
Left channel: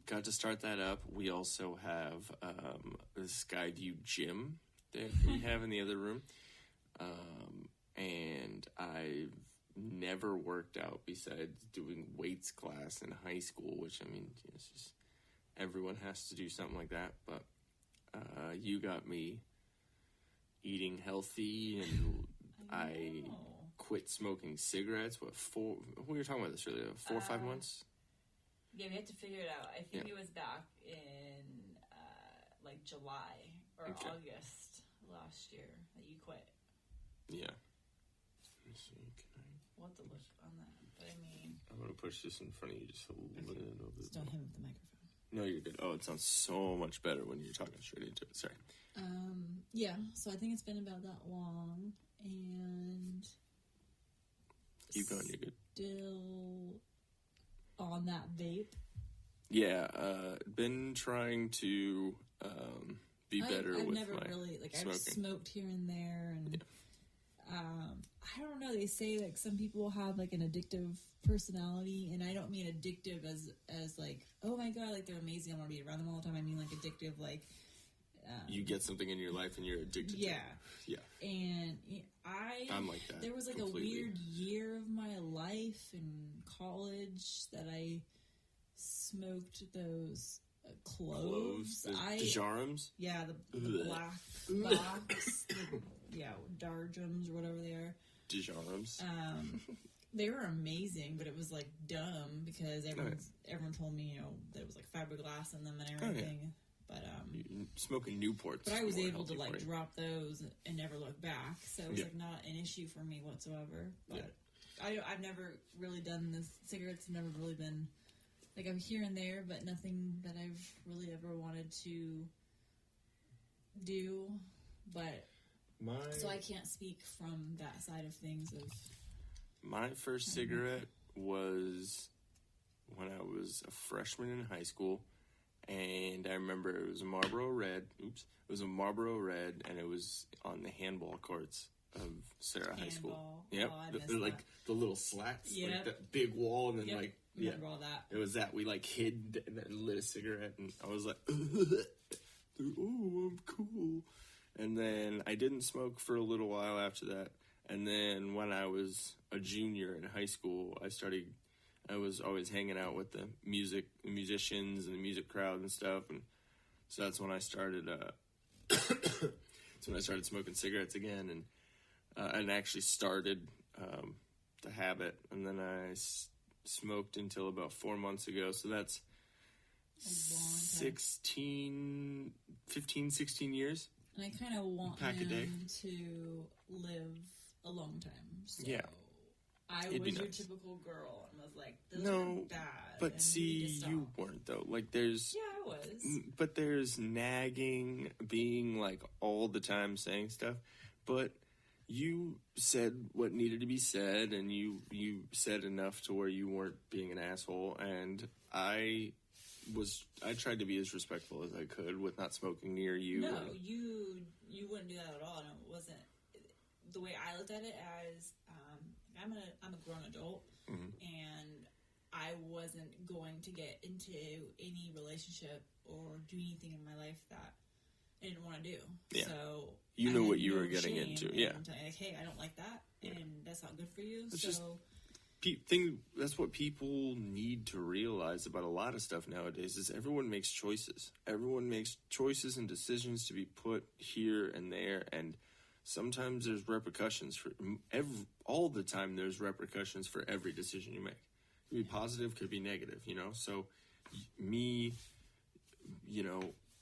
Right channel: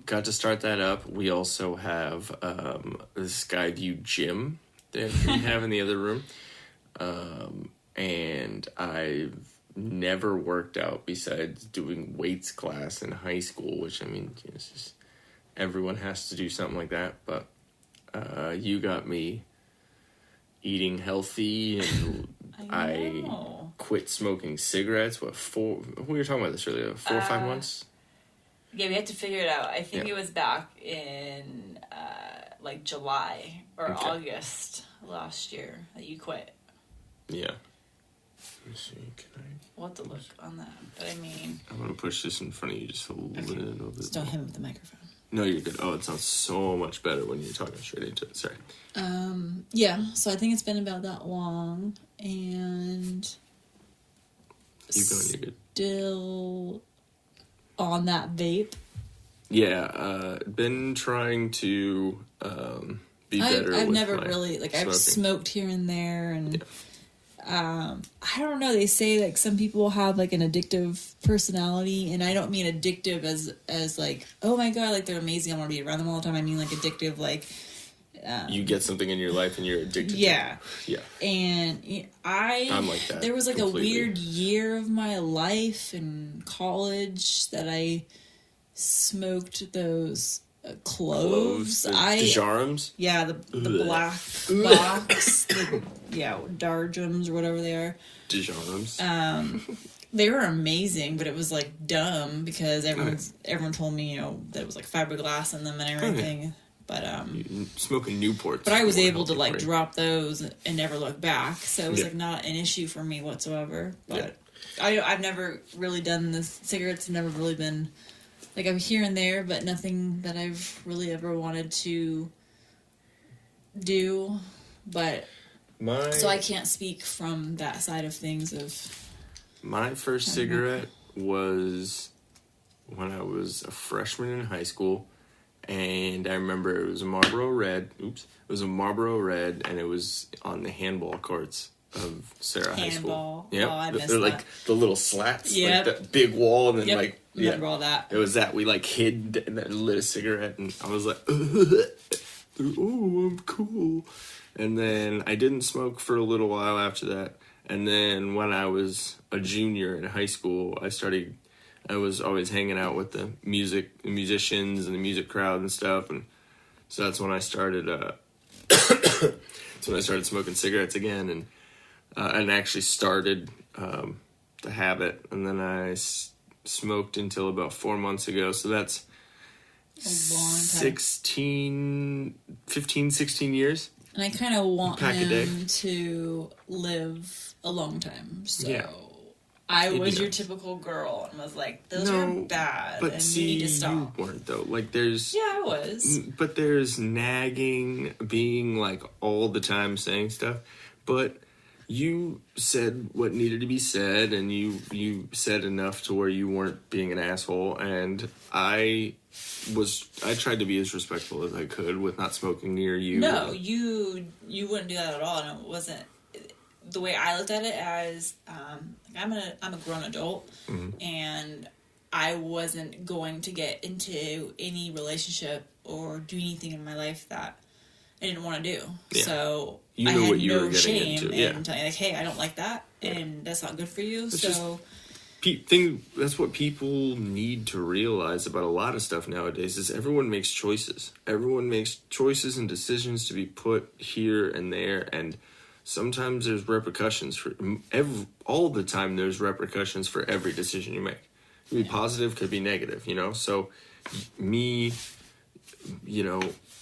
got to start that up. We also have the Skyview gym that we have in the other room, and I've never worked out besides doing weights class in high school, which, I mean, it's just, everyone has to do something like that. But you got me eating healthy, and I quit smoking cigarettes. We were talking about this earlier, 4 or 5 months? Yeah, we had to figure it out. I think it was back in like July or August last year that you quit. Yeah. Let me see, We'll have to look on that. But I mean... I'm going to push this in front of you just a little bit. Just don't hit him with the microphone. No, you're good. Oh, it sounds so much better when you're talking straight into it. Sorry. Yeah, so I think it's been about that long, and... Keep going, you're good. Still on that vape. Yeah, been trying to be better. I've with never my really, like, smoking. I've smoked here and there, and I don't know, they say, like, some people have, like, an addictive personality, and I don't mean addictive as like, oh my god, like, they're amazing, I want to be around them all the time. I mean, like, addictive, like... you get something in your life and you're addicted to it. Yeah. And I'm like that. There was, like, completely. a weird year of my life in college that I smoked those cloves. Dejarums? Yeah, the black box, the Darjums or whatever they are. Dejarums. They were amazing, but it was like dumb because everyone told me, you know, that it was like fiberglass in them and everything. Okay. But smoking Newports. But I was able to like drop those and never look back, so it was like not an issue for me whatsoever. But I've never really done this. Cigarettes have never really been like, I'm here and there, but nothing that I've really ever wanted to do. But so I can't speak from that side of things. My first cigarette was when I was a freshman in high school. And I remember it was a Marlboro Red. Oops. It was a Marlboro Red, and it was on the handball courts of Sarah High School. Handball. Oh, I missed They're that. like the little slats. Yep. Like that big wall, and then like... Remember all that. It was that we like hid and then lit a cigarette, and I was like, oh, I'm cool. And then I didn't smoke for a little while after that. And then when I was a junior in high school, I was always hanging out with the musicians and the music crowd and stuff, and so that's when I started. That's when I started smoking cigarettes again, and actually started the habit. And then I smoked until about 4 months ago. So that's a long time. 15, 16 years. And I kind of want him to live a long time. So. Yeah. I was your typical girl and was like, those are bad, but and you need to stop. You weren't, though. Like, there's... Yeah, I was. But there's nagging, being, like, all the time saying stuff. But you said what needed to be said, and you said enough to where you weren't being an asshole, and I tried to be as respectful as I could with not smoking near you. No, you wouldn't do that at all, and it wasn't... The way I looked at it as... I'm a grown adult, and I wasn't going to get into any relationship or do anything in my life that I didn't want to do. Yeah. So I had no shame in telling, like, hey, I don't like that, and that's not good for you. It's so that's what people need to realize about a lot of stuff nowadays is everyone makes choices. Everyone makes choices and decisions to be put here and there, and sometimes there's repercussions for all the time. There's repercussions for every decision you make. It could be positive, could be negative, you know? So me, you know,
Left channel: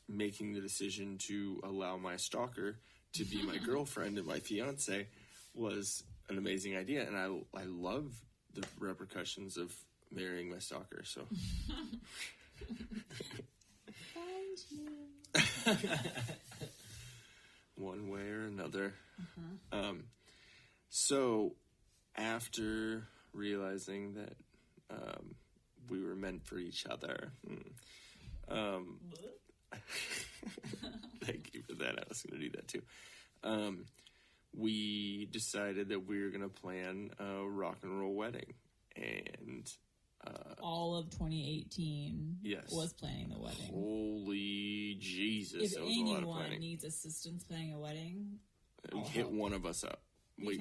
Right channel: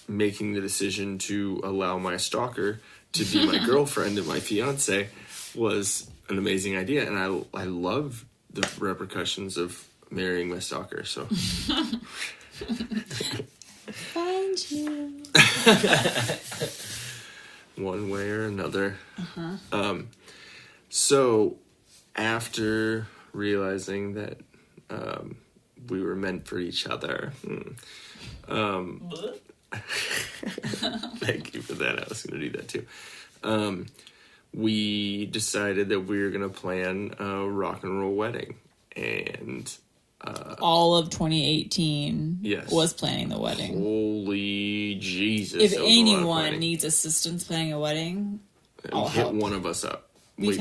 making the decision to allow my stalker to be my girlfriend and my fiance was an amazing idea. And I love the repercussions of marrying my stalker. So find you. One way or another. So after realizing that we were meant for each other, thank you for that. I was going to do that too. We decided that we were going to plan a rock and roll wedding, and all of 2018 was planning the wedding. Holy Jesus. If anyone needs assistance planning a wedding, I'll hit help. one of us up. We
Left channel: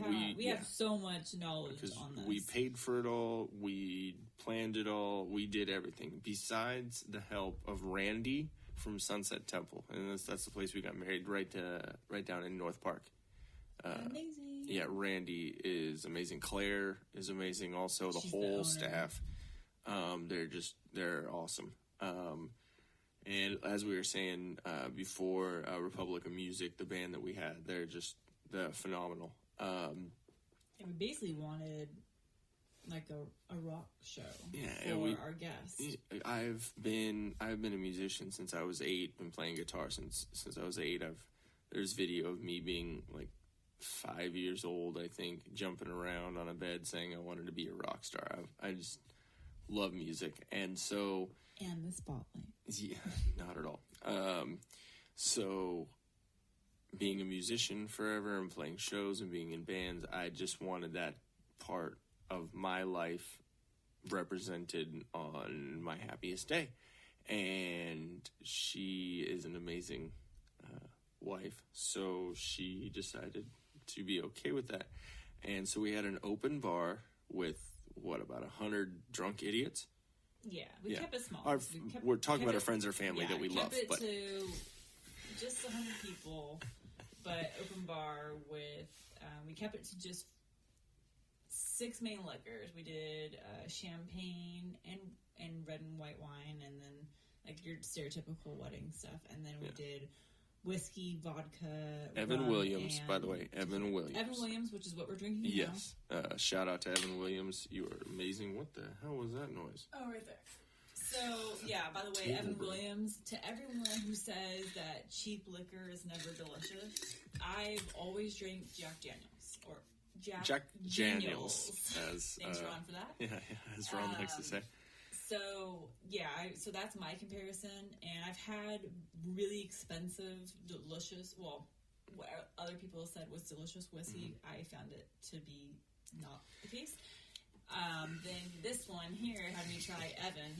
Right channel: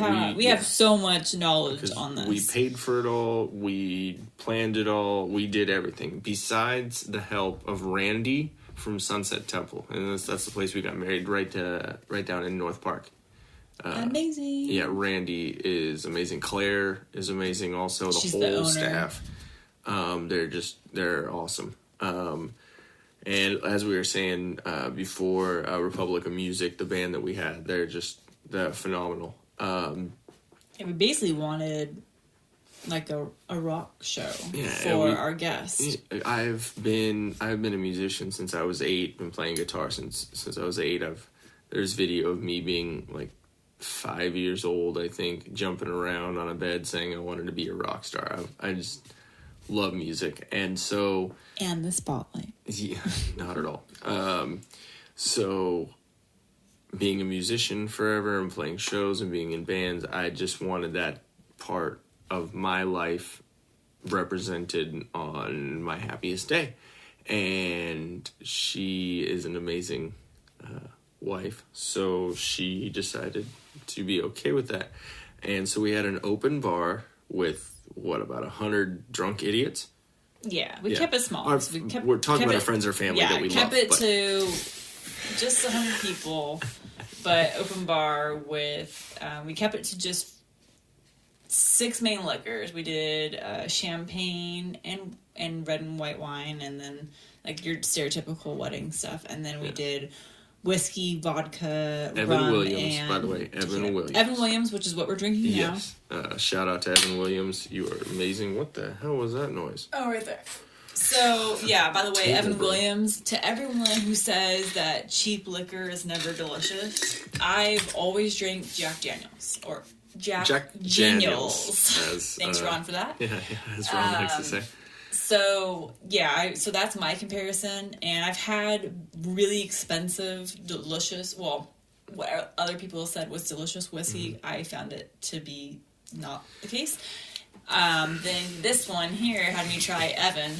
have so much knowledge on this. We paid for it all. We planned it all. We did everything. Besides the help of Randy from Sunset Temple. And that's the place we got married, right down in North Park. Amazing. Yeah, Randy is amazing. Claire is amazing also. She's the the whole owner. Staff. They're awesome. And as we were saying before, Republic of Music, the band that we had, they're phenomenal. We basically wanted like a rock show for our guests. I've been a musician since I was 8. Been playing guitar since I was 8. There's video of me being like 5 years old, I think, jumping around on a bed saying I wanted to be a rock star. I just love music, and so... And the spotlight. Yeah, not at all. So, being a musician forever and playing shows and being in bands, I just wanted that part of my life represented on my happiest day. And she is an amazing wife, so she decided to be okay with that. And so we had an open bar with, about 100 drunk idiots? Yeah, we kept it small. We're talking about our friends or family that we love. Yeah, kept it to just 100 people, but open bar with, we kept it to just 6 main liquors. We did champagne and red and white wine, and then like your stereotypical wedding stuff. And then we did whiskey, vodka, Evan rum, Williams, and by the way. Evan Williams. Evan Williams, which is what we're drinking now. Yes. Shout out to Evan Williams. You are amazing. What the hell was that noise? Oh, right there. So, yeah, by the way, Evan Williams, to everyone who says that cheap liquor is never delicious, I've always drank Jack Daniels, or Jack Daniels. Thanks, Ron, for that. Yeah, as Ron likes to say. So, yeah, so that's my comparison, and I've had really expensive, delicious, well, what other people said was delicious whiskey. I found it to be not the case. Then this one here had me try Evan.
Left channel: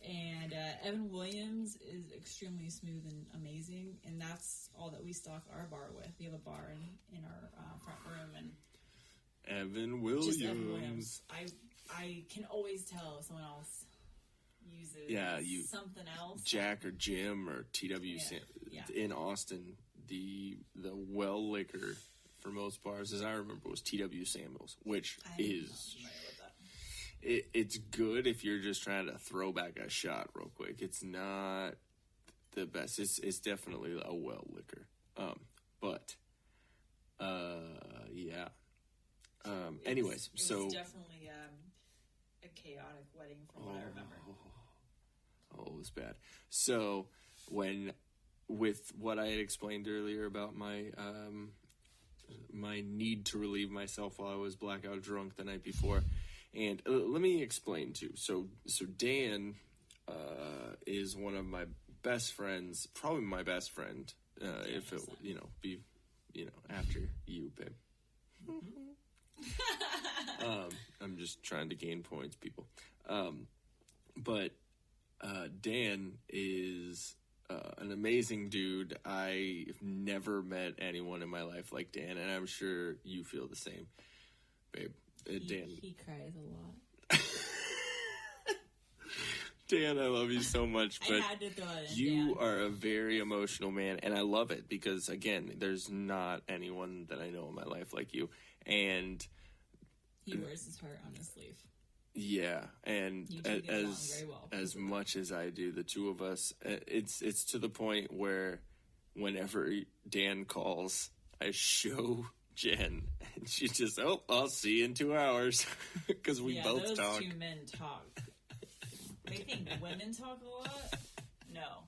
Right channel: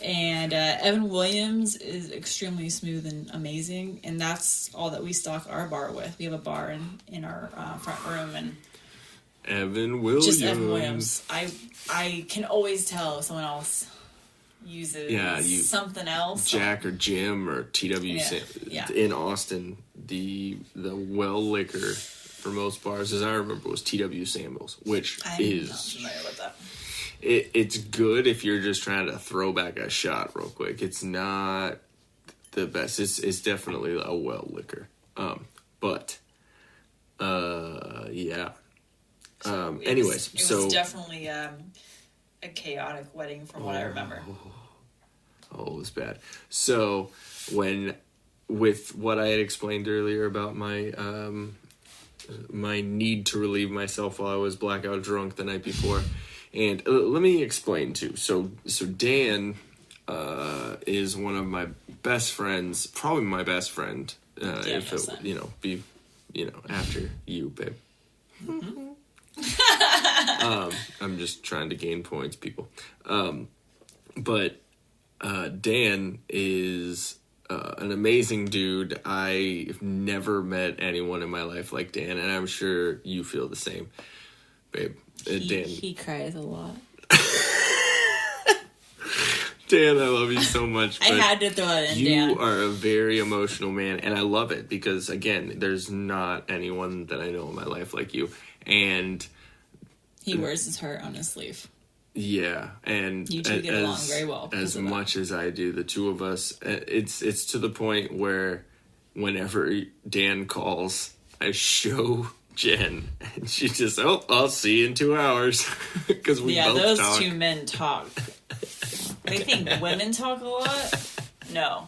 And Evan Williams is extremely smooth and amazing, and that's all that we stock our bar with. We have a bar in our front room, and Evan Williams. Just Evan Williams. I can always tell if someone else uses something else. Jack or Jim or TW in Austin, the well liquor for most bars, as I remember, was TW Samuels, which is not familiar with that. It's good if you're just trying to throw back a shot real quick. It's not the best. It's definitely a well liquor. Yeah. Anyways, it was definitely a chaotic wedding from what I remember. Oh, it was bad. So with what I had explained earlier about my my need to relieve myself while I was blackout drunk the night before. And let me explain too. So Dan is one of my best friends, probably my best friend. If it be after you, babe. Mm-hmm. I'm just trying to gain points, people. But Dan is an amazing dude. I've never met anyone in my life like Dan, and I'm sure you feel the same, babe. Dan. He cries a lot. Dan, I love you so much. I had to throw it in, Dan. You are a very emotional man, and I love it because, again, there's not anyone that I know in my life like you. And he wears his heart on his sleeve. Yeah, and you two get along very well. As much as I do, the two of us, it's to the point where whenever Dan calls, I show Jen, and she just, I'll see you in 2 hours. Because we both those talk. Two men talk. They think women talk a lot? No.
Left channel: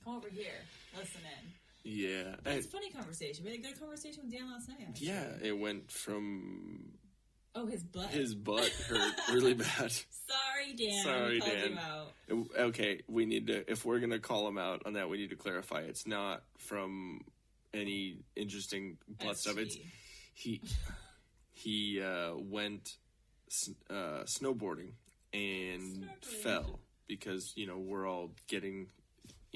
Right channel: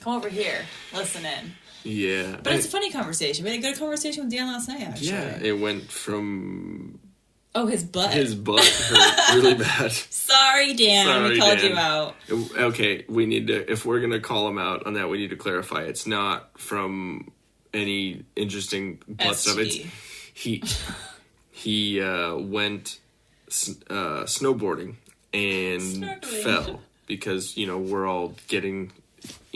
Come over here. Listen in. Yeah. But it's a funny conversation. We had a good conversation with Dan last night, actually. Yeah, it went from... Oh, his butt. His butt hurt really bad. Sorry, Dan. We called you out. Okay, we need to... If we're going to call him out on that, we need to clarify. It's not from any interesting butt stuff. It's he went snowboarding and fell because we're all getting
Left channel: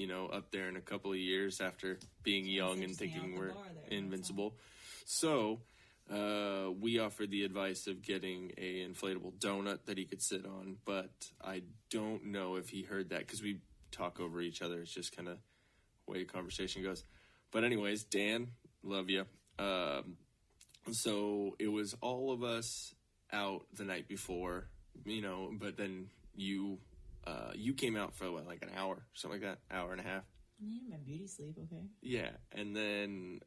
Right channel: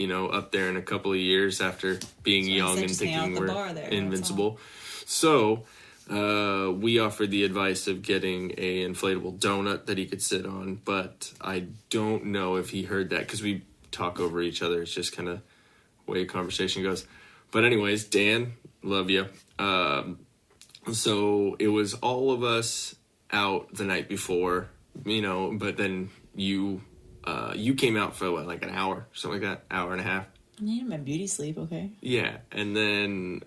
up there in a couple of years after being young and thinking we're invincible. So we offered the advice of getting a inflatable donut that he could sit on, but I don't know if he heard that because we talk over each other. It's just kind of the way conversation goes. But anyways, Dan, love you. So it was all of us out the night before, but then you came out for like an hour, something like that, hour and a half. I needed my beauty sleep, okay? Yeah, and then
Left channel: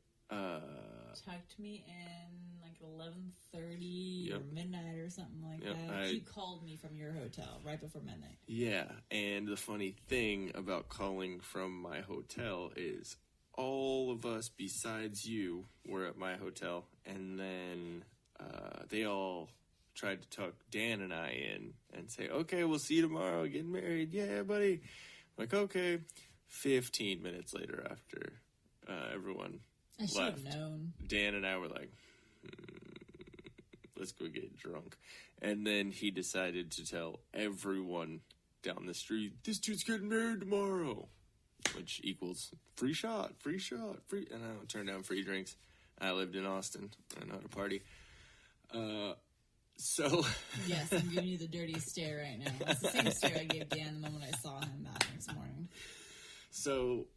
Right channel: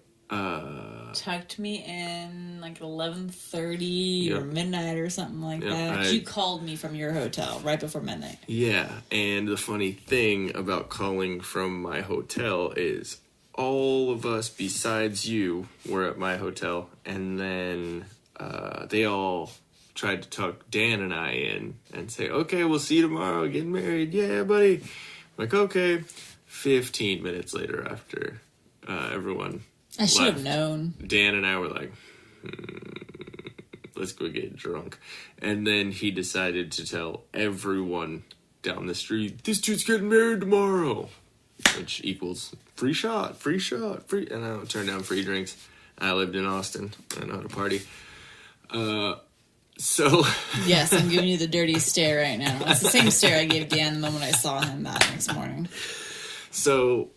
tucked me in like 11:30 or midnight or something like that. You called me from your hotel right before midnight. Yeah, and the funny thing about calling from my hotel is all of us besides you were at my hotel, and then they all tried to tuck Dan and I in and say, okay, we'll see you tomorrow, getting married, yeah, buddy. Like, okay. 15 minutes later after everyone I should have known. Dan and I were like, let's go get drunk. And then he decided to tell everyone down the street, this dude's getting married tomorrow, which equals free shot, free. And I don't turn down free drinks. I lived in Austin. I know how to party. So yes, I'm giving you the dirty stare right now. It's the same stare I gave Dan the moment I saw him that next morning. So,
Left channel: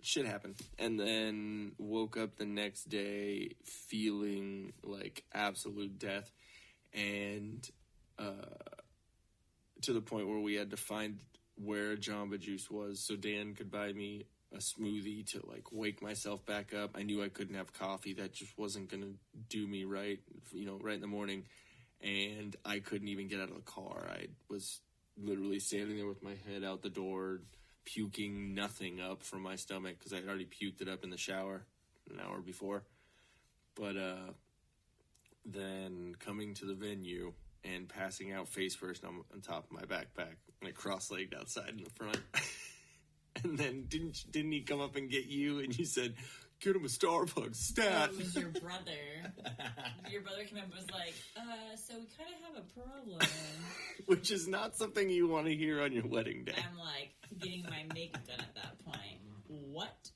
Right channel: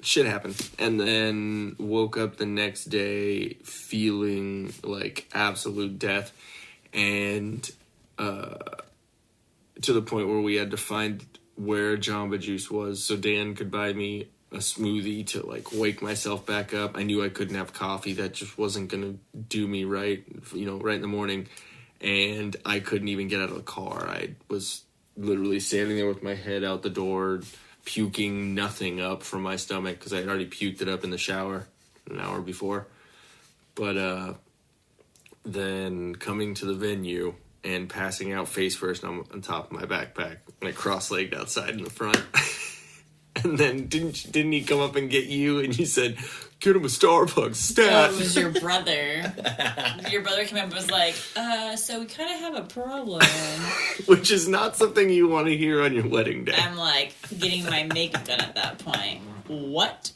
shit happened. And then woke up the next day feeling like absolute death. And to the point where we had to find where Jamba Juice was so Dan could buy me a smoothie to, wake myself back up. I knew I couldn't have coffee. That just wasn't going to do me right, right in the morning. And I couldn't even get out of the car. I was literally standing there with my head out the door, puking nothing up from my stomach because I had already puked it up in the shower an hour before. But then coming to the venue and passing out face first on top of my backpack, cross-legged outside in the front. And then didn't he come up and get you? And you said, "Get him a Starbucks stat." Oh, it was your brother. Your brother came up and was like, so we kind of have a problem. Which is not something you want to hear on your wedding day. I'm getting my makeup done at that point. What?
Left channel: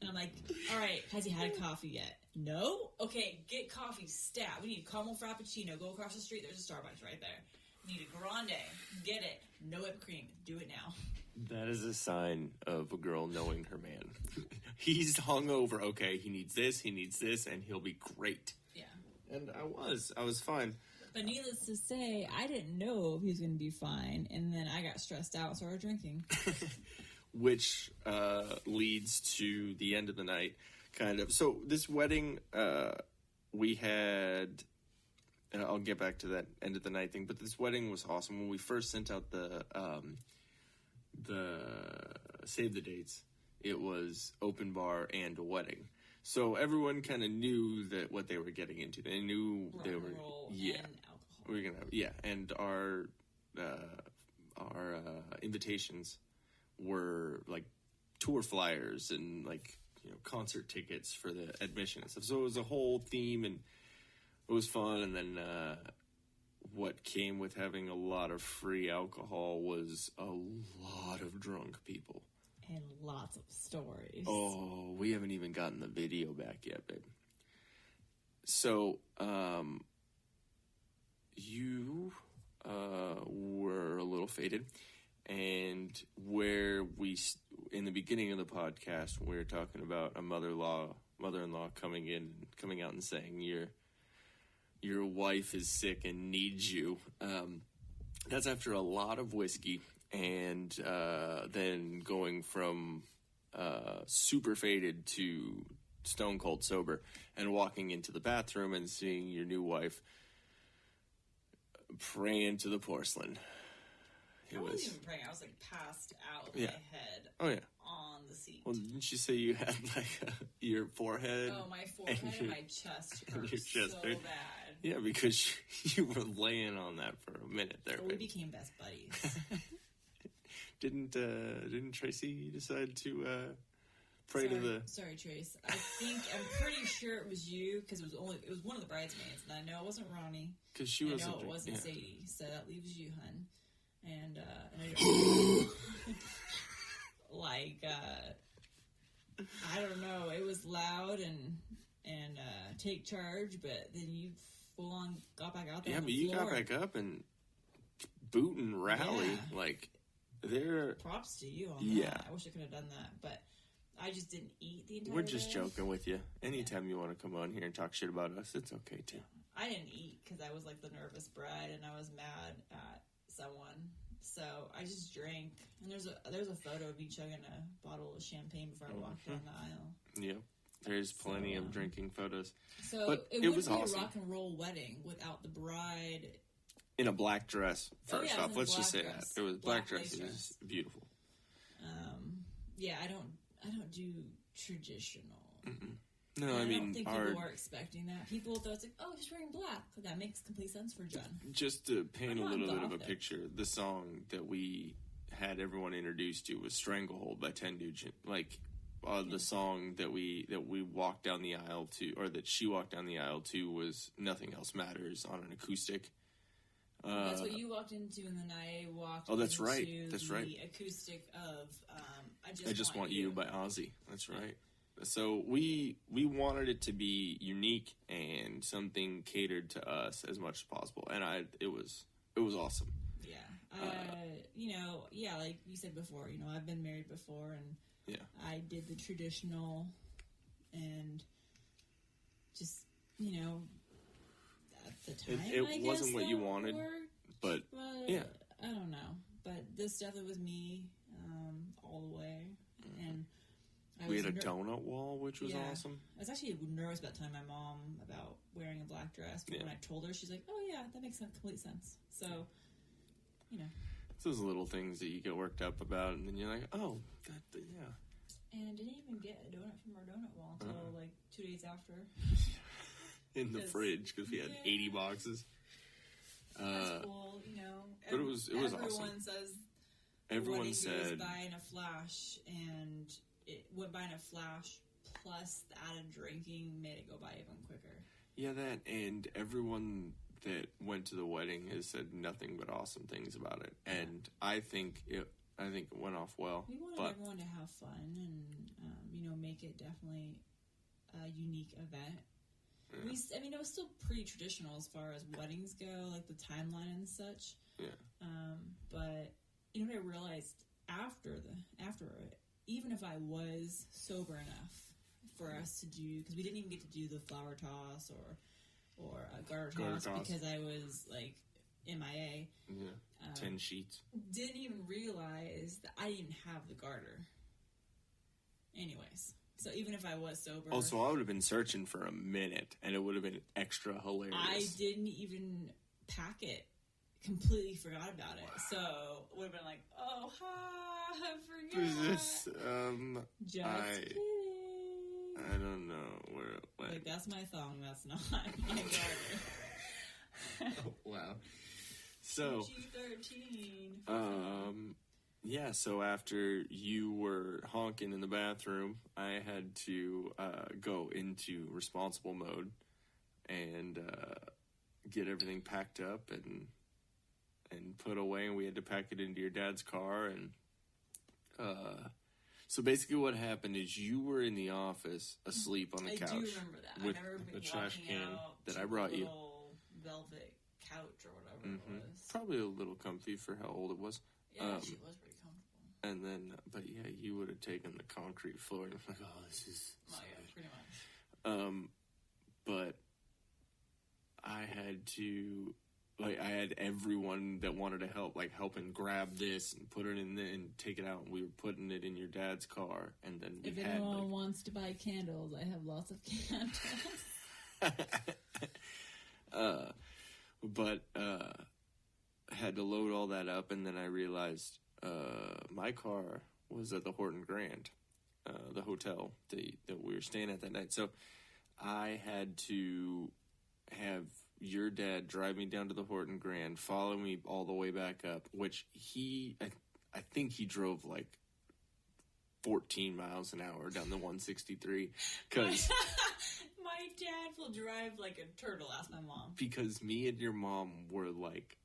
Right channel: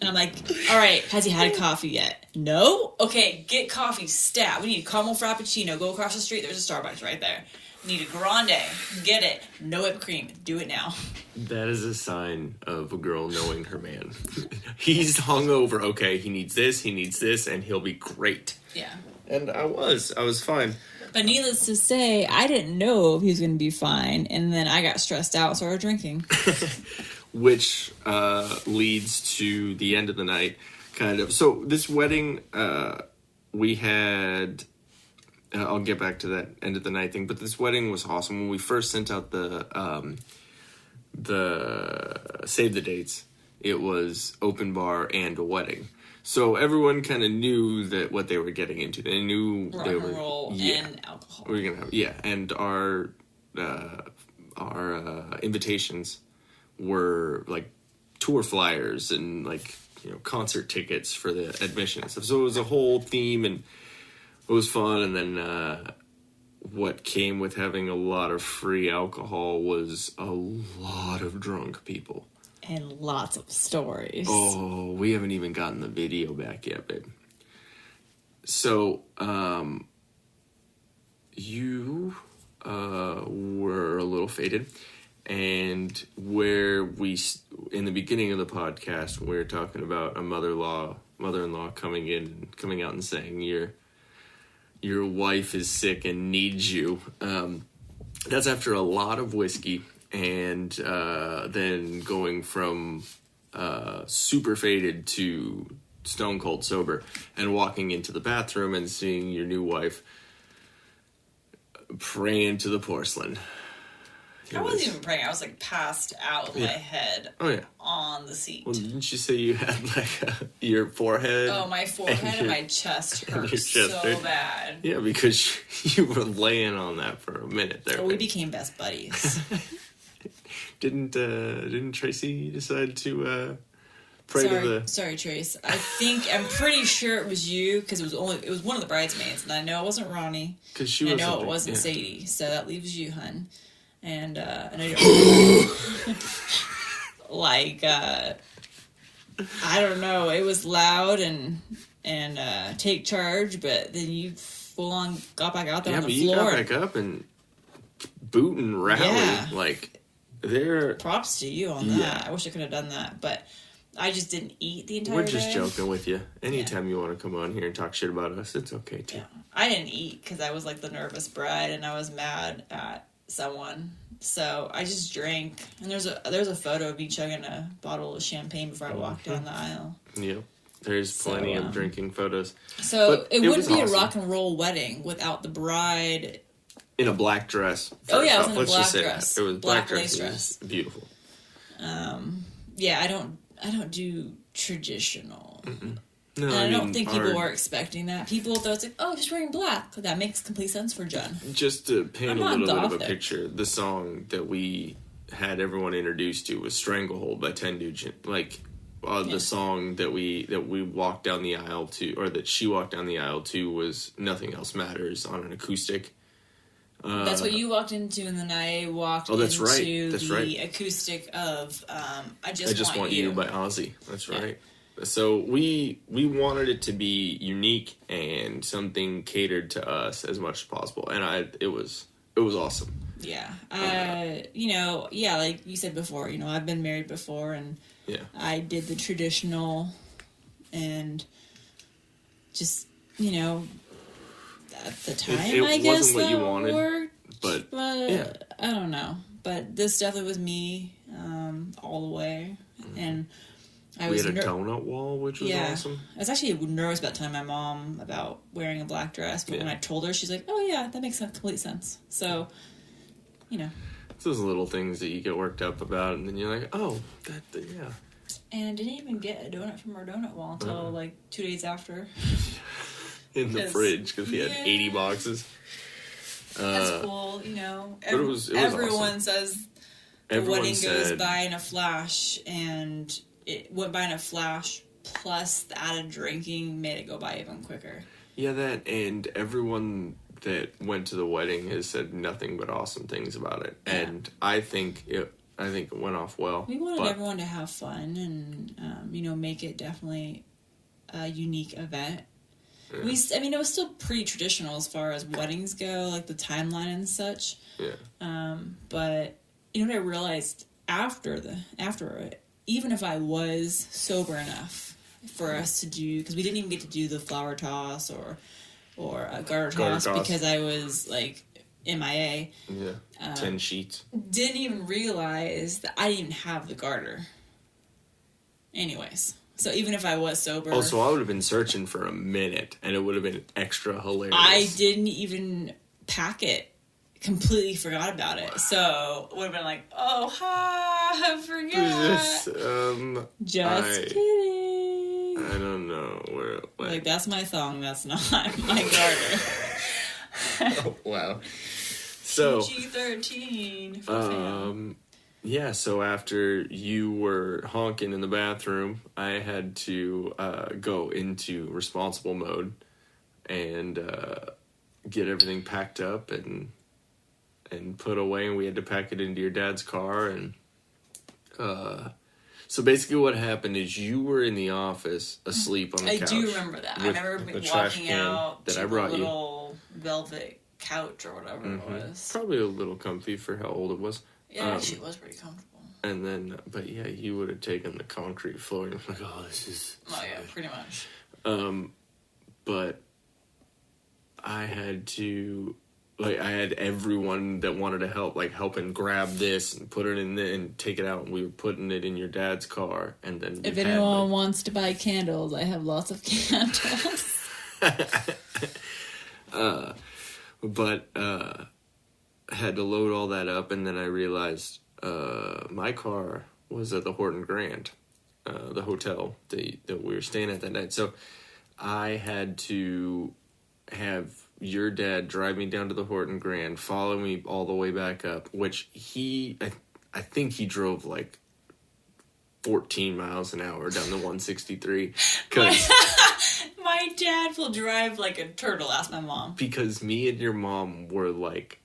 And I'm like, all right, has he had coffee yet? No? Okay, get coffee, stat. We need a caramel frappuccino. Go across the street. There's a Starbucks right there. Need a grande. Get it. No whipped cream. Do it now. That is a sign of a girl knowing her man. He's hungover. Okay, he needs this, and he'll be great. Yeah. And I was fine. But needless to say, I didn't know if he was going to be fine, and then I got stressed out and started drinking. Which leads to the end of the night, kind of. So this wedding, we had... I'll get back to that end of the night thing, but this wedding was awesome. When we first sent out the save the dates, it was open bar and a wedding. So everyone kind of knew that what they were getting into. They knew rock they and were roll and alcohol. We were gonna have and our invitations were tour flyers and concert tickets for the admission and stuff. So it was a whole theme and it was fun. And then what came with having a lot of free alcohol was a lot of drunk people. And lots of stories. Oh, we haven't even gotten the video back yet, babe. So, you were a little faded. And where in the beginning of the podcast, we were talking about a mother-in-law coming out and saying your wife is sick and needs you. That's after a lot of whiskey and then going from super faded to stone cold sober and walking into the bathroom and seeing your new wife praying to the porcelain. I wasn't even praying. I was passed out with my head on the seat. Well, didn't you say you had your forehead? Oh, my forehead and my chest hurt so bad. Yeah, because you were laying on that for a minute there. Well, we became best buddies. Didn't Tracy decide to pray to the... Sorry, Trace. I'm pretty sure it was you because it was one of the bridesmaids, and I know it wasn't Ronnie. Because she I know it wasn't Sadie, so that leaves you, hun. And I know you're I don't know. It was loud and take charge, but then you full on got back out there on the floor. Yeah, but you got back up and boot and rally. Yeah. Props to you on that. I wish I could have done that, but I just didn't eat the entire day. We're just joking with you. Anytime you want to come on here and talk shit about us, it's okay too. Yeah. I didn't eat because I was the nervous bride and I was mad at someone, so I just drank. And there's a photo of me chugging a bottle of champagne before I walked down the aisle. Yep, there's plenty of drinking photos. So it wouldn't be awesome. A rock and roll wedding without the bride in a black dress. Oh yeah, I was in a black dress. It was black lace dress. Beautiful. Yeah, I don't do traditional. Mm-mm. No, and I don't think people were expecting that. People thought it's oh, just wearing black. That makes complete sense for Jen. Just to paint a little bit of a picture, the song that we had everyone introduced to was "Stranglehold" by 10 Nugent. The song that we walked down the aisle to, or that she walked down the aisle to, was "Nothing Else Matters" on an acoustic. That's what you walked into, and then I walked into the acoustic of I Just Want You by Ozzy. That's right. So we wanted it to be unique and something catered to us as much as possible, and it was awesome. Yeah. Like you said before, I've been married before, and I did the traditional, and just, at the time, I guess wasn't what you that wanted, worked, but I don't know. But this definitely was me, all the way, and I was. We had a donut wall, which was awesome. I was actually nervous about telling my mom about wearing a black dress, but when I told her, she's like, "Oh yeah, that makes complete sense." So, It's those little things that you get worked up about, and then you're like, "Oh, yeah." And I didn't even get a donut from our donut wall until like 2 days after. In the fridge, because we had 80 boxes. That's cool, But it was everyone awesome. says the wedding goes by in a flash, and it went by in a flash, plus the added drinking made it go by even quicker. Yeah, that, and everyone that went to the wedding has said nothing but awesome things about it. Yeah. And I think it went off well. We wanted everyone to have fun and, make it definitely a unique event. Yeah. It was still pretty traditional as far as weddings go, like the timeline and such. Yeah. But what I realized after it, even if I was sober enough for us to do, because we didn't even get to do the flower toss or a garter toss because I was like MIA. Yeah. 10 sheets. Didn't even realize that I didn't have the garter. Anyways. So even if I was sober... Oh, so I would have been searching for a minute, and it would have been extra hilarious. I didn't even pack it. Completely forgot about it. So it would have been like, oh, hi, I forgot. Just kidding. I don't know. Like, that's my thong, that's not my garter. Oh, wow. So... PG-13. Yeah, so after you were honking in the bathroom, I had to go into responsible mode and get everything packed up and put away, and we had to pack it into your dad's car. And so basically what happened is you were in the office asleep on the couch. I do remember that. I remember walking out to the little velvet couch or whatever it was. Probably a little comfy for how old it was. Yeah, she was pretty comfortable. And then, but yeah, you would have taken the concrete floor and like, oh, this is... Oh, yeah, pretty much. But I had to, I had everyone that wanted to help and grab this and put it in there and take it out. And we were putting it in your dad's car. And then if anyone wants to buy candles, I have lots of candles. Had to load all that up, and then I realized my car was at the Horton Grand, the hotel that we were staying at that night. So I had to have your dad drive me down to the Horton Grand, follow me all the way back up, which I think he drove like 14 miles an hour down the 163. My dad will drive like a turtle, ask my mom. Because me and your mom were like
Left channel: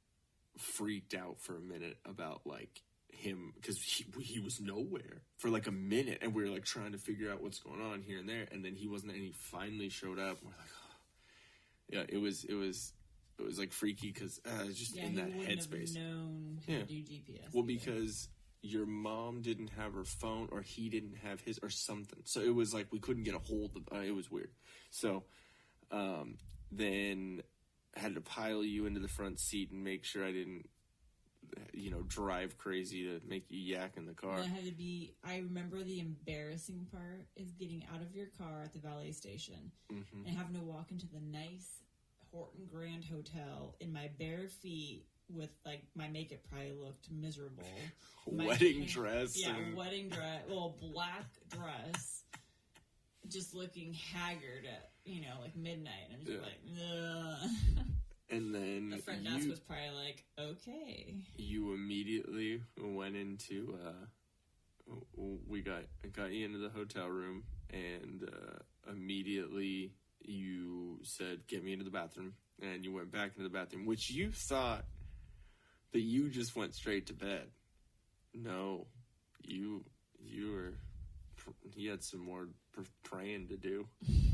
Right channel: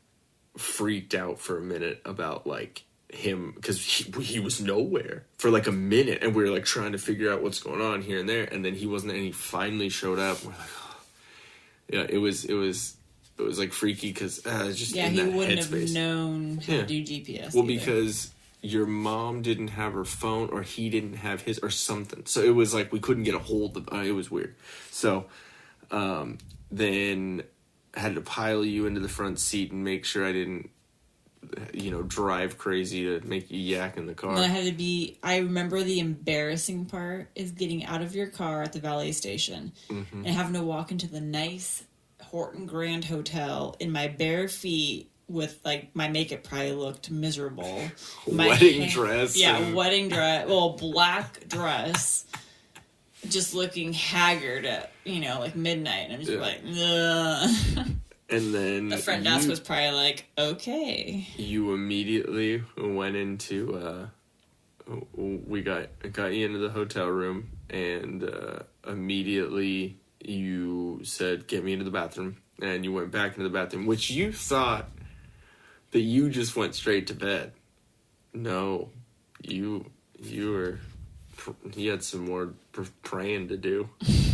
freaked out for a minute about like him, because he was nowhere for like a minute, and we were like trying to figure out what's going on here and there, and then he wasn't, and he finally showed up. We're like, oh. Yeah, it was like freaky because just in he that wouldn't headspace. Have known how to do GPS. Well, because your mom didn't have her phone, or he didn't have his, or something. So it was like we couldn't get a hold of. It was weird. So then I had to pile you into the front seat and make sure I didn't, drive crazy to make you yak in the car. And I remember the embarrassing part is getting out of your car at the valet station and having to walk into the nice Horton Grand Hotel in my bare feet with, like, my makeup probably looked miserable. Wedding dress. Yeah, wedding dress. Well, black dress. Just looking haggard at, like midnight. And I'm just like, ugh. And then the front desk was probably like, okay. You immediately went into, we got you into the hotel room, and immediately you said, get me into the bathroom. And you went back into the bathroom, which you thought that you just went straight to bed. No, you had some more praying to do.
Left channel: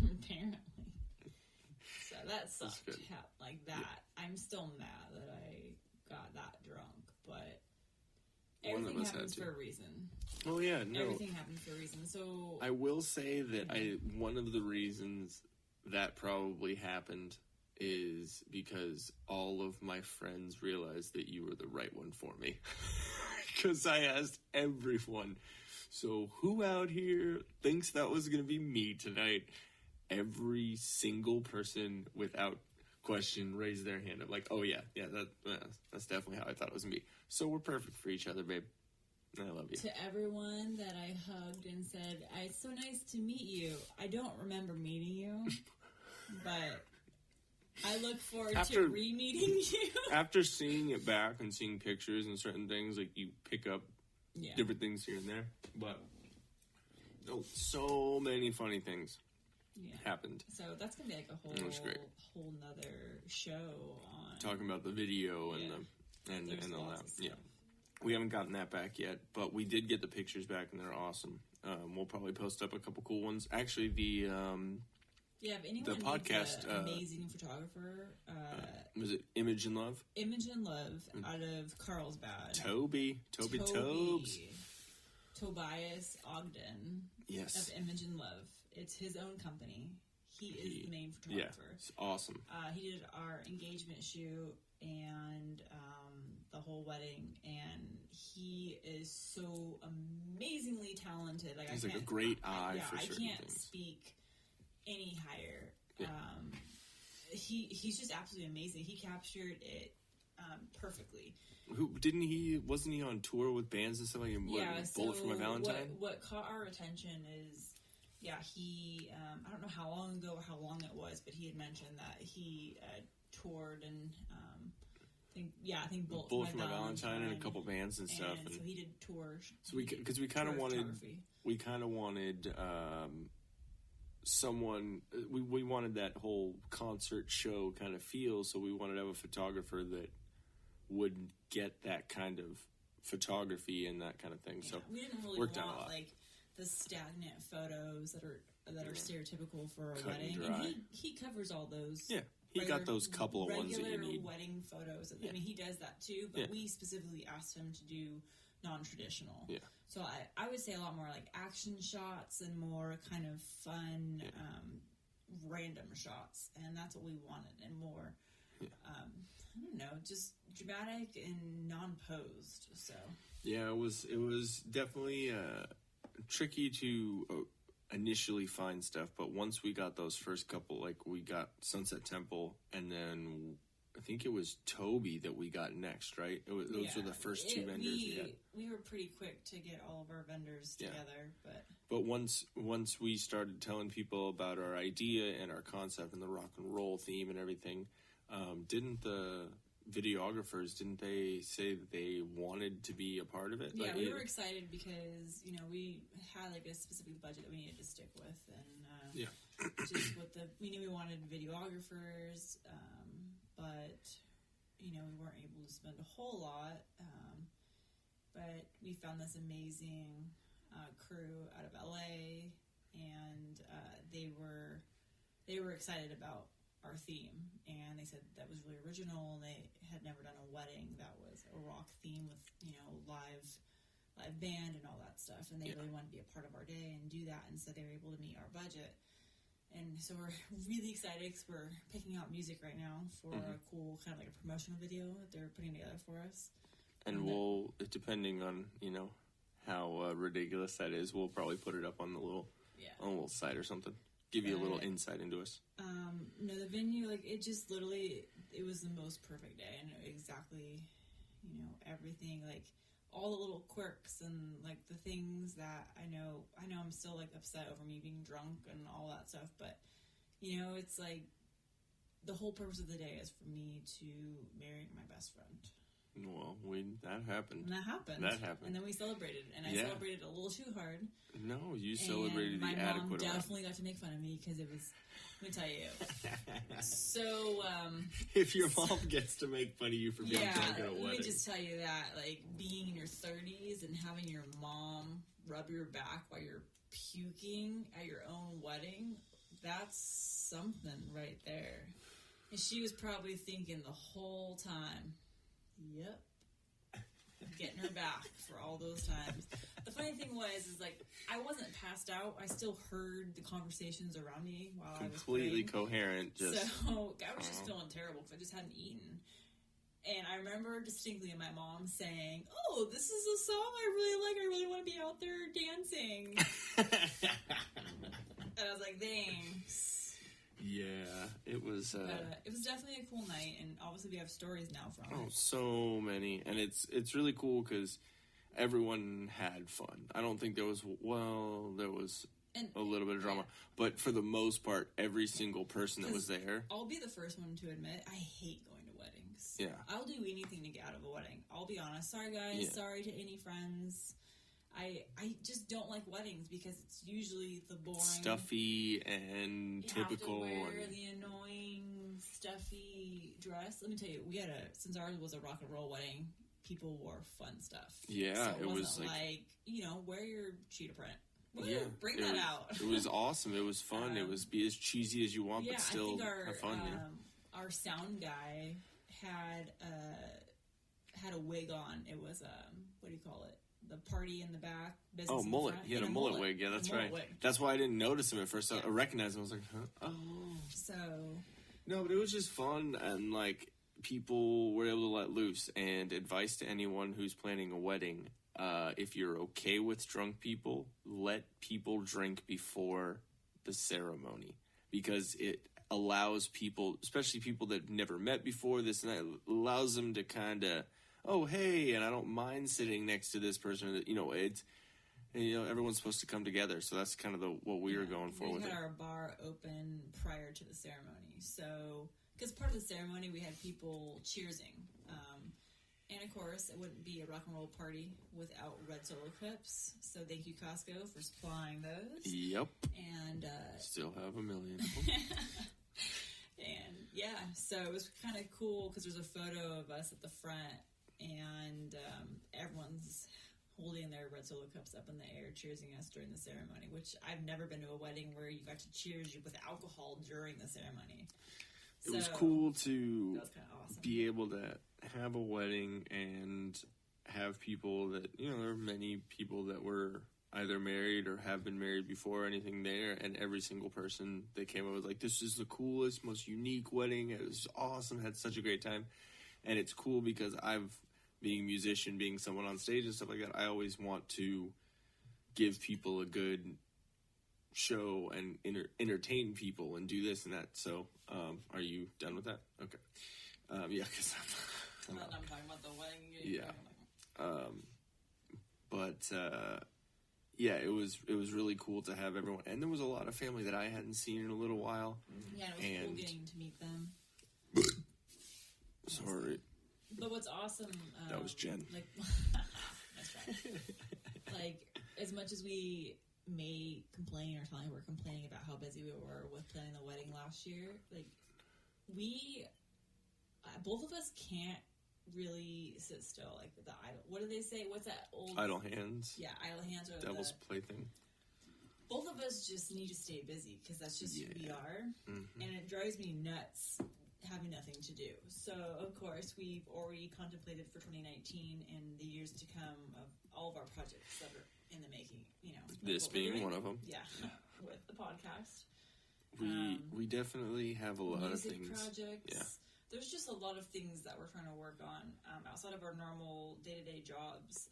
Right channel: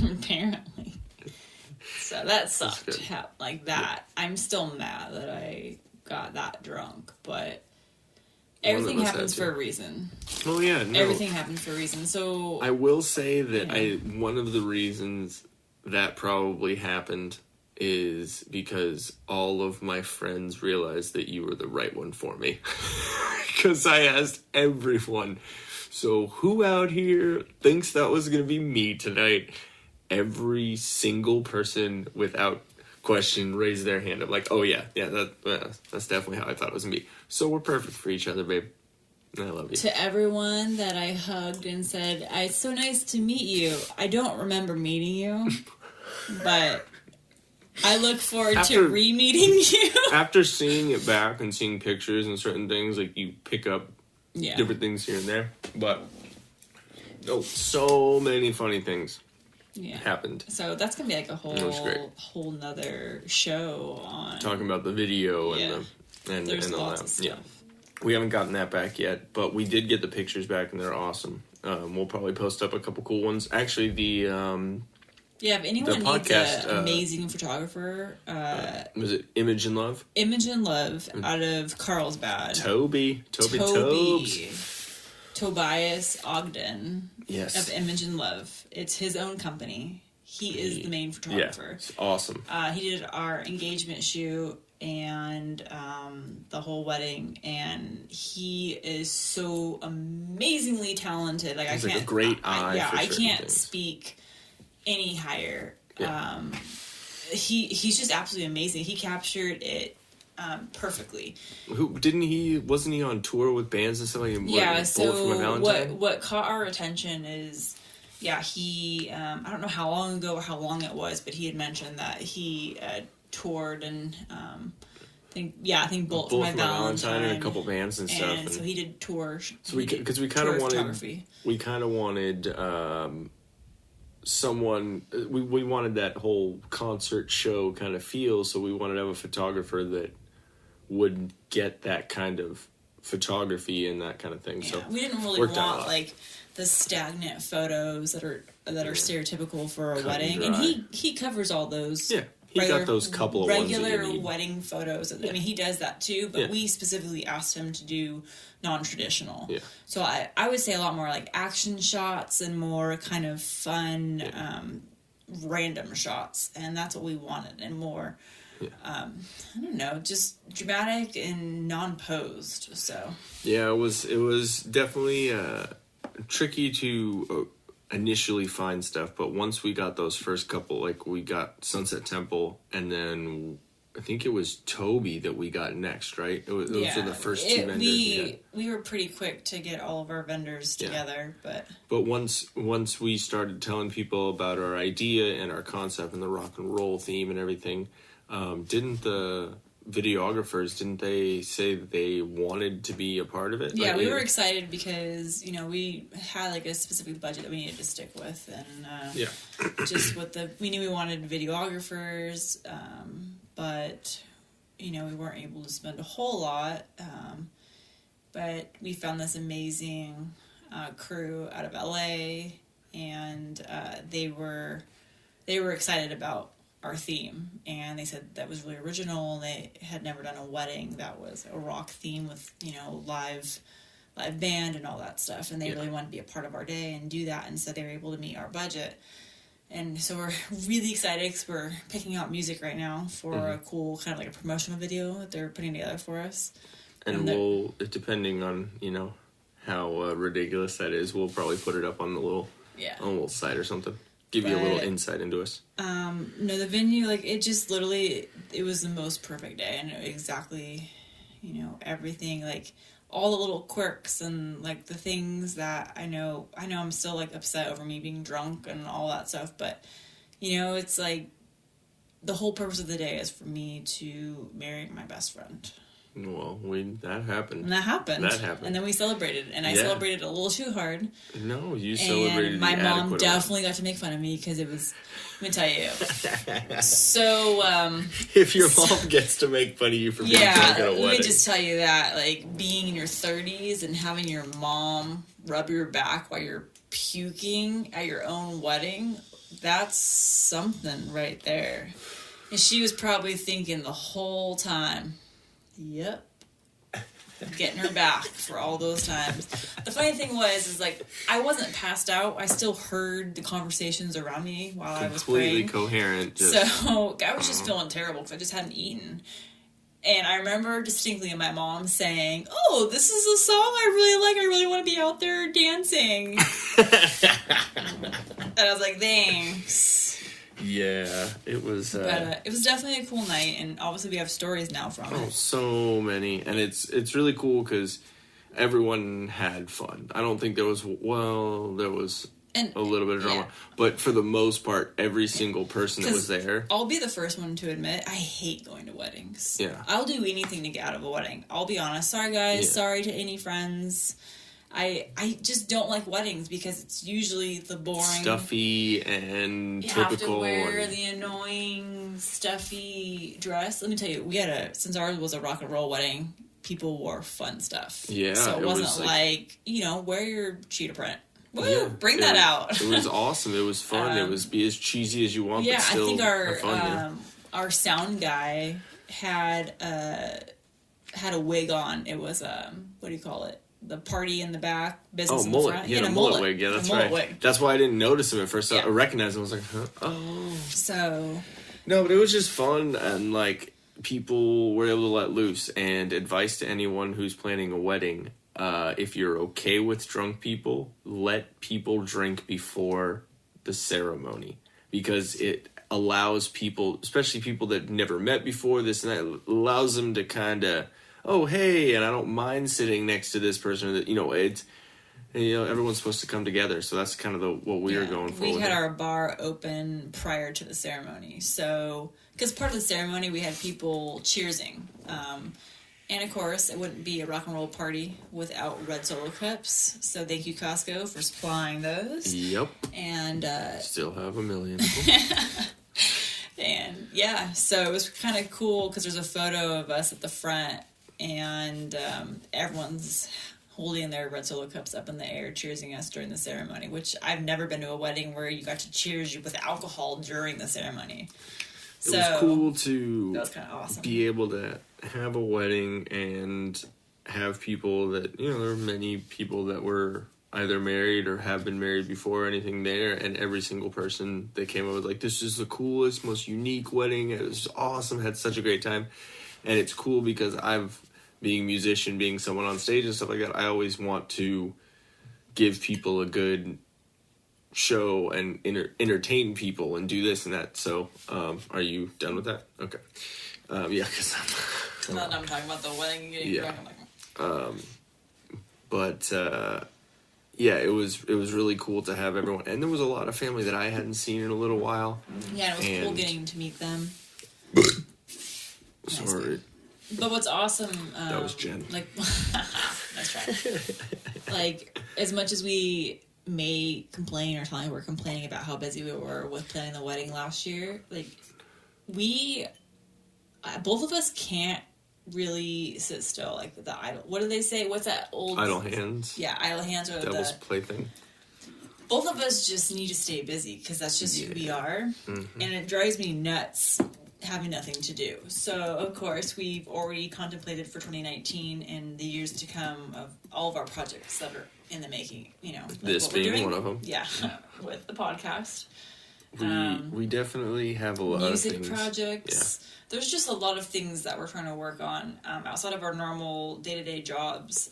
Apparently. So that sucked. Like that. I'm still mad that I got got that drunk, but everything happens for a reason. Oh yeah, no. Everything happens for a reason. So I will say that one of the reasons that probably happened is because all of my friends realized that you were the right one for me. Because I asked everyone, so who out here thinks that was going to be me tonight? Every single person without question raised their hand. I'm like, oh yeah, that's definitely how I thought it was going to be. So we're perfect for each other, babe. I love you. To everyone that I hugged and said, it's so nice to meet you. I don't remember meeting you, but I look forward to re-meeting you. After seeing it back and seeing pictures and certain things, like you pick up different things here and there. But so many funny things happened. So that's gonna be like a whole nother show on talking about the video and all that. Yeah, we haven't gotten that back yet, but we did get the pictures back and they're awesome. We'll probably post up a couple cool ones. Actually, if anyone needs an amazing photographer, was it Image and Love? Image and Love out of Carlsbad. Toby Tobias Ogden. Yes. Of Image and Love. It's his own company. He is the main photographer. Yeah, it's awesome. He did our engagement shoot and the whole wedding, and he is so amazingly talented. Like he's I can't, a great eye. I can't speak any higher. Yeah. He's just absolutely amazing. He captured it perfectly. Wasn't he on tour with bands and stuff like that? Yeah, so what caught our attention is he I don't know how long ago or how long it was, but he had mentioned that he toured and I think Bullet for My Valentine and a couple bands and stuff. And so he did tours. So we kind of wanted someone, we wanted that whole concert show kind of feel, so we wanted to have a photographer that would get that kind of photography and that kind of thing. So we didn't really want like the stagnant photos that are stereotypical for a wedding, and he covers all those. Yeah, he got those couple of regular wedding photos. I mean, he does that too, but we specifically asked him to do non-traditional. Yeah. So I would say a lot more like action shots and more kind of fun, random shots, and that's what we wanted, and more. Yeah. I don't know, just dramatic and non-posed. So. Yeah, it was definitely tricky to initially find stuff, but once we got those first couple, like we got Sunset Temple, and then I think it was Toby that we got next, right? Those were the first two vendors. We were pretty quick to get all of our vendors together, but once we started telling people about our idea and our concept and the rock and roll theme and everything, didn't the videographers, didn't they say that they wanted to be a part of it? Yeah, we were excited because, we had like a specific budget that we needed to stick with, and just with we knew we wanted videographers, but, we weren't able to spend a whole lot, but we found this amazing crew out of LA, and they were excited about our theme, and they said that was really original. They had never done a wedding that was a rock theme with live band and all that stuff, and they really wanted to be a part of our day and do that, and so they were able to meet our budget. And so we're really excited because we're picking out music right now for a cool kind of like a promotional video that they're putting together for us. And we'll, depending on how ridiculous that is, we'll probably put it up on the little site or something. Give you a little insight into us. No, the venue, it just literally, it was the most perfect day. And exactly, everything, all the little quirks and, the things that I know I'm still, upset over me being drunk and all that stuff. But, it's the whole purpose of the day is for me to marry my best friend. Well, that happened. And that happened. And then we celebrated. And I celebrated a little too hard. No, you celebrated. And my mom definitely got to make fun of me because it was, let me tell you. So, if your mom gets to make fun of you for being drunk at a wedding. Let me just tell you that, being in your 30s and having your mom rub your back while you're puking at your own wedding, that's something right there. And she was probably thinking the whole time, Yep. Getting her back for all those times. The funny thing is like, I wasn't passed out. I still heard the conversations around me while I was praying. Completely coherent. So I was just feeling terrible because I just hadn't eaten. And I remember distinctly my mom saying, "Oh, this is a song I really like. I really want to be out there dancing." And I was like, "Thanks." Yeah, it was. But it was definitely a cool night, and obviously we have stories now from it. So many, and it's really cool because everyone had fun. I don't think there was a little bit of drama, but for the most part, every single person that was there. I'll be the first one to admit, I hate going to weddings. Yeah, I'll do anything to get out of a wedding. I'll be honest. Sorry, guys. Yeah. Sorry to any friends. I just don't like weddings because it's usually the boring, stuffy, and you typical. You have to wear the annoying, stuffy dress. Let me tell you, since ours was a rock and roll wedding, people wore fun stuff. Yeah, so it wasn't like wear your cheetah print. Woo! Yeah, Bring that out. It was awesome. It was fun. It was be as cheesy as you want. Yeah, but still I think fun, our sound guy had a wig on. It was what do you call it? The party in the back, business in the mullet. front. Yeah, a mullet wig. Yeah, that's right. Wig. That's why I didn't notice him at first. I recognized him. I was like, huh? Oh. So. No, but it was just fun, and like people were able to let loose. And advice to anyone who's planning a wedding: if you're okay with drunk people, let people drink before the ceremony because it allows people, especially people that never met before, this and that, it allows them to kind of. Oh, hey, and I don't mind sitting next to this person. That everyone's supposed to come together, so that's kind of what we were going for. We had our bar open prior to the ceremony, so because part of the ceremony we had people cheersing, and of course it wouldn't be a rock and roll party without red Solo cups. So thank you Costco for supplying those. Yep. And still have a million. And yeah, so it was kind of cool because there's a photo of us at the front. And everyone's holding their red Solo cups up in the air, cheersing us during the ceremony, which I've never been to a wedding where you got to cheers you with alcohol during the ceremony. It was cool to that was kind of awesome. Be able to have a wedding and have people that, there were many people that were either married or have been married before or anything there, and every single person that came up was like, this is the coolest, most unique wedding. It was awesome, had such a great time. And it's cool because being a musician, being someone on stage and stuff like that, I always want to give people a good show and entertain people and do this and that. So, are you done with that? Okay. Yeah, because I'm not done talking about the wedding and getting drunk. Yeah, it was really cool to have everyone, and there was a lot of family that I hadn't seen in a little while. Yeah, it was cool getting to meet them. Sorry. But what's awesome... that was Jen. That's right. Like, as much as we may complain or tell you we're complaining about how busy we were with planning the wedding last year, like, both of us can't really sit still. Like, the idle... What do they say? What's that old... Idle hands. Yeah, idle hands. Or Devil's plaything. Both of us just need to stay busy because that's just who we are. Mm-hmm. And it drives me nuts having nothing to do. So, of course, we've already contemplated for 2019 and the years to come of all of our projects that are in the making, like this being one of them. Yeah, with the podcast. We definitely have a lot of things. Music projects. Yeah. There's just a lot of things that we're trying to work on outside of our normal day-to-day jobs.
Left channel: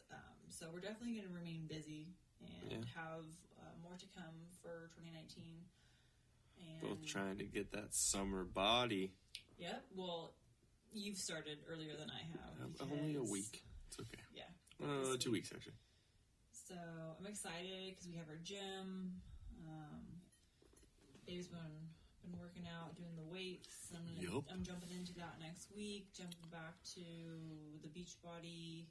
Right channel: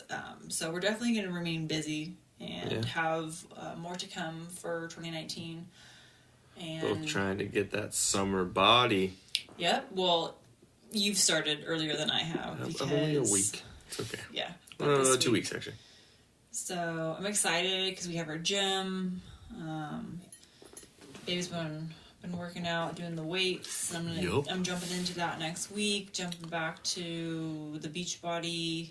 So we're definitely going to remain busy and have more to come for 2019. And both trying to get that summer body. Yep. Well, you've started earlier than I have. Because, only a week. It's okay. Yeah. 2 weeks, actually. So I'm excited because we have our gym. Baby's been working out, doing the weights. I'm jumping into that next week. Jumping back to the Beachbody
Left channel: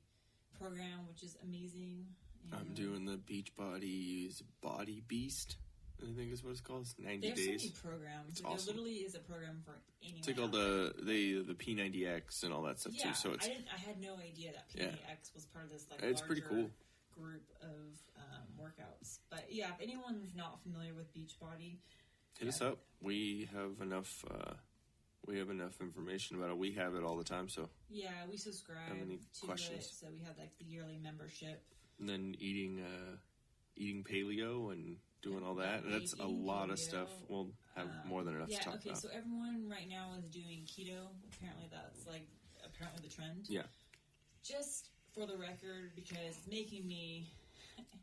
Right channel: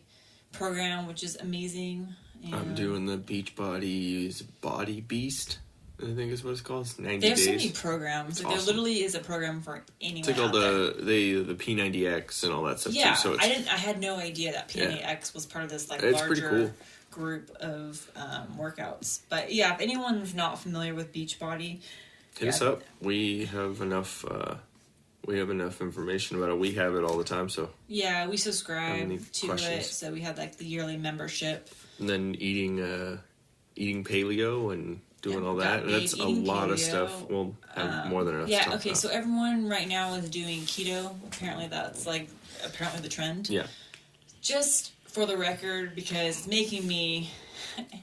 program, which is amazing. And I'm doing the Beachbody's Body Beast, I think is what it's called. It's 90 days. They have so many programs. Like, awesome. There literally is a program for anyone. It's like all the P90X and all that stuff too. So I had no idea that P90X was part of this larger group of workouts. But yeah, if anyone's not familiar with Beachbody, hit us up. We have enough we have enough information about it. We have it all the time, so. Yeah, we subscribe to questions? it, so we had like the yearly membership. And then eating paleo and doing all that. And that's a lot of stuff. We'll have more than enough to talk about. So everyone right now is doing keto. Apparently that's the trend. Yeah. Just for the record, because it's making me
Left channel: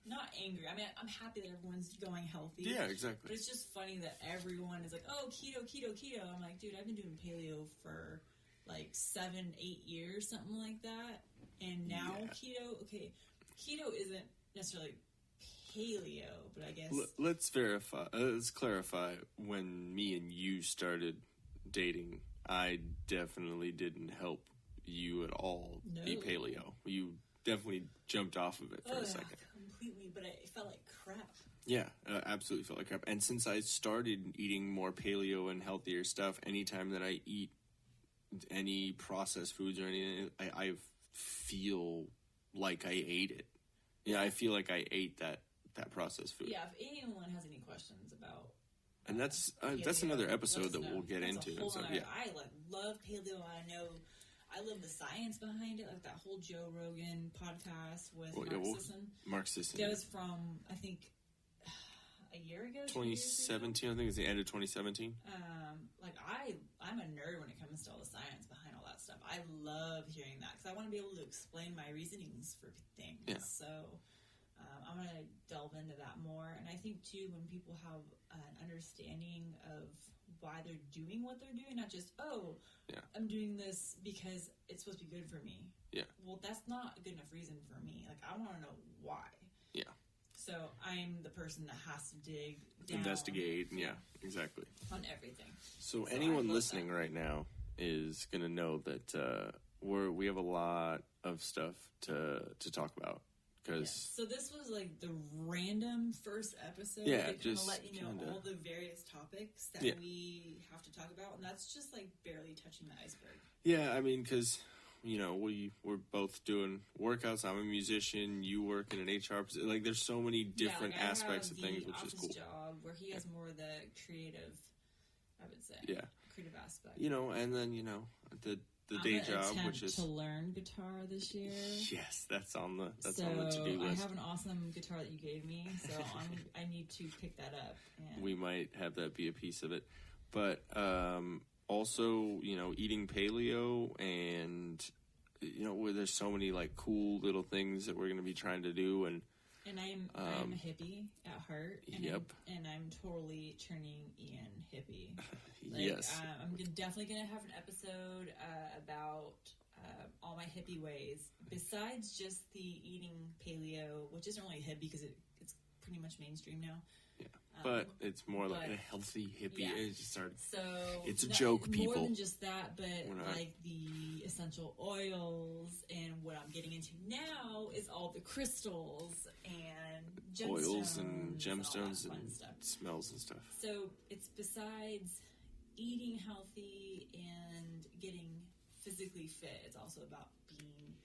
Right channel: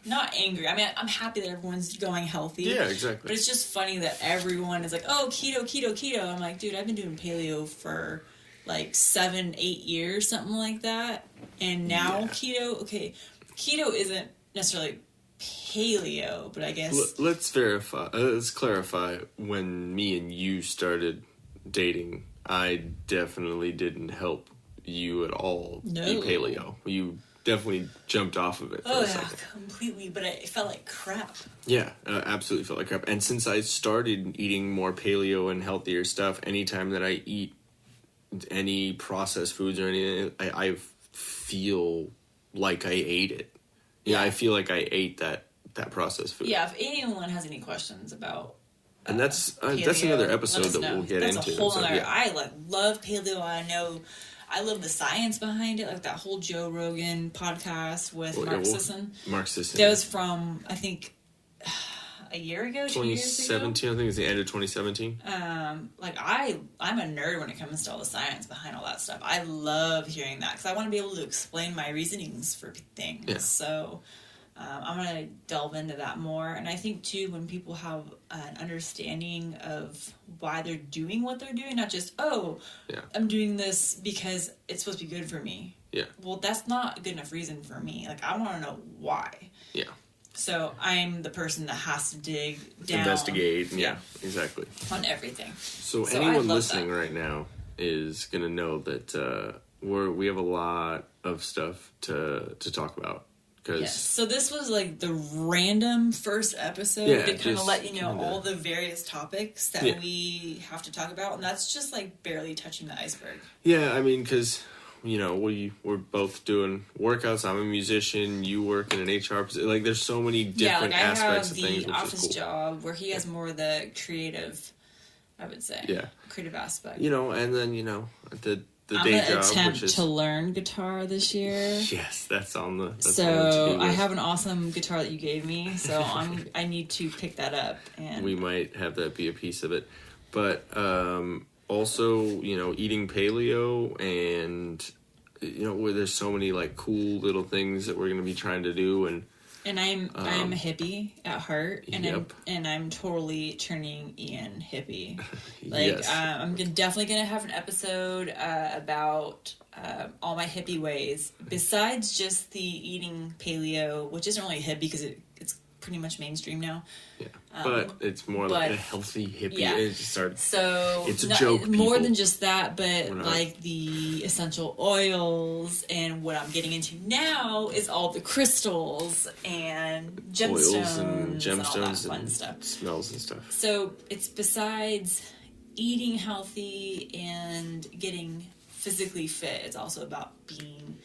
not angry. I mean, I'm happy that everyone's going healthy. Yeah, exactly. But it's just funny that everyone is like, oh, keto. I'm like, dude, I've been doing paleo for like 7-8 years, something like that. And now keto, keto isn't necessarily paleo, but I guess... Let's clarify. When me and you started dating, I definitely didn't help you at all eat paleo. You definitely jumped off of it for a second. Completely, but it felt like crap. Yeah, absolutely felt like crap. And since I started eating more paleo and healthier stuff, anytime that I eat any processed foods or anything, I feel like I ate it. Yeah, I feel like I ate that processed food. Yeah, if anyone has any questions about and that's another episode that we'll get into. That's a whole other... I love paleo. I love the science behind it, like that whole Joe Rogan podcast with Mark Sisson. Mark Sisson. That was from, I think, a year ago, 2 years ago. 2017, I think it's the end of 2017. I'm a nerd when it comes to all the science behind all that stuff. I love hearing that because I want to be able to explain my reasonings for things. Yeah. So I'm going to delve into that more. And I think, too, when people have an understanding of why they're doing what they're doing, not just, I'm doing this because it's supposed to be good for me. Yeah. Well, that's not a good enough reason for me. Like, I want to know why. Yeah. So I'm the person that has to dig down. Investigate. Yeah, exactly. On everything. So anyone listening right now is going to know that we have a lot of stuff to talk about. Yes. So this was like the random first episode to kind of let you know all the various topics that we have to talk about. And that's just like barely touching the iceberg. Yeah, I mean, because... we're both doing workouts. I'm a musician. You work in an HR position. Like, there's so many different aspects of things, which is cool. I have the office job where he has more of the creative, I would say. Yeah. Creative aspect. And then, the I'm day gonna job, attempt to learn guitar this year. Yes, that's on the... So I have an awesome guitar that you gave me, so I need to pick that up. And we might have that be a piece of it. But... also, eating paleo and, where there's so many, like, cool little things that we're going to be trying to do. And I'm a hippie at heart, and I'm totally turning Ian hippie. Like, yes. I'm definitely going to have an episode about all my hippie ways, besides just the eating paleo, which isn't really hippie because it's pretty much mainstream now. Yeah, but it's more like a healthy hippie. Yeah. It's a joke. More than just that, but like the essential oils, and what I'm getting into now is all the crystals and gemstones, and all that fun stuff. Smells and stuff. So it's besides eating healthy and getting physically fit, it's also about being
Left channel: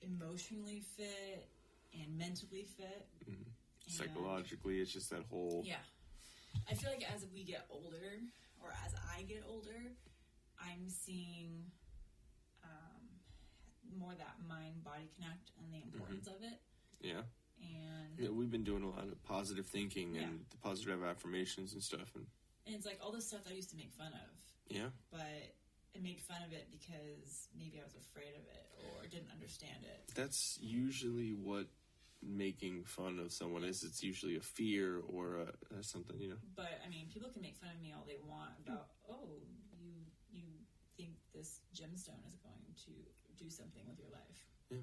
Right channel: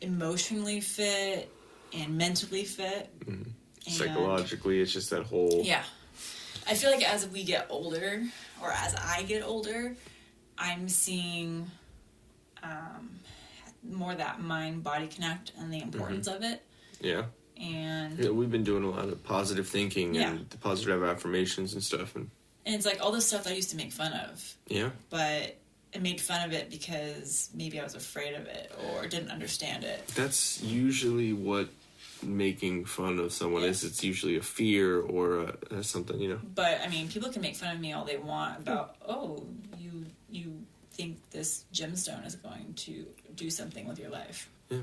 emotionally fit and mentally fit. Mm-hmm. Psychologically, it's just that whole... Yeah. I feel like as we get older, or as I get older, I'm seeing more that mind-body connect and the importance of it. Yeah. And we've been doing a lot of positive thinking and the positive affirmations and stuff. And it's like all this stuff I used to make fun of. Yeah. But I made fun of it because maybe I was afraid of it or didn't understand it. That's usually what making fun of someone is. It's usually a fear or something, But I mean, people can make fun of me all they want about, you think this gemstone is going to do something with your life. Yeah.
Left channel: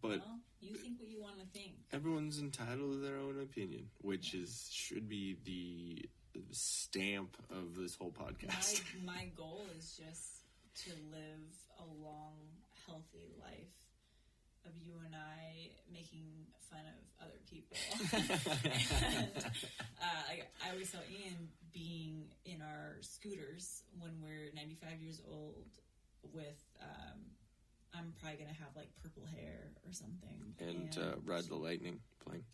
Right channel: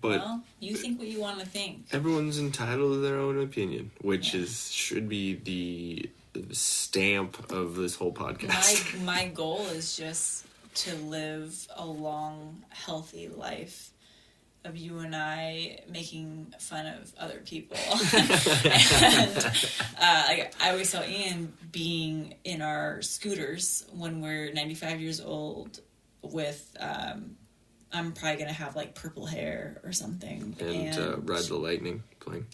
But you think what you want to think. Everyone's entitled to their own opinion, which should be the stamp of this whole podcast. My goal is just to live a long, healthy life of you and I making fun of other people. And I always saw Ian being in our scooters when we're 95 years old with, I'm probably going to have like purple hair or something. And Ride the Lightning playing.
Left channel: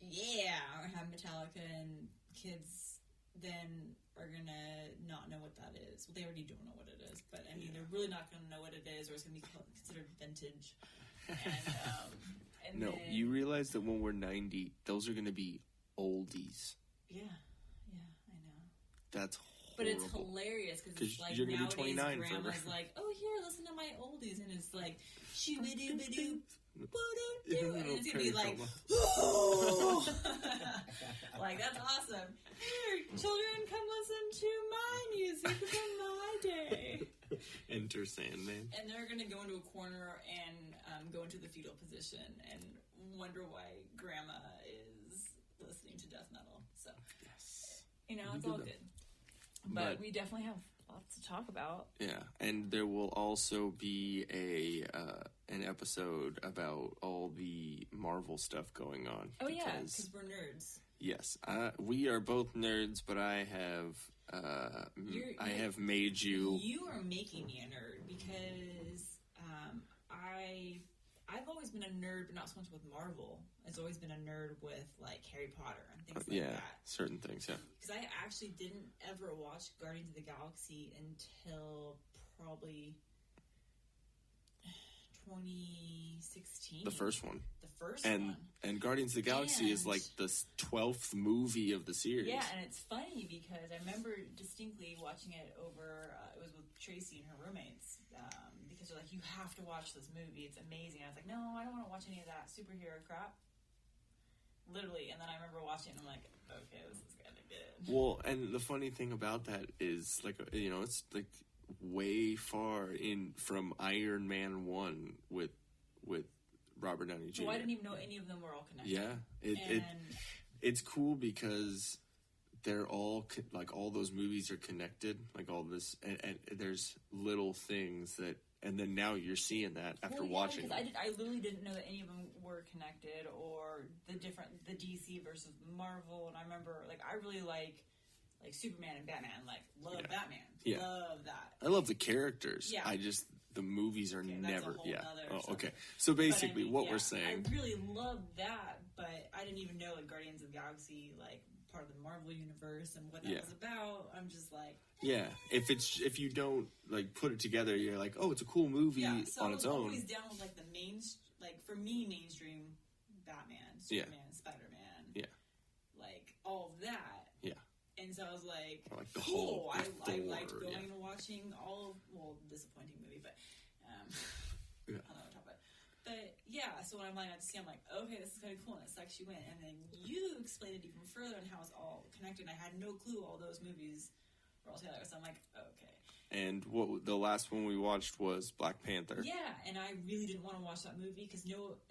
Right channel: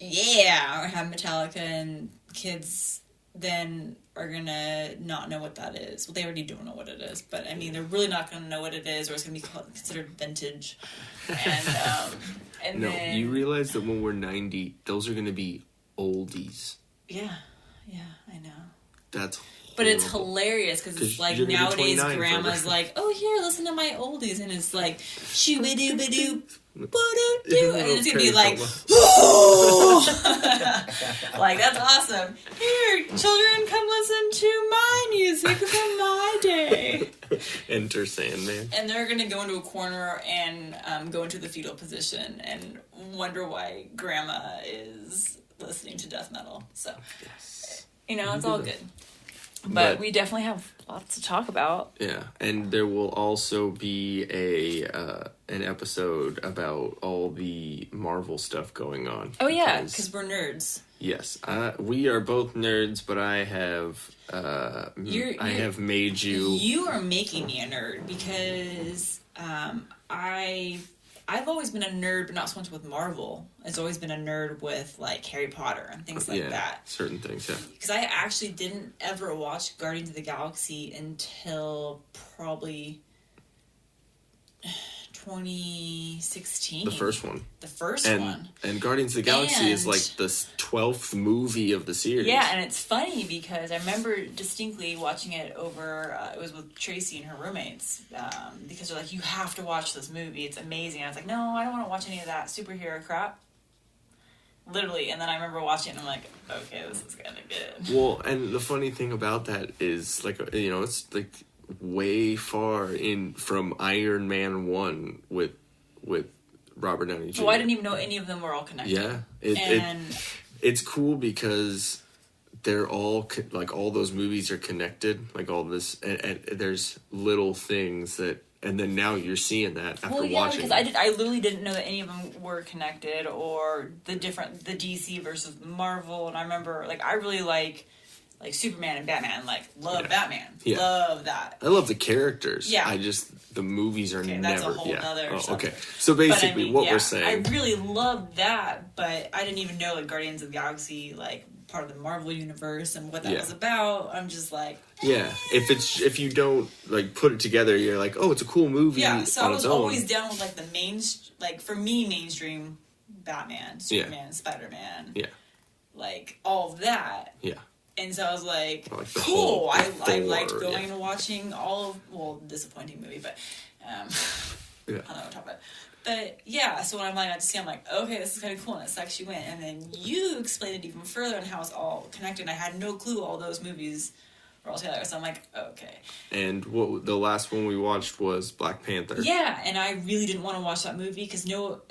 Yeah, or have Metallica and kids then are gonna not know what that is. Well, they already don't know what it is, but I mean, they're really not gonna know what it is, or it's gonna be considered vintage. And no, then, you realize that when we're 90, those are gonna be oldies. Yeah, I know. That's But it's hilarious because it's like nowadays grandma's like, oh, here, listen to my oldies. And it's like, shoo-ba-doo-ba-doo, ba-doo-doo. And it's going to be like, oh! Like, that's awesome. Here, children, come listen to my music from my day. Enter Sandman. And they're going to go into a corner and go into the fetal position and wonder why grandma is listening to death metal. So, you know, it's all good. But we definitely have lots to talk about. Yeah, and there will also be an episode about all the Marvel stuff going on. Oh yeah, because we're nerds. Yes, we are both nerds, but I have have made you. You are making me a nerd because I've always been a nerd, but not so much with Marvel. It's always been a nerd with, like, Harry Potter and things like that. Certain things, yeah. Because I actually didn't ever watch Guardians of the Galaxy until probably 2016. The first one. The first one. And Guardians of the Galaxy is, like, the 12th movie of the series. Yeah, and it's funny because I remember distinctly watching it over, it was with Tracy and her roommates, because they're like, you have to watch this movie, it's amazing. And I was like, no, I don't want to watch any of that superhero crap. Literally, and then I remember watching it and I'm like, okay, this is kind of good. Well, and the funny thing about that is, like, you know, it's, like, way far in from Iron Man 1 with Robert Downey Jr. So I didn't even know any of them were all connected. Yeah, it's cool because they're all like all those movies are connected, like all this, and there's little things that, and then now you're seeing that after watching. Because I literally didn't know that any of them were connected, or the DC versus Marvel, and I remember like I really like Superman and Batman, like love Batman, love that. I love the characters. Yeah, the movies are never. That's a whole other. Okay, so basically, what we're saying, I really loved that, but I didn't even know like Guardians of the Galaxy, like part of the Marvel universe and what that was about. I'm just like, yeah. If you don't like put it together, you're like, oh, it's a cool movie. Yeah, so I was always down with like for me mainstream Batman, Superman, Spider-Man. Yeah. Like all of that. Yeah. And so I was like, cool. I liked going and watching all of, disappointing movie, but I don't know what I'm talking about. But yeah, so when I'm like, I'm like, okay, this is kind of cool, and it sucks you in. And then you explained it even further and how it's all connected. I had no clue all those movies were all together, so I'm like, okay. And the last one we watched was Black Panther. Yeah, and I really didn't want to watch that movie because no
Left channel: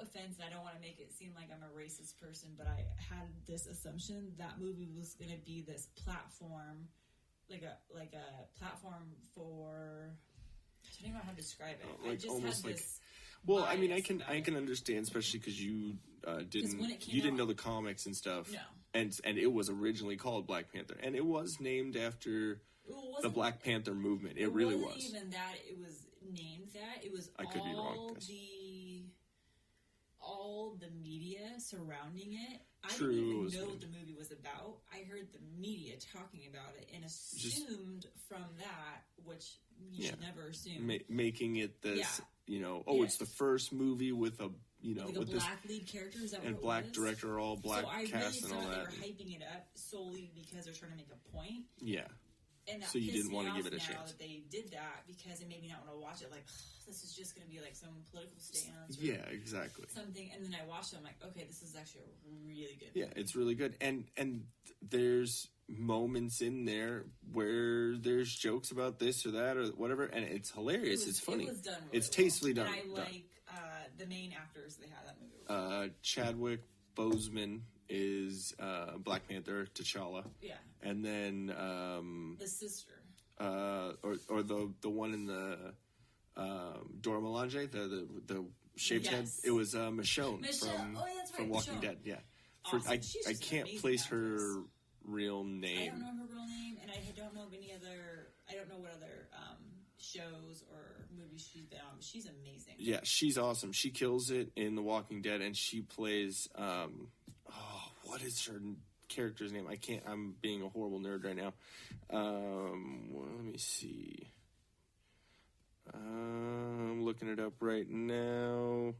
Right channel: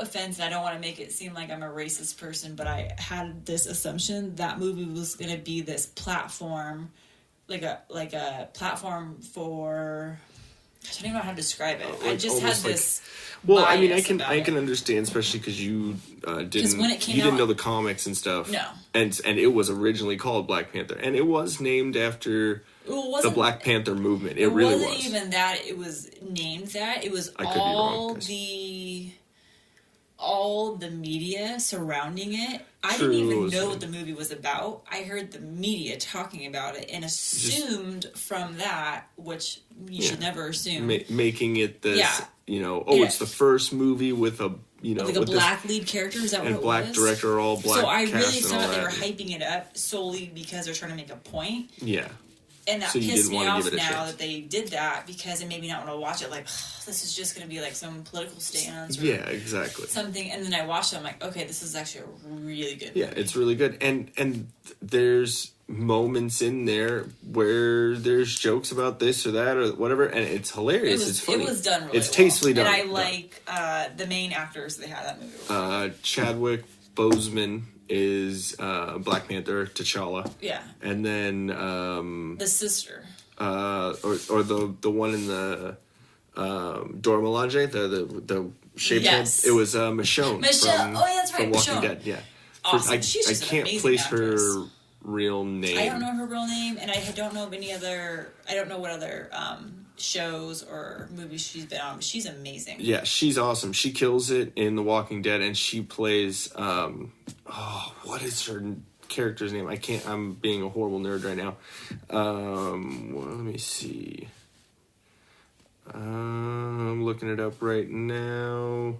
offense, and I don't want to make it seem like I'm a racist person, but I had this assumption that movie was going to be this platform, like a platform for. I don't even know how to describe it. I just had this. Well, I mean, I can understand, especially because you didn't know the comics and stuff. No. And it was originally called Black Panther, and it was named after the Black Panther movement. It really was. It wasn't even that it was named that. It was all the media surrounding it. I didn't even know what the movie was about. I heard the media talking about it and assumed from that, which you should never assume. Making it this, it's the first movie with a, like a black lead character, is that what it was? And black director, all black. So I really thought they were hyping it up solely because they're trying to make a point. Yeah. And that pissed me off now that they did that because it made me not want to watch it. Like, this is just going to be like some political stance. Or exactly. Something. And then I watched it. I'm like, okay, this is actually a really good movie. Yeah, it's really good. And there's moments in there where there's jokes about this or that or whatever, and it's hilarious. It's funny. It was done really It's tastefully done. And I like the main actors they had that movie. Chadwick Boseman is Black Panther, T'Challa. Yeah. And then the sister. Or the one in the Dora Milaje, the shaved head. It was Michonne. Michonne. Oh yeah, that's right. From Walking Michonne. Dead. Yeah. Awesome. She's just I can't place actress. her real name. I don't know her real name, and I don't know of any other. I don't know what other shows or movies she's been on, but she's amazing. Yeah, she's awesome. She kills it in The Walking Dead, and she plays what is her character's name. I'm being a horrible nerd right now. Well, let me see. I'm looking it up right now.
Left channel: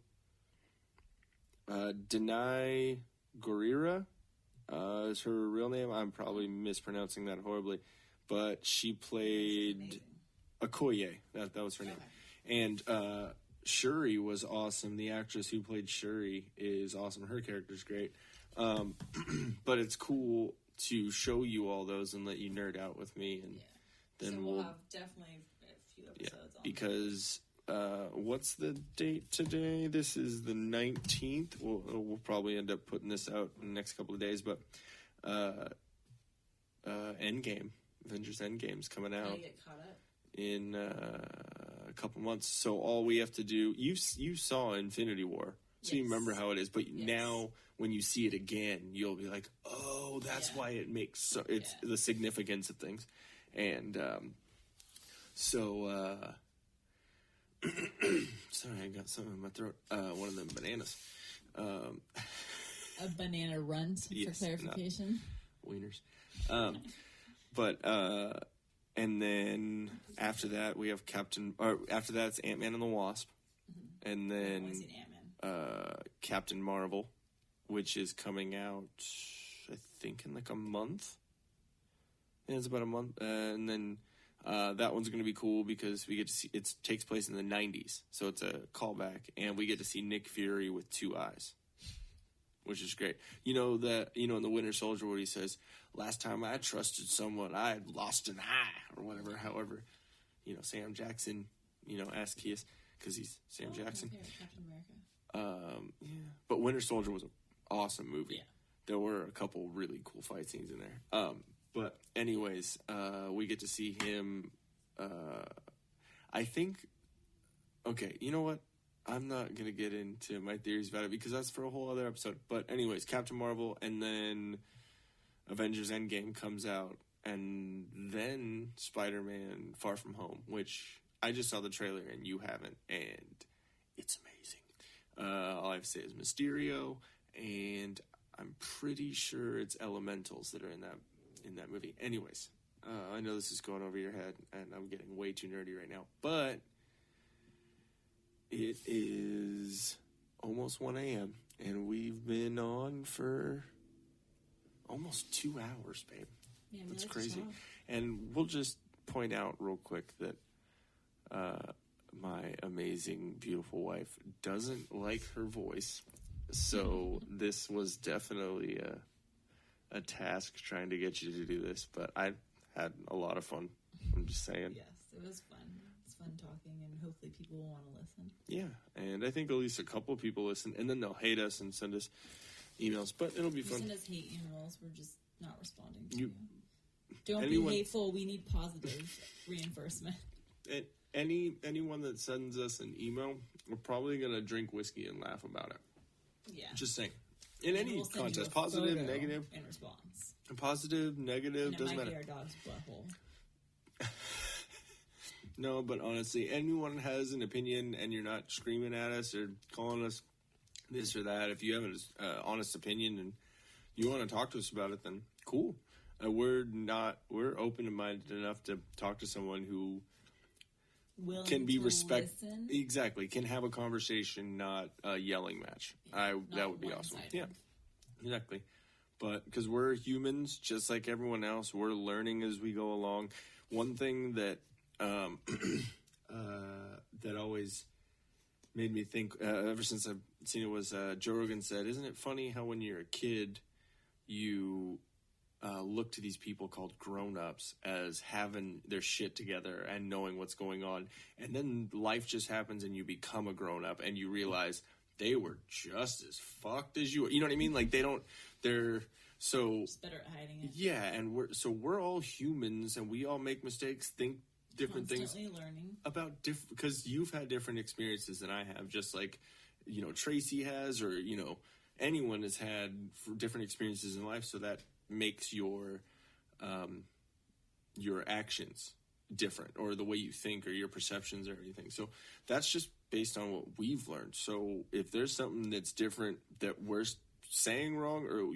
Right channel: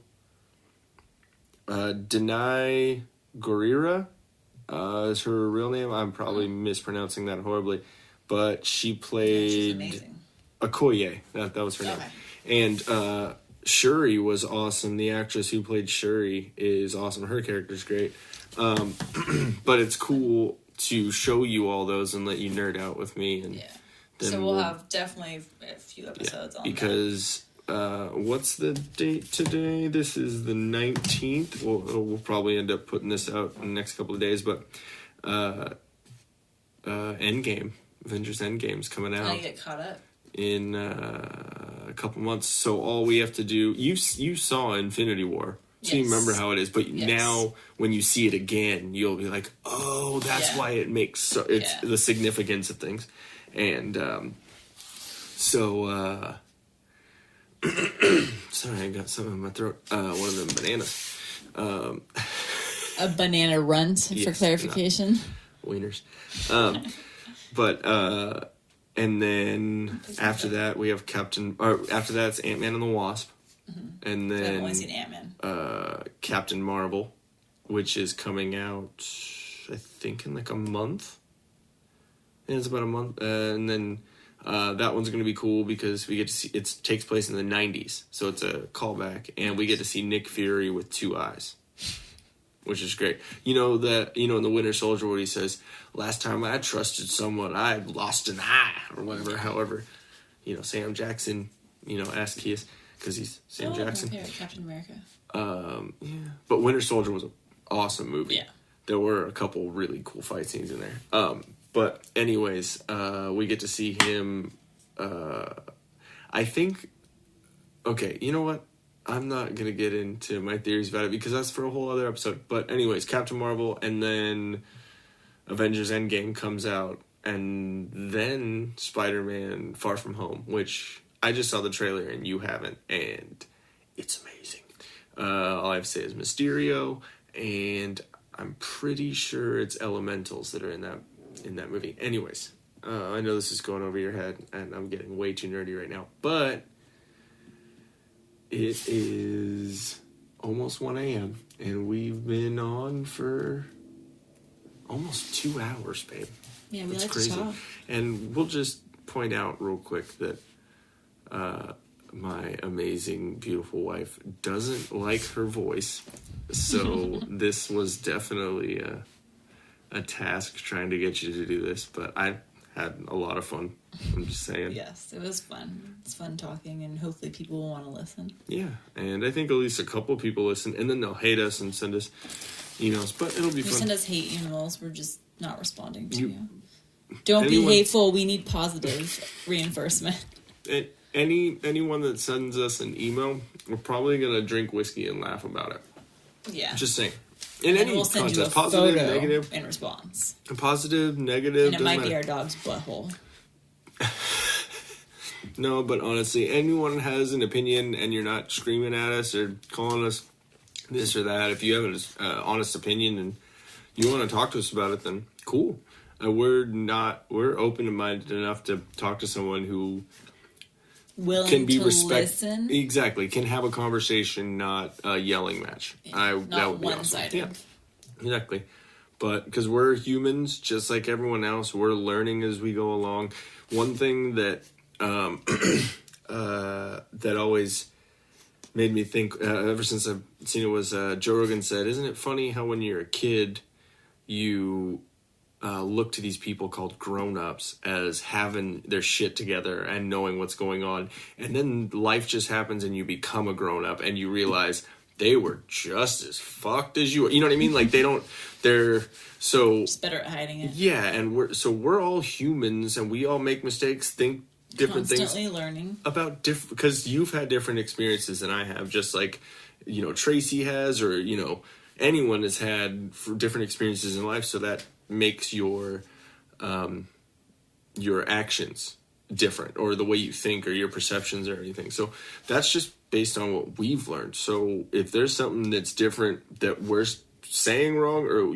Denai Gurira is her real name. I'm probably mispronouncing that horribly, but she played Okoye. That was her name. And Shuri was awesome. The actress who played Shuri is awesome. Her character's great. But it's cool to show you all those and let you nerd out with me. And then so we'll have definitely a few episodes on because what's the date today? This is the 19th. We'll probably end up putting this out in the next couple of days, but Endgame, Avengers Endgame's coming out. I get caught up in a couple months. So all we have to do, you saw Infinity War, so you remember how it is, but now when you see it again, you'll be like, oh, that's why it makes the significance of things. And sorry, I got something in my throat. One of them bananas. A banana runt, for clarification. Wieners. And then after that, we have after that, it's Ant-Man and the Wasp. Mm-hmm. And then I've only seen Ant-Man. Captain Marvel, which is coming out, I think, in like a month. Yeah, it's about a month. And then that one's going to be cool because we get to see, it takes place in the 90s. So it's a callback. And we get to see Nick Fury with 2 eyes, which is great. In the Winter Soldier where he says, last time I trusted someone, I lost an eye, or whatever. However, Sam Jackson, asked Kiss, because he's Sam Jackson. Captain America. Yeah. But Winter Soldier was an awesome movie. Yeah. There were a couple really cool fight scenes in there. But anyways, we get to see him, I think, okay, you know what? I'm not going to get into my theories about it because that's for a whole other episode. But anyways, Captain Marvel, and then Avengers Endgame comes out, and then Spider-Man Far From Home, which I just saw the trailer and you haven't, and it's amazing. All I have to say is Mysterio, and I'm pretty sure it's Elementals that are in that movie. Anyways, I know this is going over your head, and I'm getting way too nerdy right now, but it is almost 1 a.m., and we've been on for almost 2 hours, babe. Yeah, we That's like crazy. to talk. And we'll just point out real quick that my amazing, beautiful wife doesn't like her voice. So this was definitely a task trying to get you to do this, but I had a lot of fun. I'm just saying. Yes, it was fun. It's fun talking, and hopefully people will want to listen. Yeah, and I think at least a couple people listen, and then they'll hate us and send us emails, but it'll be fun. Send us hate emails. We're just not responding to you. Don't be hateful. We need positive reinforcement. Anyone that sends us an email, we're probably going to drink whiskey and laugh about it. Yeah. Just saying. In any we'll send contest, you a positive, photo negative. In response. Positive, negative. And it might be our dog's butthole. No, but honestly, anyone has an opinion and you're not screaming at us or calling us this or that, if you have an honest opinion and you want to talk to us about it, then cool. We're open-minded enough to talk to someone who willing can be to listen. Exactly, can have a conversation, not a yelling match. Yeah, that would be one-sided. awesome. Yeah, exactly. But because we're humans, just like everyone else, we're learning as we go along. One thing that that always made me think, ever since I've seen it, was Joe Rogan said, "Isn't it funny how when you're a kid, you look to these people called grown-ups as having their shit together and knowing what's going on, and then life just happens and you become a grown-up and you realize they were just as fucked as you were." You know what I mean? Like they're so just better at hiding it. Yeah, and we're all humans and we all make mistakes, think different constantly things, learning about different, because you've had different experiences than I have, just like Tracy has, or anyone has had different experiences in life, so that makes your actions different, or the way you think, or your perceptions, or anything. So that's just based on what we've learned. So if there's something that's different that we're saying wrong, or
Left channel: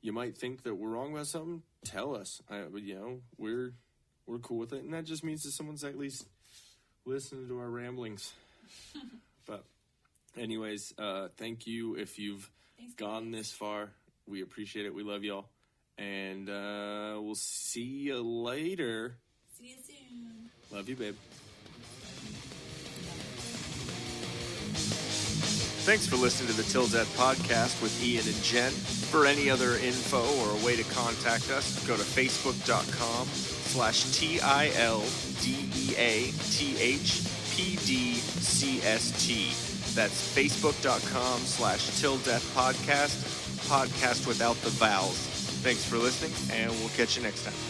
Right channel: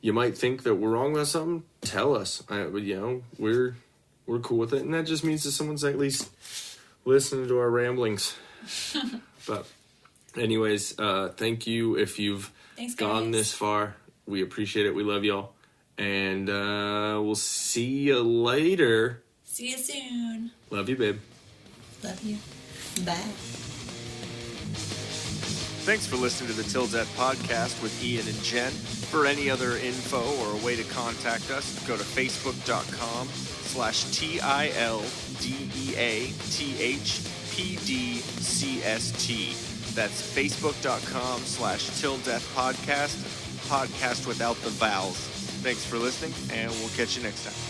you might think that we're wrong about something, tell us. We're cool with it, and that just means that someone's at least listening to our ramblings. But anyways, thank you if you've gone this far. We appreciate it. We love y'all. And we'll see you later. See you soon. Love you, babe. Love you. Bye. Thanks for listening to the Til Death Podcast with Ian and Jen. For any other info or a way to contact us, go to facebook.com/TILDEATHPDCST. That's facebook.com/Til Death Podcast, podcast without the vowels. Thanks for listening, and we'll catch you next time.